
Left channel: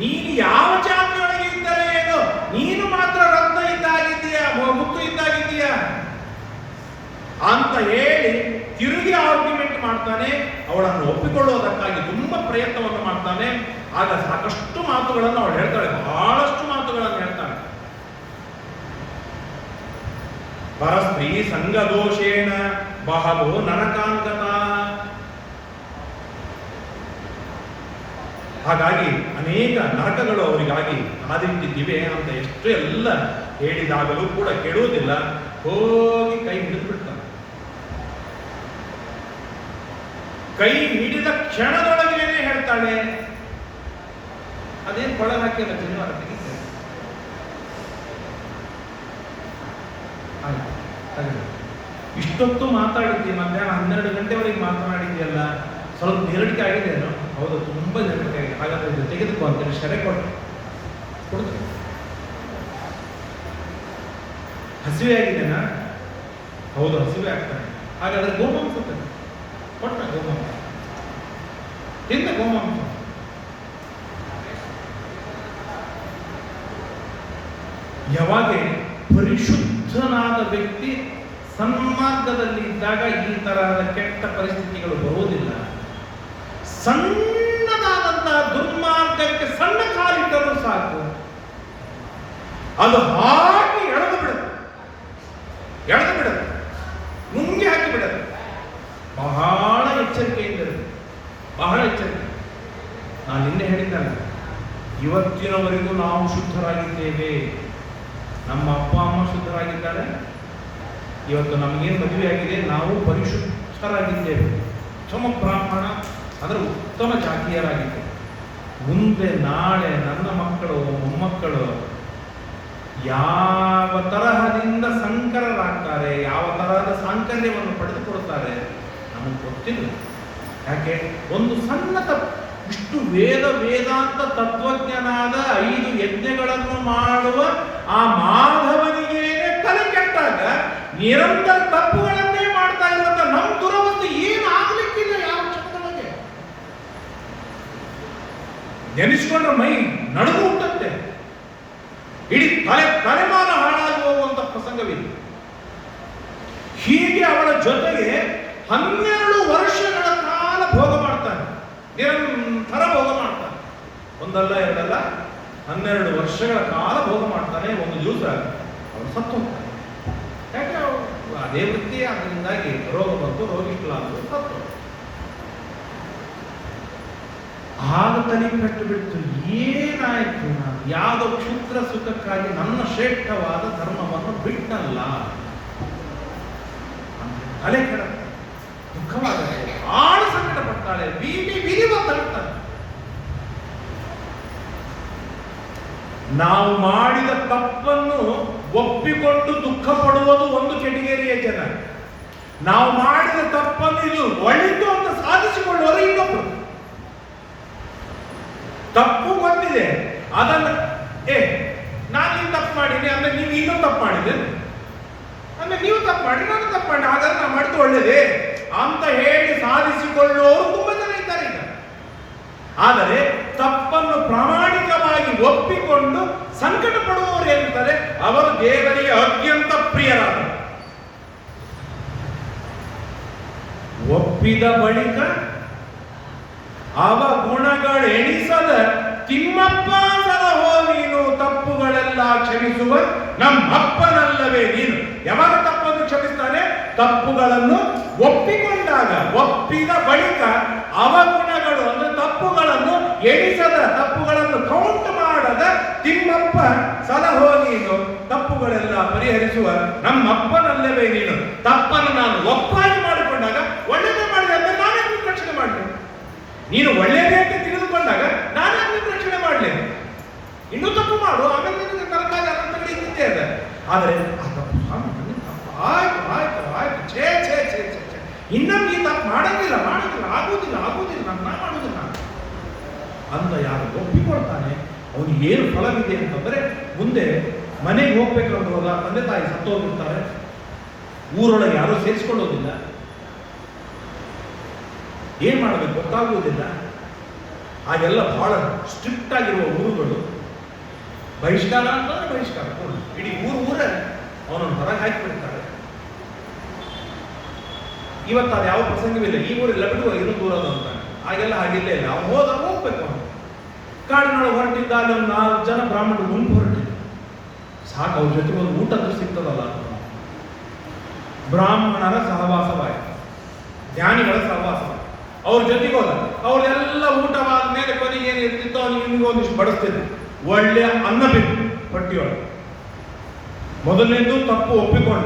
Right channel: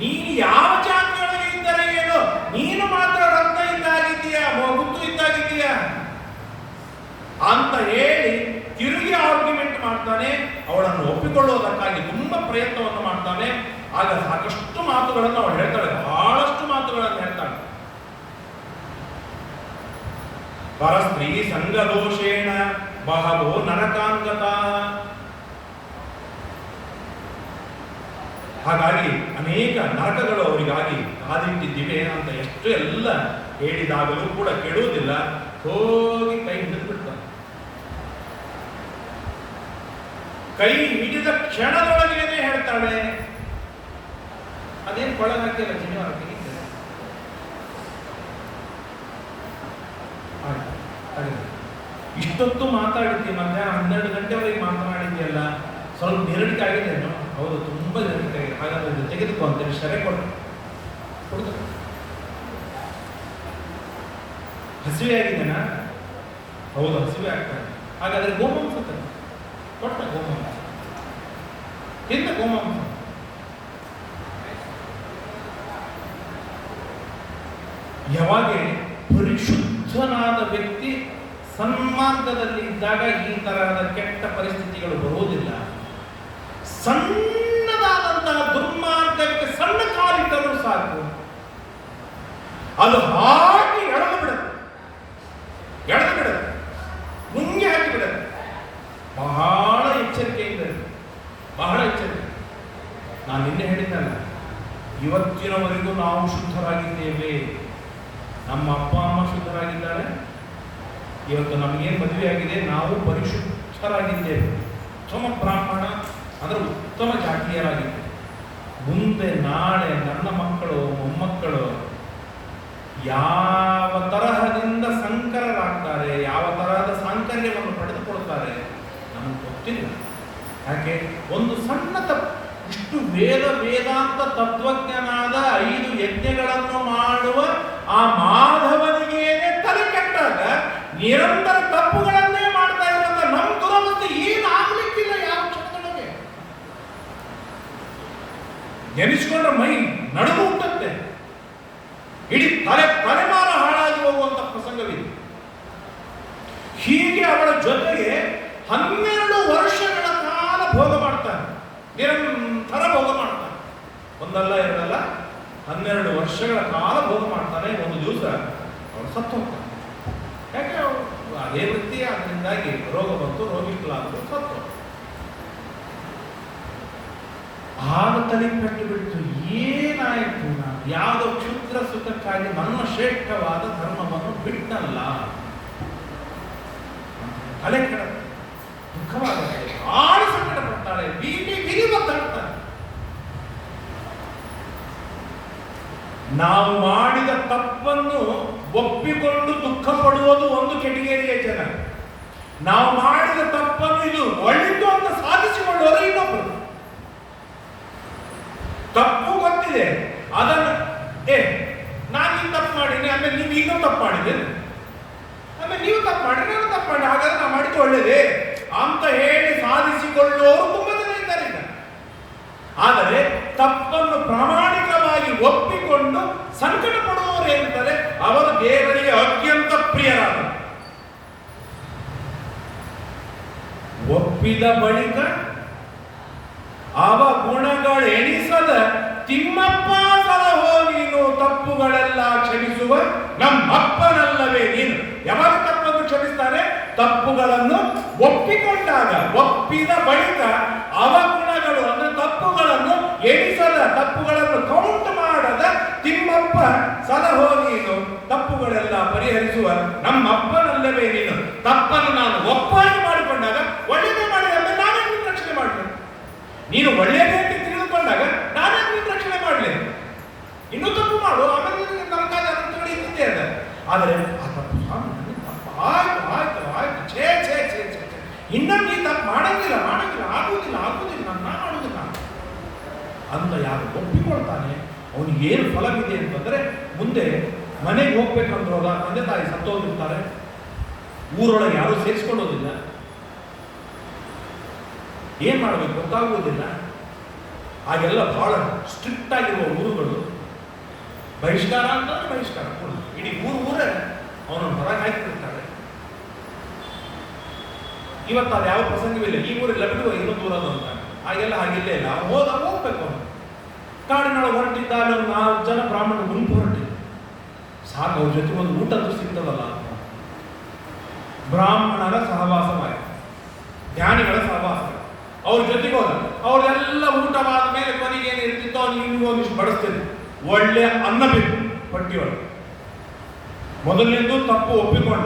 ನೀನು ಯಾವ ಜಾತಿಯೊಳಗೆ ಇದ್ದರೆ ಏನು, ನೀನು ಮಾತ್ರ ರತ್ನ ಇದ್ದಾಗಿದ್ದೀಯಾ, ಮುತ್ತು ಇದ್ದಾಗಿದ್ದೀಯಾ ಅಂತ ಹೇಳಿ ತಿರುಗಿ ಆರ್ಗ್ಯುಮೆಂಟ್ ಮಾಡ್ತಾನೆ. ಅವಳನ್ನು ಒಪ್ಪಿಕೊಳ್ಳುವುದಕ್ಕಾಗಿ ತುಂಬಾ ಪ್ರಯತ್ನವನ್ನು ಮಾಡ್ತಾನೆ. ಆಗ ಸಾಕಷ್ಟು ಮಾತುಗಳನ್ನು ಅವಳು ಹೇಳ್ತಾಳೆ, ಬಹಳಷ್ಟು ಮಾತುಗಳನ್ನು ಹೇಳ್ತಾಳೆ. ಪರಸ್ತ್ರೀ ಸಂಗದೋಷೇಣ ಬಹವೋ ನರಕಾಂಗತ. ಹಾಗಾಗಿ ಅನೇಕ ನರಕಗಳು ಅವರಿಗಾಗಿ ಕಾದಿಟ್ಟಿದ್ದಿವೆ ಅಂತ ಎಷ್ಟು ಎಲ್ಲ ಹೇಳಿದಾಗಲೂ ಕೂಡ ಕೆಡುವುದಿಲ್ಲ. ಹೋಗಿ ಕೈ ಹಿಡಿದು ಬಿಡ್ತಾನೆ. ಕೈ ಹಿಡಿದ ಕ್ಷಣದೊಳಗೇನೆ ಹೇಳ್ತಾಳೆ, ಅದೇನು ಕೊಳಗ ಹಾಕಿಲ್ಲ ಜೀವನ ತೆಗಿತಾರೆ. ಇಷ್ಟೊತ್ತು ಮಾತಾಡಿದ್ದಿ, ಮಧ್ಯಾಹ್ನ 12 ಗಂಟೆವರೆಗೆ ಮಾತನಾಡಿದ್ಯಲ್ಲ, ಸ್ವಲ್ಪ ನೆರಳಿಕೆ ಆಗಿದೆಯೇನೋ? ಹೌದು, ತುಂಬಾ ನೆರಳಿಕೆ ಆಗಿದೆ. ಹಾಗಾದ್ರೆ ತೆಗೆದುಕೋ ಅಂತೇಳಿ ಶರೆ ಕೊಡ್ತಾರೆ. ಹಸಿವೆ ಆಗಿದೆನಾ? ಹೌದು, ಹಸಿವೆ ಆಗ್ತಾನೆ. ಹಾಗಾದ್ರೆ ಗೋಮಾಂಸ ಕೊಟ್ಟ, ಗೋಮಾಂಸ ತಿಂದ, ಗೋಮಾಂಸ. ಯಾವಾಗ ಪರಿಶುದ್ಧನಾದ ವ್ಯಕ್ತಿ ಸನ್ಮಾರ್ಗದಲ್ಲಿ ಇದ್ದಾಗ ಈ ತರಹದ ಕೆಟ್ಟ ಪರಿಸ್ಥಿತಿಗಳು ಬರುವುದಿಲ್ಲ. ಸಣ್ಣದಾದಂತಹ ದುರ್ಮಾರ್ಗಕ್ಕೆ ಸಣ್ಣ ಕಾಲಿಟ್ಟರೂ ಸಾಕು, ಅದು ಹಾಕಿ ಎಳೆದು ಬಿಡುತ್ತೆ, ನುಂಗಿ ಹಾಕಿ ಬಿಡುತ್ತೆ. ಬಹಳ ಎಚ್ಚರಿಕೆಯಿಂದ, ಬಹಳ ಎಚ್ಚರಿಕೆ. ನಾನು ನಿನ್ನೆ ಹೇಳಿದ್ದಲ್ಲ, ಇವತ್ತಿನವರೆಗೂ ನಾವು ಶುದ್ಧರಾಗಿದ್ದೇವೆ. ನಮ್ಮ ಅಪ್ಪ ಅಮ್ಮ ಶುದ್ಧರಾಗಿದ್ದಾರೆ. ಇವತ್ತು ನಮಗೇನು ಮದುವೆ ಆಗಿದೆ, ನಾವು ಪರಿಶುದ್ಧರಾಗಿದ್ದೇವೆ. ಉತ್ತಮ ಬ್ರಾಹ್ಮಣ ಅಂದರೆ ಉತ್ತಮ ಜಾತಿಯರಾಗಿದ್ದೇವೆ. ಮುಂದೆ ನಾಳೆ ನನ್ನ ಮಕ್ಕಳು ಮೊಮ್ಮಕ್ಕಳು ಯಾವ ತರಹದಿಂದ ಸಂಕರರಾಗ್ತಾರೆ, ಯಾವ ತರಹದ ಸಾಂಕರ್ಯವನ್ನು ಪಡೆದುಕೊಳ್ತಾರೆ ನಮಗೆ ಗೊತ್ತಿಲ್ಲ. ಯಾಕೆ? ಒಂದು ಸಣ್ಣ ಇಷ್ಟು ವೇದಾಂತ ತತ್ವಜ್ಞನಾದ 5 ಯಜ್ಞಗಳನ್ನು ಮಾಡುವ ಆ ಮಾಧವನಿಗೇನೆ ತಲೆ ಕೆಟ್ಟಾಗ ನಿರಂತರ ತಪ್ಪುಗಳನ್ನೇ ಮಾಡ್ತಾ ಇರುವಂತ ನಮ್ಮ ದುರವಸ್ಥೆ ಏನಾಗಲಿಕ್ಕಿಲ್ಲ ಯಾವ ಕ್ಷಣದೊಳಗೆ. ನೆನೆಸಿಕೊಂಡ್ರೆ ಮೈ ನಡುಗು ಹುಟ್ಟುತ್ತೆ. ಇಡೀ ತಲೆಮಾರು 12 ವರ್ಷಗಳ ಕಾಲ ಭೋಗ ಮಾಡ್ತಾನೆ, ನಿರಂತರ ಭೋಗ ಮಾಡ್ತಾನೆ. ಒಂದಲ್ಲ ಎರಡಲ್ಲ, 12 ವರ್ಷಗಳ ಕಾಲ ಭೋಗ ಮಾಡ್ತಾನೆ. ಒಂದು ದಿವಸ ಅವನು ಸತ್ತು ಹೋಗ್ತಾನೆ. ಯಾಕೆ ಅದೇ ವೃತ್ತಿ, ಅದರಿಂದಾಗಿ ರೋಗ ಬಂತು, ರೋಗಿಗಳಾದ್ರು ಸತ್ತು. ಆಗ ತಲೆ ಪಟ್ಟು ಬಿಡ್ತು, ಏನಾಯ್ತು, ನಾನು ಯಾವುದೋ ಕ್ಷುದ್ರ ಸುಖಕ್ಕಾಗಿ ನನ್ನ ಶ್ರೇಷ್ಠವಾದ ಧರ್ಮವನ್ನು ಬಿಟ್ಟನಲ್ಲ. ತಲೆ ಕೆಡುತ್ತೆ, ದುಃಖವಾಗುತ್ತೆ, ಆಳ ಸಂಕಟ ಪಡ್ತಾರೆ, ಬಿರಿ ಮಾತಾಡ್ತಾರೆ. ನಾವು ಮಾಡಿದ ತಪ್ಪನ್ನು ಒಪ್ಪಿಕೊಂಡು ದುಃಖ ಪಡುವುದು ಒಂದು ಕೆಟಗರಿಯ ಜನ. ನಾವು ಮಾಡಿದ ತಪ್ಪನ್ನು ಇದು ಒಳ್ಳೆದು ಅಂತ ಸಾಧಿಸಿಕೊಳ್ಳುವುದು ಇನ್ನೊಬ್ಬರು. ತಪ್ಪು ಗೊತ್ತಿದೆ, ಅದನ್ನು ನಾನು ಈ ತಪ್ಪು ಮಾಡೀನಿ ಅಂದ್ರೆ ನೀವು ಇನ್ನೂ ತಪ್ಪು ಮಾಡಿದೆ, ಅಂದ್ರೆ ನೀವು ತಪ್ಪು ಮಾಡಿ ನಾನು ತಪ್ಪು ಮಾಡಿ, ಹಾಗಾದ್ರೆ ನಾನು ಮಾಡಿದ್ದು ಒಳ್ಳೇದೇ ಅಂತ ಹೇಳಿ ಸಾಧಿಸಿಕೊಳ್ಳುವವರು ತುಂಬಾ ಜನ ಇದ್ದಾರೆ ಈಗ. ಆದರೆ ತಪ್ಪನ್ನು ಪ್ರಾಮಾಣಿಕವಾಗಿ ಒಪ್ಪಿಕೊಂಡು ಸಂಕಟ ಪಡುವವರು ಏನಿದ್ದಾರೆ ಅವರು ದೇವರಿಗೆ ಅತ್ಯಂತ ಪ್ರಿಯರಾದರು. ಒಪ್ಪಿದ ಬಳಿಕ ಅವ ಗುಣಗಳೆಣಿಸದ ತಿಮ್ಮಪ್ಪ ಸಲಹೋ ನೀನು, ತಪ್ಪುಗಳೆಲ್ಲ ಕ್ಷಮಿಸುವ ನಮ್ಮಪ್ಪನಲ್ಲವೇ ನೀನು. ಯಾವಾಗ ತಪ್ಪನ್ನು ಕ್ಷಮಿಸ್ತಾನೆ? ತಪ್ಪುಗಳನ್ನು ಒಪ್ಪಿಕೊಂಡಾಗ. ಒಪ್ಪಿದ ಬಳಿಕ ಅವ ಗುಣಗಳು ಅಂದ್ರೆ ತಪ್ಪುಗಳನ್ನು ಎಣಿಸದ, ತಪ್ಪುಗಳನ್ನು ಕೌಂಟ್ ಮಾಡದ ತಿಮ್ಮಪ್ಪ ಸಲಹೋ ನೀನು, ತಪ್ಪುಗಳೆಲ್ಲ ಪರಿಹರಿಸುವ ನಮ್ಮಪ್ಪನಲ್ಲವೇ ನೀನು. ತಪ್ಪನ್ನು ನಾನು ಒಪ್ಪಾಗಿ ಮಾಡಿಕೊಂಡಾಗ ಒಳ್ಳೆಯದೇ ಮಾಡಿದೆ ಅಂದ್ರೆ ನಾನೇ ನಿನ್ನ ರಕ್ಷಣೆ ಮಾಡಲಿ. ನೀನು ಒಳ್ಳೆಯದೇ ಅಂತ ತಿಳಿದುಕೊಂಡಾಗ ನಾನೇ ನಿನ್ನ ರಕ್ಷಣೆ ಮಾಡಲಿ. ಇನ್ನೂ ತಪ್ಪು ಮಾಡು, ಆಮೇಲೆ ನರಕಾದ ಅನಂತಗಳು ಇದ್ದೇ ಇದೆ. ಆದರೆ ಆ ತಪ್ಪು ಆಯ್ತು ಆಯ್ತು ಆಯ್ತು, ಛೇ ಛೇ ಛೇ ಛೇ ಛೇ, ಇನ್ನೊಂದು ಈ ತಪ್ಪು ಮಾಡಂಗಿಲ್ಲ ಆಗುವುದಿಲ್ಲ ನಾನು ಮಾಡುವುದಿಲ್ಲ ಅಂತ ಯಾರು ಒಪ್ಪಿಕೊಳ್ತಾನೆ ಅವನಿಗೆ ಏನು ಫಲವಿದೆ ಅಂತಂದ್ರೆ, ಮುಂದೆ ಮನೆಗೆ ಹೋಗ್ಬೇಕಂದ್ರಲ್ಲ, ತಂದೆ ತಾಯಿ ಸತ್ತು ಹೋಗಿರ್ತಾರೆ, ಊರೊಳಗೆ ಯಾರು ಸೇರಿಸ್ಕೊಳ್ಳೋದಿಲ್ಲ, ಏನ್ ಮಾಡಬೇಕು ಗೊತ್ತಾಗುವುದಿಲ್ಲ. ಹಾಗೆಲ್ಲ ಬಹಳ ಸ್ಟ್ರಿಕ್ಟ್ ಆಗಿರುವ ಊರುಗಳು, ಬಹಿಷ್ಕಾರ ಅಂತಂದ್ರೆ ಬಹಿಷ್ಕಾರ, ಇಡೀ ಊರೇ ಅವನನ್ನು ಹೊರಗೆ ಹಾಕಿಬಿಡ್ತಾರೆ. ಇವತ್ತು ಅದು ಯಾವ ಪ್ರಸಂಗವಿಲ್ಲ, ಈ ಊರಿಲ್ಲ ಬಿಡುವ ಇನ್ನೊಂದು ಊರದು ಅಂತ, ಹಾಗೆಲ್ಲ ಹಾಗಿಲ್ಲೇ ಇಲ್ಲ. ಅವನು ಹೋಗ್ಬೇಕು. ಅವನು ಕಾಡಿನೊಳಗೆ ಹೊರಟಿದ್ದ, ಅಲ್ಲಿ ಒಂದು 4 ಜನ ಬ್ರಾಹ್ಮಣರು ಗುಂಪು ಹೊರಟಿದ್ರು. ಸಾಕು, ಅವ್ರ ಜೊತೆ ಒಂದು ಊಟದ್ದು ಸಿಗ್ತದಲ್ಲ. ಬ್ರಾಹ್ಮಣರ ಸಹವಾಸವಾಯಿತು, ಜ್ಞಾನಿಗಳ ಸಹವಾಸ. ಅವ್ರ ಜೊತೆಗೆ ಹೋದ, ಅವ್ರದೆಲ್ಲ ಊಟವಾದ ಮೇಲೆ ಕೊನೆಗೆ ಏನು ಇರ್ತಿತ್ತೋ ಅವ್ನಿಗೆ ಇನ್ನೂ ಒಂದಿಷ್ಟು ಬಡಿಸ್ತಿದ್ರು. ಒಳ್ಳೆ ಅನ್ನ ಬೇಕು ಹೊಟ್ಟಿಯೊಳಗೆ. ಮೊದಲನೇದು ತಪ್ಪು ಒಪ್ಪಿಕೊಂಡ,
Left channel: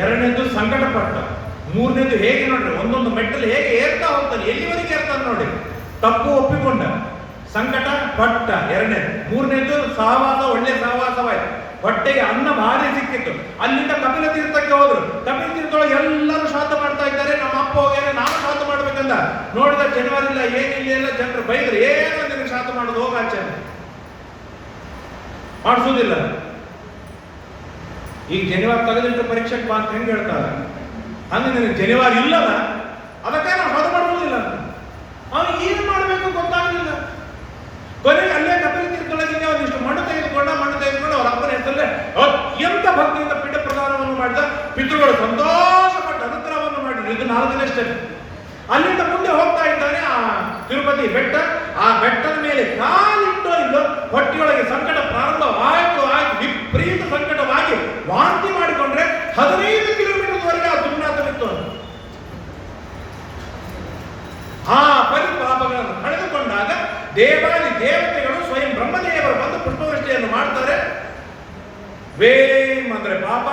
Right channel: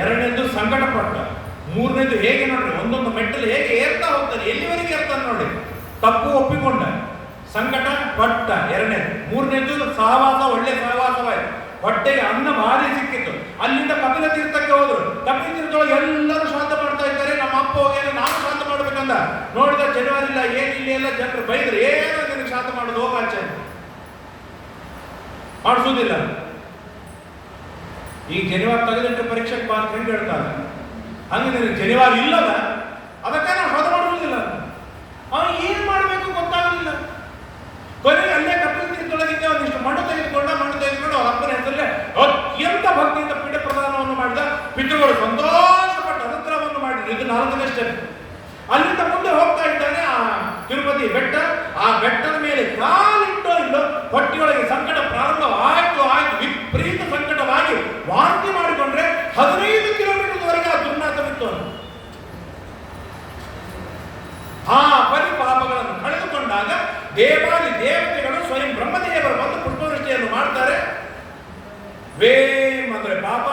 ಎರಡನೇದು ಸಂಕಟ ಪಟ್ಟ, ಮೂರನೇದು ಹೇಗೆ ನೋಡ್ರಿ ಒಂದೊಂದು ಮೆಟ್ಟಲು ಹೇಗೆ ಏರ್ತಾ ಹೋಗ್ತಾನೆ, ಎಲ್ಲಿವರೆಗೆ ಏರ್ತಾನೆ ನೋಡಿ. ತಪ್ಪು ಒಪ್ಪಿಕೊಂಡ, ಸಂಕಟ ಪಟ್ಟ ಎರಡನೇ, ಮೂರನೇದು ಸಹವಾಸ, ಒಳ್ಳೆ ಸಹವಾಸವಾಯಿತು, ಹೊಟ್ಟೆಗೆ ಅನ್ನ ಭಾರಿ ಸಿಕ್ಕಿತ್ತು. ಅಲ್ಲಿಂದ ಕಪಿಲ ತೀರ್ಥಕ್ಕೆ ಹೋದ್ರು. ಕಪಿಲ ತೀರ್ಥದೊಳಗೆ ಎಲ್ಲರೂ ಶ್ರಾದ್ದ ಮಾಡ್ತಾ ಇದ್ದಾರೆ. ನಮ್ಮ ಅಪ್ಪ ಹೋಗ್ಯಾರೆ, ನಾನು ಶ್ರಾದ್ದ ಮಾಡ್ಬೇಕಂದ. ನೋಡಿದ ಜನವರಿ ಇಲ್ಲ, ಏನಿಲ್ಲ, ಎಲ್ಲ ಜನರು ಬೈದ್ರೆ, ಏನು ನಿನಗೆ ಶ್ರಾದ್ದ ಮಾಡೋದು, ಹೋಗಾಚೆ ಮಾಡಿಸೋದಿಲ್ಲ. ಈಗ ಜನಿವಾರ ತೆಗೆದಿಟ್ಟು ಪರೀಕ್ಷೆಗೆ ಬಾ ಹೆಂಗೆ ಹೇಳ್ತಾರೆ, ಹಂಗೆ ನಿನಗೆ ಜನಿವಾರ ಇಲ್ಲದ, ಅದಕ್ಕೆ ನಾನು ಹೊದ ಮಾಡುವುದಿಲ್ಲ. ಅವನು ಏನು ಮಾಡಬೇಕು ಗೊತ್ತಾಗಲಿಲ್ಲ. ಕೊನೆಗೆ ಅಲ್ಲೇ ಕಪಿಲ ತೀರ್ಥದೊಳಗಿಂದ ಒಂದಿಷ್ಟು ಮಣ್ಣು ತೆಗೆದುಕೊಂಡು ಅವ್ರ ಅಪ್ಪನ ಹೆಸರಲ್ಲೇ ಅತ್ಯಂತ ಭಕ್ತಿಯಿಂದ ಪೀಠ ಪ್ರದಾನವನ್ನು ಮಾಡಿದ. ಪಿತೃಗಳು ಸಂತೋಷಪಟ್ಟು ಅನುಗ್ರಹವನ್ನು ಮಾಡಿದ್ರು. ಇದು 4ನೇ ಸ್ಟೆಪ್. ಅಲ್ಲಿಂದ ಮುಂದೆ ಹೋಗ್ತಾ ಇದ್ದಾನೆ ಆ ತಿರುಪತಿ ಬೆಟ್ಟ. ಆ ಬೆಟ್ಟದ ಮೇಲೆ ಕಾಲಿಟ್ಟೋ ಇಲ್ಲೋ ಹೊಟ್ಟೆಯೊಳಗೆ ಸಂಕಟ ಪ್ರಾರಂಭ ಆಯ್ತು. ವಿಪರೀತ ಸಂಕಟವಾಗಿ ವಾಂತಿ ಮಾಡಿಕೊಂಡ್ರೆ 15 ಕಿಲೋಮೀಟರ್ವರೆಗೆ ಆ ದುರ್ನಾಥವಿತ್ತು. ಆ ಪರಿಪಾಪಗಳನ್ನು ಕಳೆದುಕೊಂಡಾಗ ದೇವಾದಿ ದೇವತೆಗಳು ಸ್ವಯಂ ಬ್ರಹ್ಮದೇವರು ಬಂದು ಪುಷ್ಪವೃಷ್ಟಿಯನ್ನು ಮಾಡ್ತಾರೆ. ವೇಮ್ ಅಂದ್ರೆ ಪಾಪ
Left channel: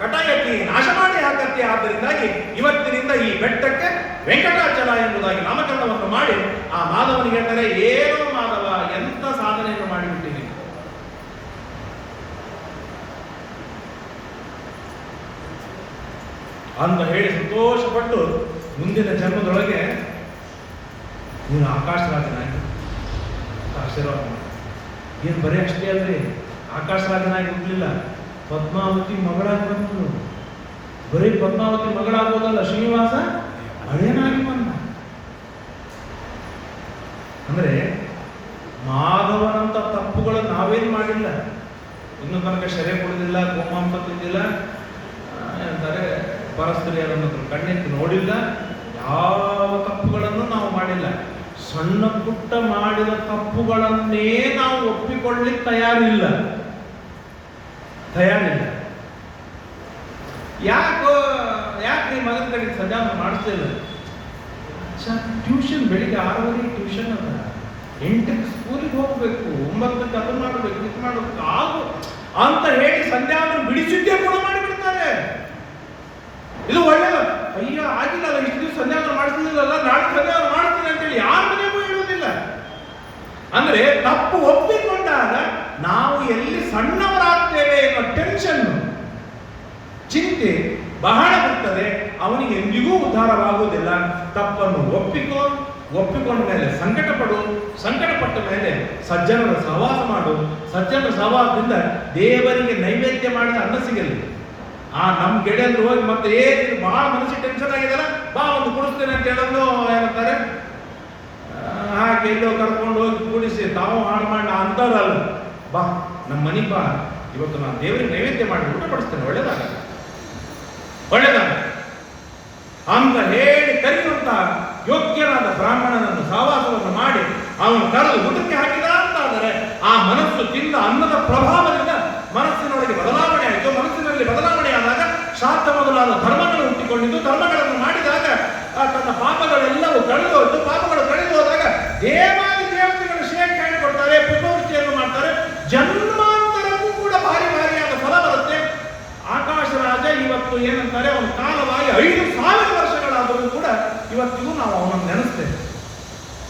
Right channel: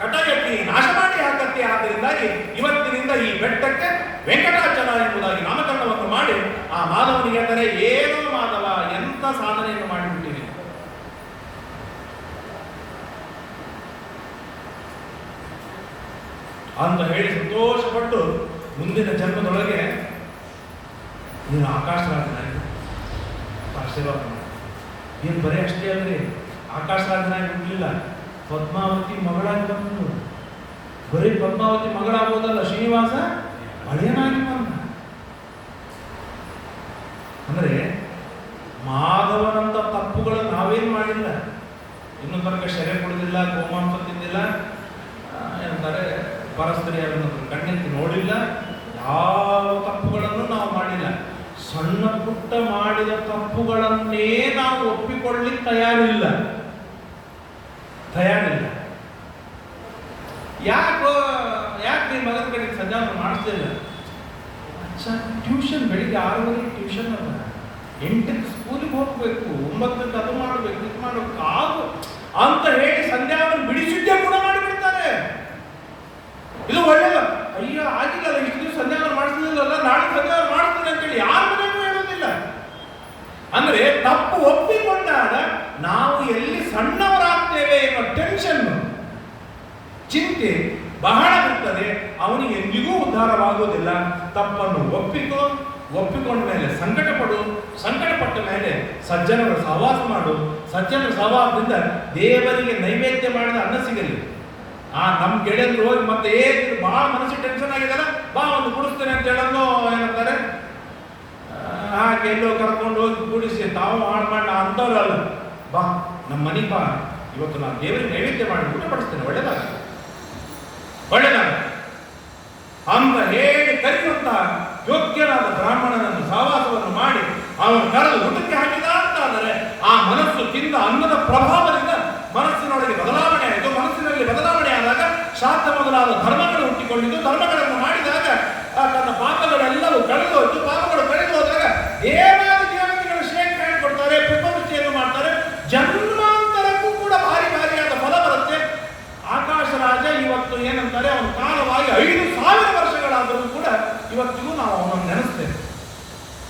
ಕಟಾಯಕ್ಕೆ ನಾಶ ಮಾಡಿ ಹಾಕತ್ತೆ. ಆದ್ದರಿಂದಾಗಿ ಇವತ್ತಿನಿಂದ ಈ ಬೆಟ್ಟಕ್ಕೆ ವೆಂಕಟಾಚಲ ಎಂಬುದಾಗಿ ನಾಮಕರಣವನ್ನು ಮಾಡಿ ಆ ಮಾಧವನಿಗೆ ಹೇಳ್ತಾರೆ, ಏನೋ ಮಾಧವ, ಎಂತ ಸಾಧನೆಯನ್ನು ಮಾಡಿಬಿಟ್ಟಿರಿ. ಅಂತ ಹೇಳಿ ಸಂತೋಷಪಟ್ಟು ಮುಂದಿನ ಜನ್ಮದೊಳಗೆ ನೀನು ಆಕಾಶರಾಜನಾಗಿ ಆಶೀರ್ವಾದ ಮಾಡಿ. ಏನು ಬರೀ ಅಷ್ಟೇ ಅಲ್ರಿ, ಆಕಾಶರಾಜನಾಗಿ ಹುಟ್ಟಲಿಲ್ಲ, ಪದ್ಮಾವತಿ ಮಗಳಾಗಿ ಬಂದು. ಬರೀ ಪದ್ಮಾವತಿ ಮಗಳಾಗೋದಲ್ಲ, ಶ್ರೀನಿವಾಸ ಅಳಿಯನಾಗಿ ಬಂದ. ಅಂದ್ರೆ ಮಾಧವನಂತ ತಪ್ಪುಗಳನ್ನು ನಾವೇನು ಮಾಡಿಲ್ಲ. ಇನ್ನು ತನಕ ಶರೆ ಕೊಡುದಿಲ್ಲ, ಗೋಮಾಂಸ ತಿಂದಿಲ್ಲ, ಅಂತಾರೆ ಪರಸ್ತ್ರೀಯರನ್ನು ಕಣ್ಣೆತ್ತಿ ನೋಡಿಲ್ಲ, ಯಾವ ತಪ್ಪುಗಳನ್ನು ನಾವು ಮಾಡಿಲ್ಲ. ಸಣ್ಣ ಪುಟ್ಟ ಮಾಡಿದ ತಪ್ಪುಗಳನ್ನೇ ನಾವು ಒಪ್ಪಿಕೊಳ್ಳಿಕ್ಕೆ ತಯಾರಿಲ್ಲ. ಯಾಕೆ ಮಗನ ಕಡೆ ಸಂಧ್ಯಾವಂದನ ಮಾಡಿಸ್ತಿಲ್ಲ? ಟ್ಯೂಷನ್ ಬೆಳಿಗ್ಗೆ 6 ಟ್ಯೂಷನ್ ಅದ, 8ಕ್ಕೆ ಸ್ಕೂಲಿಗೆ ಹೋಗ್ಬೇಕು, 9ಕ್ಕೆ ಅದು ಮಾಡಬೇಕು, ಇದು ಮಾಡಬೇಕು ಅಂತ ಹೇಳಿ ಸಂಧ್ಯಾವಂದನ ಬಿಡಿಸಿದ್ದೇ ಕೂಡ ಮಾಡಿಬಿಡ್ತಾರೆ. ಇದು ಒಳ್ಳೆಯದು. ಅಯ್ಯೋ ಆಗಿಲ್ಲ, ಇಷ್ಟು ದಿವಸ ಸಂಧ್ಯಾವಂದನ ಮಾಡಿಸ್ತಿಲ್ಲ, ನಾಳೆ ಸಂಧ್ಯಾವಂದನ ಮಾಡ್ತೀನಿ ಅಂತೇಳಿ ಯಾರ ಮನೆಗೂ ಹೇಳೋದಿಲ್ಲ. ಅಂದ್ರೆ ತಪ್ಪು ಒಪ್ಪಿಕೊಂಡಾಗ ನಾವು ಎಲ್ಲಿ ಸಣ್ಣವರಾಗ್ತೇವೆ ಎಂಬ ಟೆನ್ಷನ್, ಚಿಂತೆ ಬಹಳ ಇರ್ತದೆ. ಅವನಿಗೆ ಎಂದಿಗೂ ಉದ್ಧಾರವಾಗುವುದಿಲ್ಲ. ತಪ್ಪನ್ನು ಒಪ್ಪಿಕೊಂಡ ಮೇಲೆ ಸಂಕಟ ಪಟ್ಟ ಮೇಲೆ ಸಜ್ಜನರ ಸಹವಾಸ ಮಾಡು. ಸಜ್ಜನರ ಸಹವಾಸದಿಂದ ದೇವರಿಗೆ ನೈವೇದ್ಯ ಮಾಡಿದ ಅನ್ನ ಸಿಗಲಿ. ನಮ್ಮ ಗೆಳೆಯರು ಹೋಗಿ ಮತ್ತೆ ಏನು ಬಹಳ ಮನಸ್ಸಿಗೆ ಟೆನ್ಷನ್ ಆಗಿದೆಲ್ಲ, ಬಾ ಒಂದು ಕುಡಿಸ್ತೇನೆ ಅಂತ ಹೇಳೋದು ಏನಂತಾರೆ, ಹಾಗೆ ಎಲ್ಲೋ ಕರ್ಕೊಂಡು ಹೋಗಿ ಕೂಡಿಸಿ ತಾವು ಹಾಳು ಮಾಡ ಅಂತವ್ರಲ್ಲ, ಬಾ ನಮ್ಮ ಮನೆಗೆ ಬಾ, ಇವತ್ತು ನಾನು ದೇವರಿಗೆ ನೈವೇದ್ಯ ಮಾಡಿ ಊಟ ಪಡಿಸ್ತೇನೆ, ಒಳ್ಳೆದಾಗ ಅಂತ ಹೇಳಿ ಕರೆಯುವಂತ ಯೋಗ್ಯರಾದ ಬ್ರಾಹ್ಮಣನನ್ನು ಸಹವಾಸವನ್ನು ಮಾಡಿ ಅವನು ಕರೆದು ಊಟಕ್ಕೆ ಹಾಕಿದ ಅಂತಾದರೆ ಆ ಮನಸ್ಸು ತಿಂದ ಅನ್ನದ ಪ್ರಭಾವದಿಂದ ಮನಸ್ಸಿನೊಳಗೆ ಬದಲಾವಣೆ ಆಯಿತು. ಮನಸ್ಸಿನಲ್ಲಿ ಬದಲಾವಣೆ ಆದಾಗ ಶಾಸ್ತ್ರ ಮೊದಲಾದ ಧರ್ಮಗಳು ಹುಟ್ಟಿಕೊಂಡಿದ್ದು, ಧರ್ಮಗಳನ್ನು ಮಾಡಿದಾಗ ತನ್ನ ಪಾಪಗಳೆಲ್ಲವೂ ಕಳೆದು ಹೋಯ್ತು. ಪಾಪಗಳು ಕಳೆದು ಹೋದಾಗ ದೇವಾದಿ ದೇವತೆಗಳ ಶೇಖ ಹೇಳಿಕೊಡ್ತಾರೆ, ಪುಷ್ಪವೃಷ್ಟಿಯನ್ನು ಮಾಡ್ತಾರೆ. ಜನ್ಮಾಂತರಕ್ಕೂ ಕೂಡ ಭಾರಿ ಭಾರಿಯಾದ ಫಲ ಬರುತ್ತೆ. ಆಕಾಶ ರಾಜ ಇವತ್ತು ಏನಂತಾರೆ, ಅವನ ಕಾಲವಾಗಿ 5,000 ವರ್ಷಗಳಾದರೂ ಕೂಡ ಇವತ್ತಿಗೂ ನಾವು ಅವನನ್ನು ನೆನೆಸ್ತೇವೆ.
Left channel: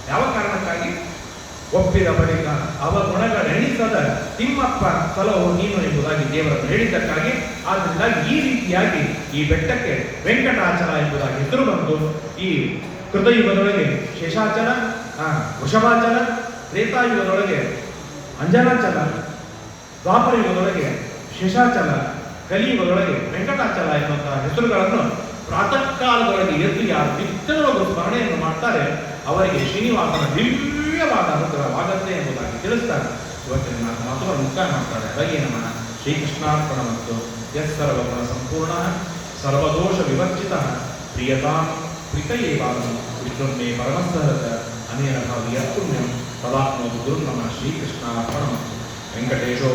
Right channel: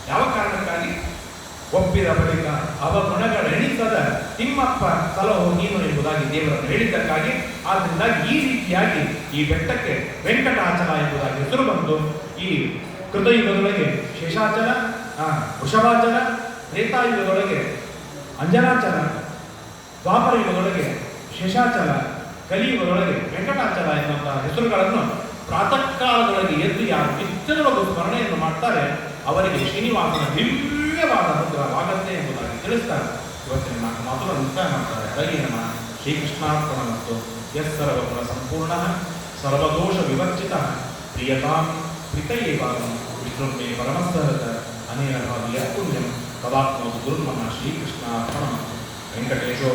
ಯಾವ ಕಾರಣಕ್ಕಾಗಿ? ಒಪ್ಪಿದ ಬಳಿಕ ಅವಗುಣಗಳೆಣಿಸದ ತಿಮ್ಮಪ್ಪ ಸಲಹು ನೀನು ಎಂಬುದಾಗಿ ದೇವರನ್ನು ಹೇಳಿದ್ದಕ್ಕಾಗಿ. ಆದ್ದರಿಂದ ಈ ರೀತಿಯಾಗಿ ಈ ಬೆಟ್ಟಕ್ಕೆ ವೆಂಕಟಾಚಲ ಎಂಬುದಾಗಿ ಹೆಸರು ಬಂತು. ಈ ಕೃತಯುಗದೊಳಗೆ ಶೇಷಾಚಲ, ವೃಷಭಾಚಲ, ತ್ರೇತಾಯುಗದೊಳಗೆ ಅಂಜನಾಚಲ, ದ್ವಾಪರ ಯುಗದೊಳಗೆ ಶೇಷಾಚಲ, ಕಲಿಯುಗದೊಳಗೆ ವೆಂಕಟಾಚಲ ಎನ್ನುವಂತಹ ಹೆಸರುಗಳನ್ನು ಪ್ರಾತಃ ಕಾಲದೊಳಗೆ ಎದ್ದು ಯಾರು ನಿತ್ಯವೂ ಸ್ಮರಣೆಯನ್ನು ಮಾಡ್ತಾರೆ ಅವರಿಗೆ ಶ್ರೀನಿವಾಸನ ದಿವ್ಯವಾದ ಅನುಗ್ರಹವಾಗತ್ತೆ ಎಂಬುದಾಗಿ ತಿಳಿಸ್ತಾರೆ. ಇವತ್ತಿನ ನಾಲ್ಕು ಮಾತುಗಳನ್ನು ಮುಕ್ತಾಯ ಮಾಡ್ತಾರೆ. ಹಾಗೆ ನಮ್ಮ ಶ್ರೀಕೃಷ್ಣಾರ್ಪಣ ಮತ್ತು ಯಸ್ ಸರ್ವಗುಣ ಸಂಪೂರ್ಣ ಸರ್ವದೋಷ ವಿವರ್ಜಿತ ಪ್ರಿಯತಾಂ ಪ್ರೀತಯೇವಾಂ ವಿಷ್ಣುರ್ಮೇ ಪರಮಸ್ಥರತ ಅನೇನ ಭಾವಿಯ ಪುಣ್ಯಂ ತದಾಪ್ನೋತು ಗುರುರ್ಮಮ ಶ್ರೀಕೃಷ್ಣಾರ್ಪಣ ವೆಂಕಟೇಶೋ